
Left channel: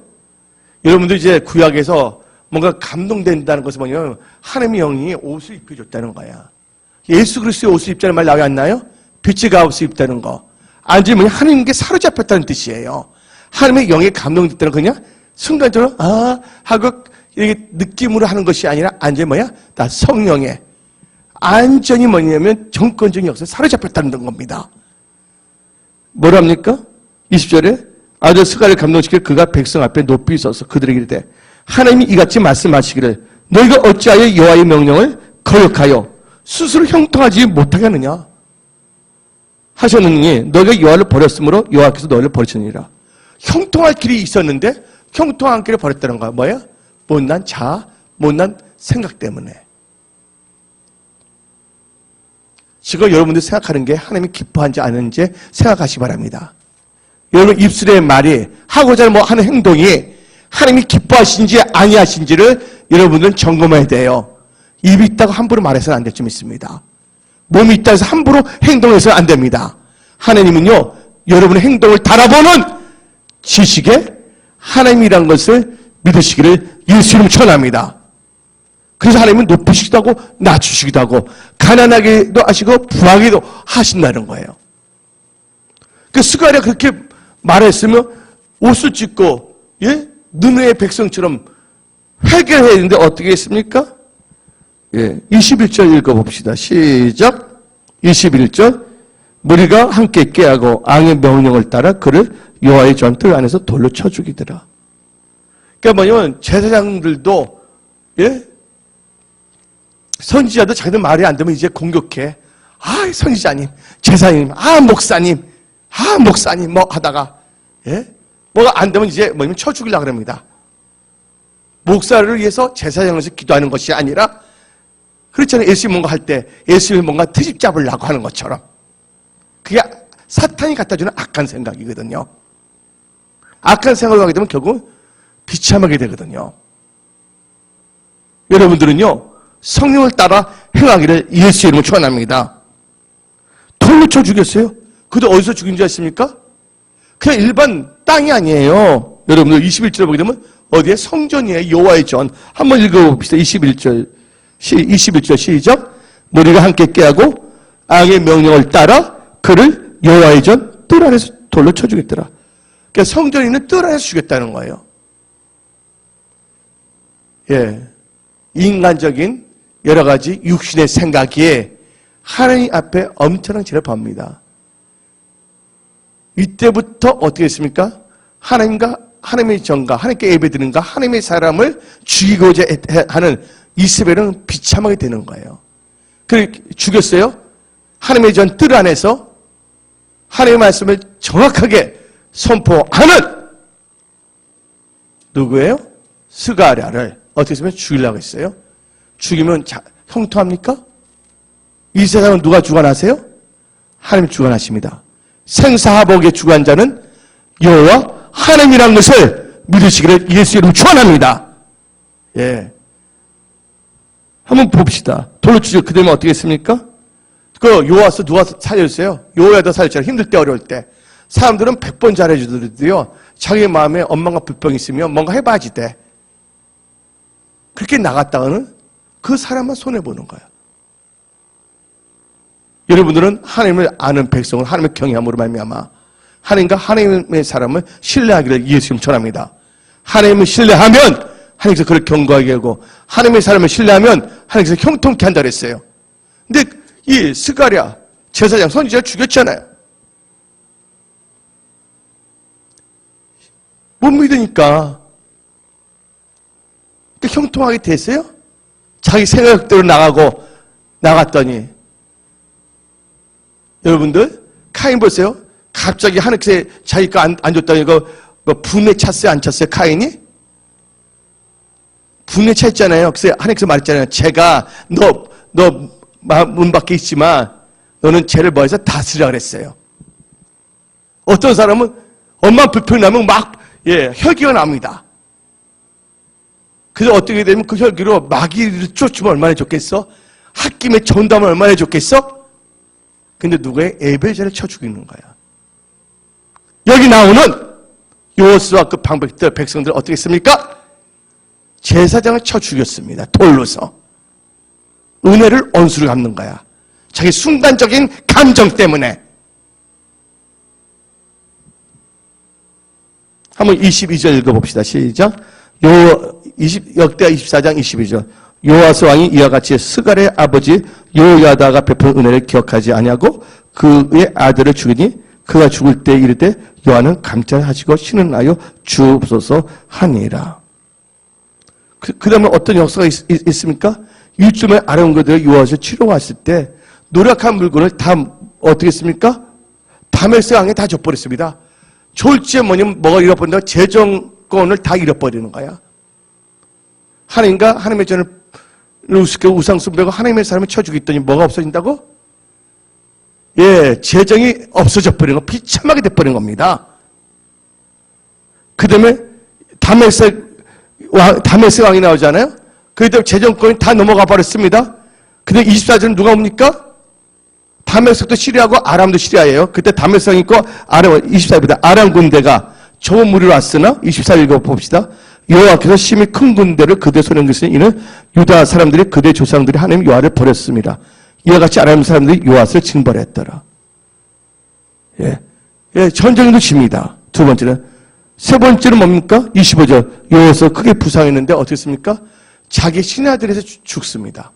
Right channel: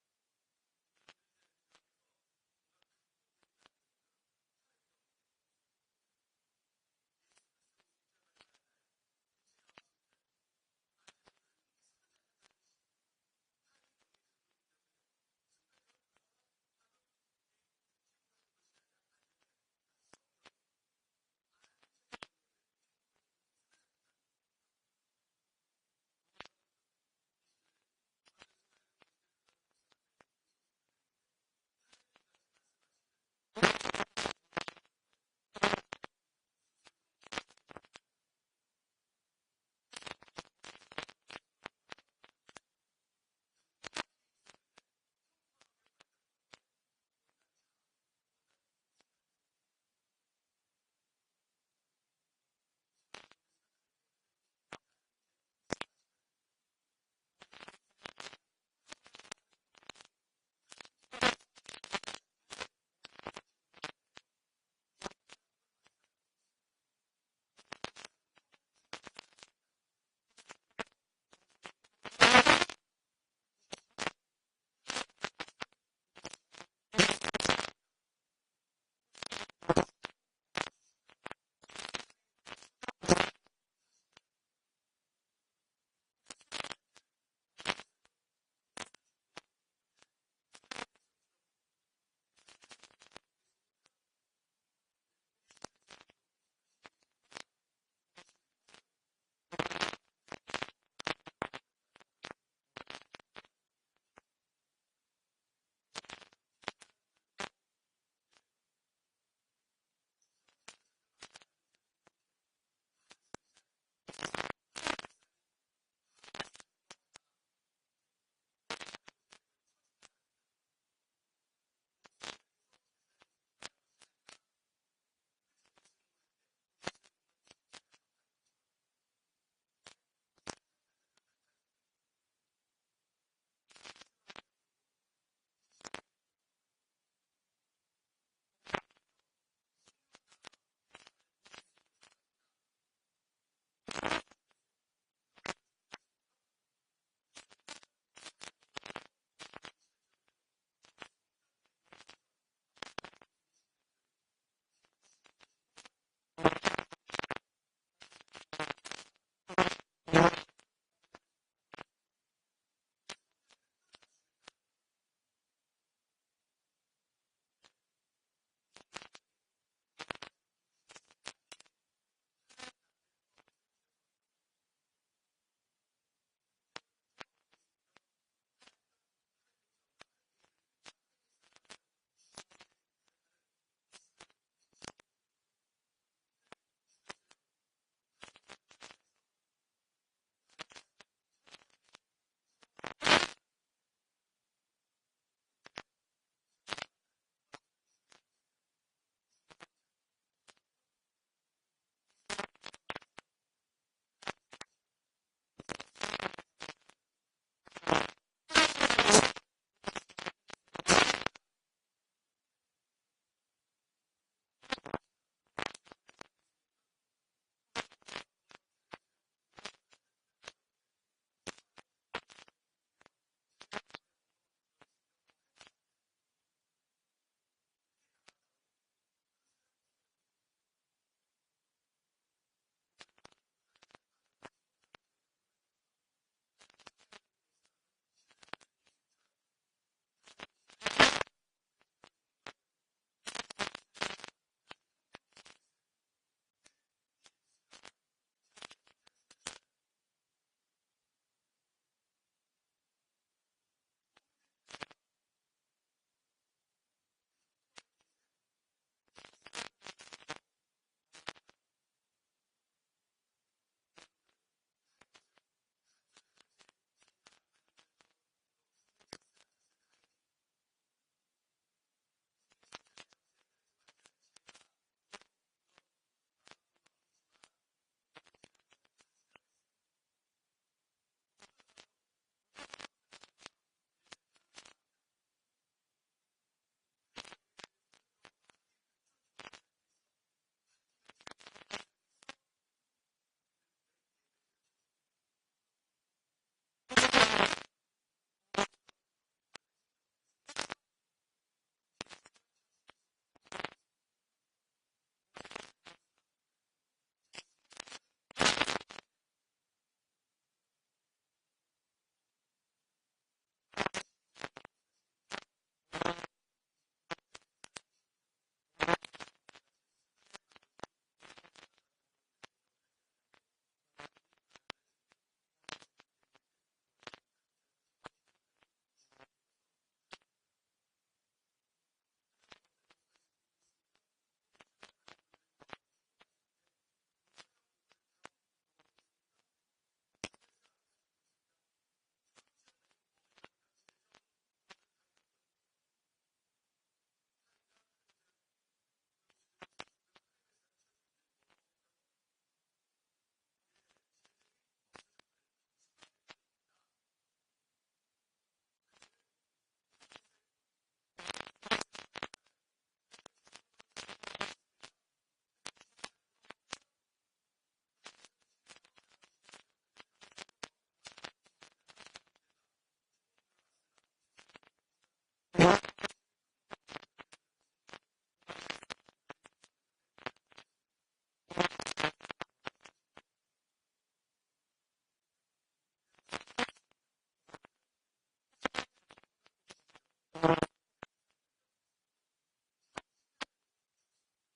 여러분들 이제 구약에서 뭔가 감동된다는 것은 뭐냐면 하나님의 영이 옷을 입혀줬다는 거야. 예수 그리스도의 옷을 입자는 말 나와 안 나요? 빛의 가옷을 입다는 거. 앉으면 하나님께 사로잡혔다는 뜻이에요. 하나님의 영에 감동됐다는 거 그냥 순간적으로 하고 이렇게 느낌으로 하는 것이 아니라 완전히 뭐야? 다 성령에 완전히 뭐냐면 정권적인 역사에 사로잡혔다는 겁니다. 뭐랍니까? 20절에 아들 스가랴를 감동시켜 그가 백성 앞에 높이 서서 그들에게 이르되 하나님이 이같이 말씀하시기를 너희가 어찌하여 여호와의 명령을 거역하여 스스로 형통하지 못하게 하느냐 하셨느니 너희가 여호와를 버렸으므로 여호와께서 너희를 버리시니라. 형통할 길이 있었는데 형통한 길을 버렸다는 거야. 뭐야? 못난 자아, 못난 생각 때문에. 지금 여러분들 생각하는 게 하나님이 기뻐한지 아는지 생각하시기 바랍니다. 여러분 입술의 말이 하고자 뭐 하는 행동이 하나님이 기뻐하신지 아니하신지를 여러분들은 점검해야 돼요. 입이 있다고 함부로 말해서는 안 될 줄 믿습니다. 몸이 있다 해서 함부로 행동해서는 안 됩니다. 하나님은요 여러분의 행동을 달아보는 지식에 하나님이라는 것을 믿으시기를 예수 이름 축원합니다. 그래서 하나님은 높이시기도 하고 낮추시기도 하고 가난하게도 하시고 부하게도 하신다는 거예요. 그 스가랴 그렇게 말했으면 옷을 찢고 느느의 백성처럼 회개를 해야 되는데 어떻게 했습니까? 21절 읽어봅시다. 시작. 21절 무리가 함께 깨하고 왕의 명령을 따라 그를 여호와의 전뜰 안에서 돌로 쳐 죽이더라. 그러니까 뭐냐면 제사장들도 선지자도 자기들 말이 안 되면 이제 공격해. 선지자님, 제사님, 목사님 뭐 하다가 뭐가 안 되면 이제 뭐냐면 쳐 죽이려고 합니다. 목사를 위해서 제사장에서 기도하는 것이 아니라 그렇잖아요. 예수님 뭔가 할 때 예수님 뭔가 트집 잡으려고 하는 것처럼 그게 사탄이 갖다주는 악한 생각이거든요. 악한 생각을 하게 되면 결국 비참하게 되거든요. 여러분들은요 성령을 따라 행하기를 예수의 이름으로 축원합니다. 돌로 쳐 죽였어요. 그도 어디서 죽인 줄 아십니까? 그냥 일반 땅이 아니에요. 여러분들 21절에 보게 되면 어디에 성전이에요. 여호와의 전. 한번 읽어봅시다. 21절 시작. 무리가 함께 깨하고 왕의 명령을 따라 그를 여호와의 전 뜰 안에서 돌로 쳐 죽였더라. 그러니까 성전에 있는 뜰 안에서 죽였다는 거예요. 인간적인 여러 가지 육신의 생각이 하나님 앞에 엄청난 죄를 범합니다. 이때부터 어떻게 했습니까? 하나님과 하나님의 전과 하나님께 예배드리는가 하나님의 사람을 죽이고자 하는 이스라엘은 비참하게 되는 거예요. 그래 죽였어요. 하나님의 전 뜰 안에서 하나님의 말씀을 정확하게 선포하는 누구예요? 스가랴를 어떻게 했으면 죽이려고 했어요. 죽이면 형통합니까? 이 세상은 누가 주관하세요? 하나님 주관하십니다. 생사하복에 주관한 자는 여호와 하나님이라는 것을 믿으시기를 예수 이름 축원합니다. 예. 한번 봅시다. 돌로 치죠. 그 다음에 어떻게 했습니까? 그 요아서 누가 살려주세요? 요야도 살렸잖아요. 힘들 때 어려울 때. 사람들은 100번 잘해주더라도요. 자기 마음에 원망과 불평이 있으면 뭔가 해봐야지 돼. 그렇게 나갔다가는 그 사람만 손해보는 거야. 여러분들은 하나님을 아는 백성은 하나님의 경외함으로 말미암아 하나님과 하나님의 사람을 신뢰하기를 예수님 전합니다. 하나님을 신뢰하면 하나님께서 그를 견고하게 하고 하나님의 사람을 신뢰하면 하나님께서 형통케 한다 그랬어요. 근데 이 스가랴 제사장 선지자를 죽였잖아요. 못 믿으니까 형통하게 됐어요? 자기 생각대로 나갔더니 여러분들 카인 보세요. 갑자기 하나님께서 자기가 안 줬다니 이거 분에 찼어요? 안 찼어요? 카인이? 분에 찼잖아요. 그래서 하나님께서 말했잖아요. 제가 너 문 밖에 있지만 너는 죄를 뭐해서 다스리라 그랬어요. 어떤 사람은 엄마 불평이 나면 막 혈기가 납니다. 그래서 어떻게 되면 그 혈기로 마귀를 쫓으면 얼마나 좋겠어? 홧김에 전담을 얼마나 좋겠어? 근데 누구의 에벨제를 쳐 죽이는 거야. 여기 나오는 요호수아 그 방백들 백성들 어떻게 했습니까? 제사장을 쳐 죽였습니다. 돌로서. 은혜를 원수로 갚는 거야. 자기 순간적인 감정 때문에. 한번 22절 읽어봅시다. 시작. 역대하 24장 22절. 요아스 왕이 이와 같이 스갈의 아버지 요야다가 베푼 은혜를 기억하지 아니하고 그의 아들을 죽이니 그가 죽을 때 이를 때 요한은 감찰하시고 신은하여 주옵소서 하니라. 그 다음에 어떤 역사가 있습니까? 일주일 아름거들 요아스 치러왔을 때 노력한 물건을 다 어떻게 했습니까? 다메섹 왕에 다 줘버렸습니다. 졸지에 뭐가 잃어버린다고 재정권을 다 잃어버리는 거야. 하나님과 하나님의 전을 우습게 우상 숭배하고 하나님의 사람을 쳐 죽였더니 뭐가 없어진다고? 재정이 없어져 버린 거, 비참하게 돼버린 겁니다. 그 다음에 다메섹 왕이 나오잖아요. 그 다음에 재정권이 다 넘어가 버렸습니다. 근데 24절은 누가 옵니까? 다메섹도 시리아고 아람도 시리아예요. 그때 다메섹 왕이 있고 아람, 24절입니다. 아람 군대가 좁은 무리로 왔으나 24절 읽어봅시다. 여호와께서 심히 큰 군대를 그대 손에 옮기시니 이는 유다 사람들이 그대 조상들이 하나님 여호와를 버렸습니다. 이와 같이 아람 사람들이 여호와를 징벌했더라. 전쟁도 집니다. 두 번째는. 세 번째는 뭡니까? 25절. 여호와서 크게 부상했는데 어떻게 했습니까? 자기 신하들에서 죽습니다.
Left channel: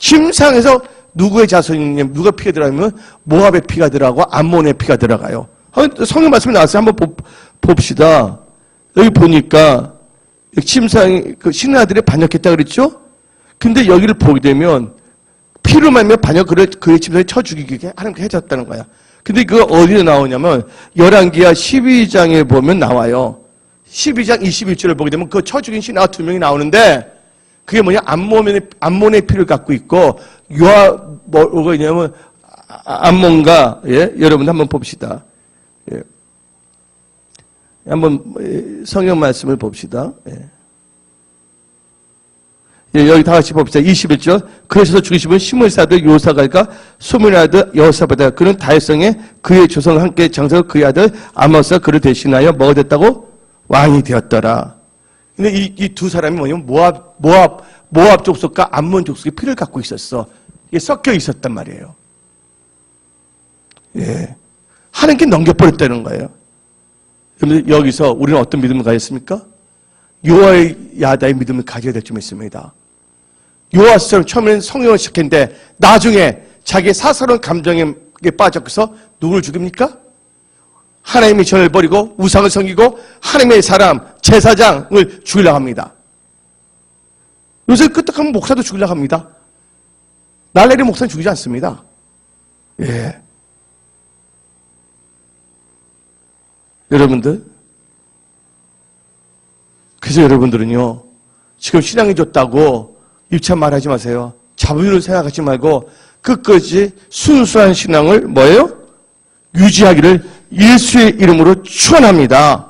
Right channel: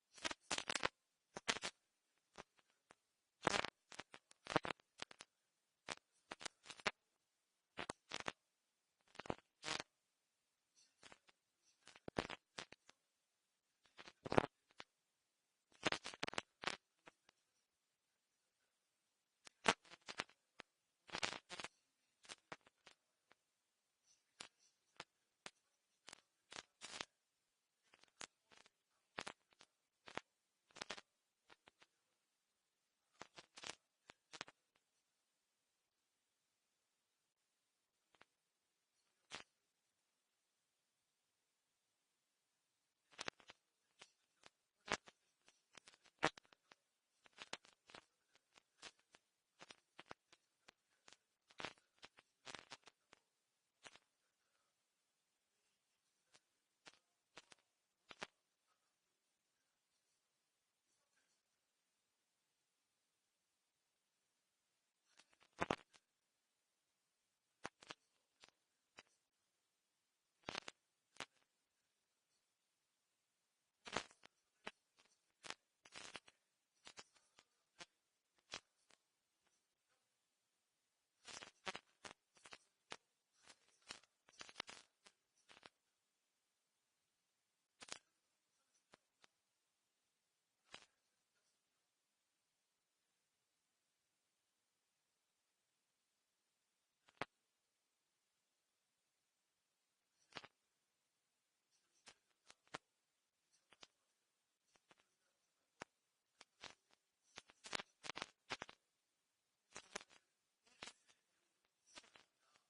침상에서 누구의 자손이냐면 누가 피가 들어가면 모압의 피가 들어가고 암몬의 피가 들어가요. 성경 말씀이 나왔어요. 한번 봅시다. 여기 보니까 침상에 그 신하들이 반역했다 그랬죠? 근데 여기를 보게 되면 피로 말미암아 그의 침상에 쳐 죽이게 하나님께 해줬다는 거야. 근데 그거 어디에 나오냐면 열왕기하 12장에 보면 나와요. 12장 21절을 보게 되면 그 쳐 죽인 신하 2명이 나오는데 그게 뭐냐? 암몬의 피를 갖고 있고 뭐가 있냐면 암몬과 여러분 한번 봅시다. 한번 성경 말씀을 봅시다. 여기 다 같이 봅시다. 21절. 그러셔서 죽이시면 시므리스 아들 요사갈과 소문의 아들 여호사밧이다. 그는 다윗성에 그의 조상과 함께 장사하고 그의 아들 아모스가 그를 대신하여 뭐가 됐다고? 왕이 되었더라. 근데 이 두 사람이 뭐냐면 모압 족속과 암몬 족속의 피를 갖고 있었어. 이게 섞여 있었단 말이에요. 하나님께 넘겨버렸다는 거예요. 그런데 여기서 우리는 어떤 믿음을 가졌습니까? 요아의 야다의 믿음을 가져야 될 점 있습니다. 요아스처럼 처음에는 성령을 시작했는데 나중에 자기의 사사로운 감정에 빠져서 누구를 죽입니까? 하나님의 전을 버리고 우상을 섬기고 하나님의 사람 제사장을 죽이려고 합니다. 요새 끄떡하면 목사도 죽이려고 합니다. 날래리 목사는 죽이지 않습니다. 예. 여러분들, 그래서 여러분들은요, 지금 신앙이 좋다고 유치한 말 하지 마세요. 자부를 생각하지 말고 끝까지 순수한 신앙을 뭐예요? 유지하기를 예수의 이름으로 축원합니다.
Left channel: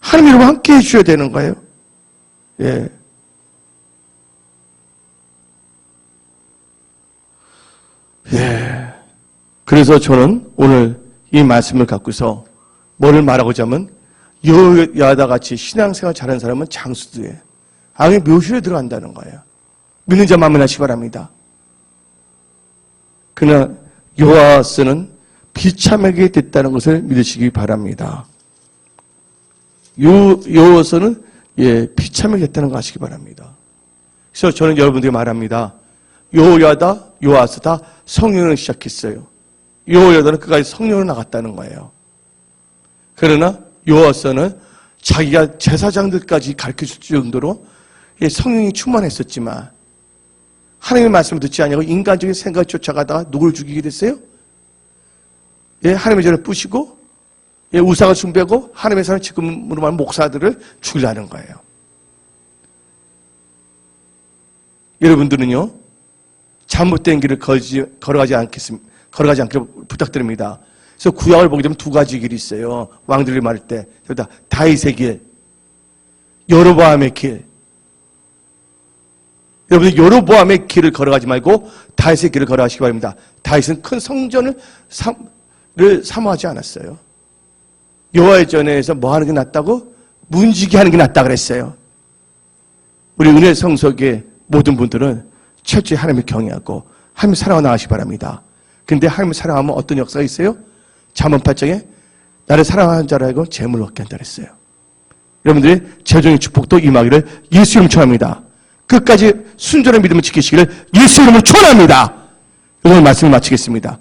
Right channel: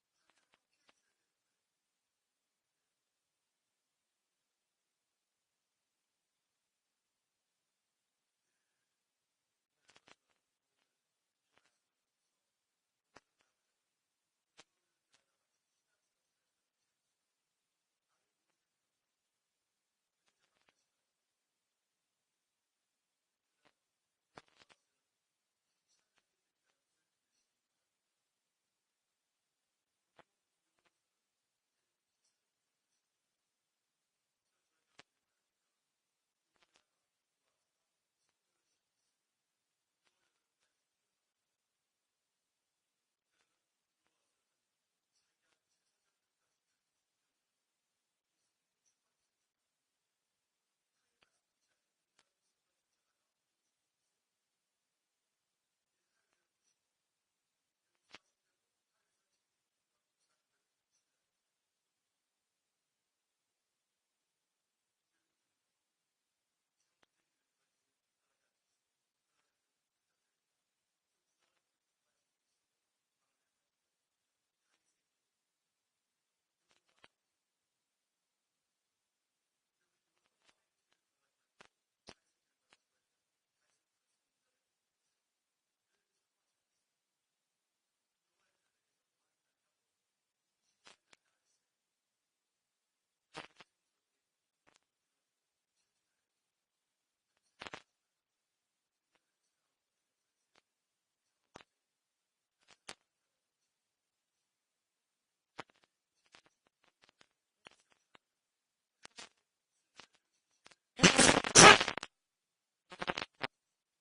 하나님 이름으로 함께 해주셔야 되는 거예요. 예. 예. 그래서 저는 오늘 이 말씀을 갖고서 뭐를 말하고자 하면 여호야다 같이 신앙생활 잘하는 사람은 장수들이에요. 악의 묘실에 들어간다는 거예요. 믿는 자 만민하시기 바랍니다. 그러나 여호와서는 비참하게 됐다는 것을 믿으시기 바랍니다. 여호와서는 비참하게 됐다는 거 아시기 바랍니다. 그래서 저는 여러분들에게 말합니다. 여호야다, 여호와서 다 성령을 시작했어요. 여호야다는 끝까지 성령으로 나갔다는 거예요. 그러나 여호와서는 자기가 제사장들까지 가르쳐줄 정도로 성령이 충만했었지만 하나님의 말씀을 듣지 않냐고 인간적인 생각을 쫓아가다가 누구를 죽이게 됐어요? 하나님의 전을 부시고 우상을 숭배하고 하나님의 사람 지금으로 말하면 목사들을 죽이려는 거예요. 여러분들은요, 잘못된 길을 걸어가지 않기를 부탁드립니다. 그래서 구약을 보게 되면 두 가지 길이 있어요. 왕들이 말할 때. 다윗의 길, 여로보암의 길. 여러분들 여로보암의 길을 걸어가지 말고 다윗의 길을 걸어가시기 바랍니다. 다윗은 큰 성전을 사모하지 않았어요. 여호와의 전에서 뭐 하는 게 낫다고? 문지기 하는 게 낫다 그랬어요. 우리 은혜 성석의 모든 분들은 철저히 하나님을 경외하고 하나님을 사랑하고 나가시기 바랍니다. 근데 하나님을 사랑하면 어떤 역사가 있어요? 잠언 8장에 나를 사랑하는 자를 알고 재물을 얻게 한다 그랬어요. 여러분들의 재정의 축복도 임하기를 예수 이름으로 축원합니다. 끝까지 순전한 믿음을 지키시기를 예수 이름으로 축원합니다. 오늘 말씀을 마치겠습니다.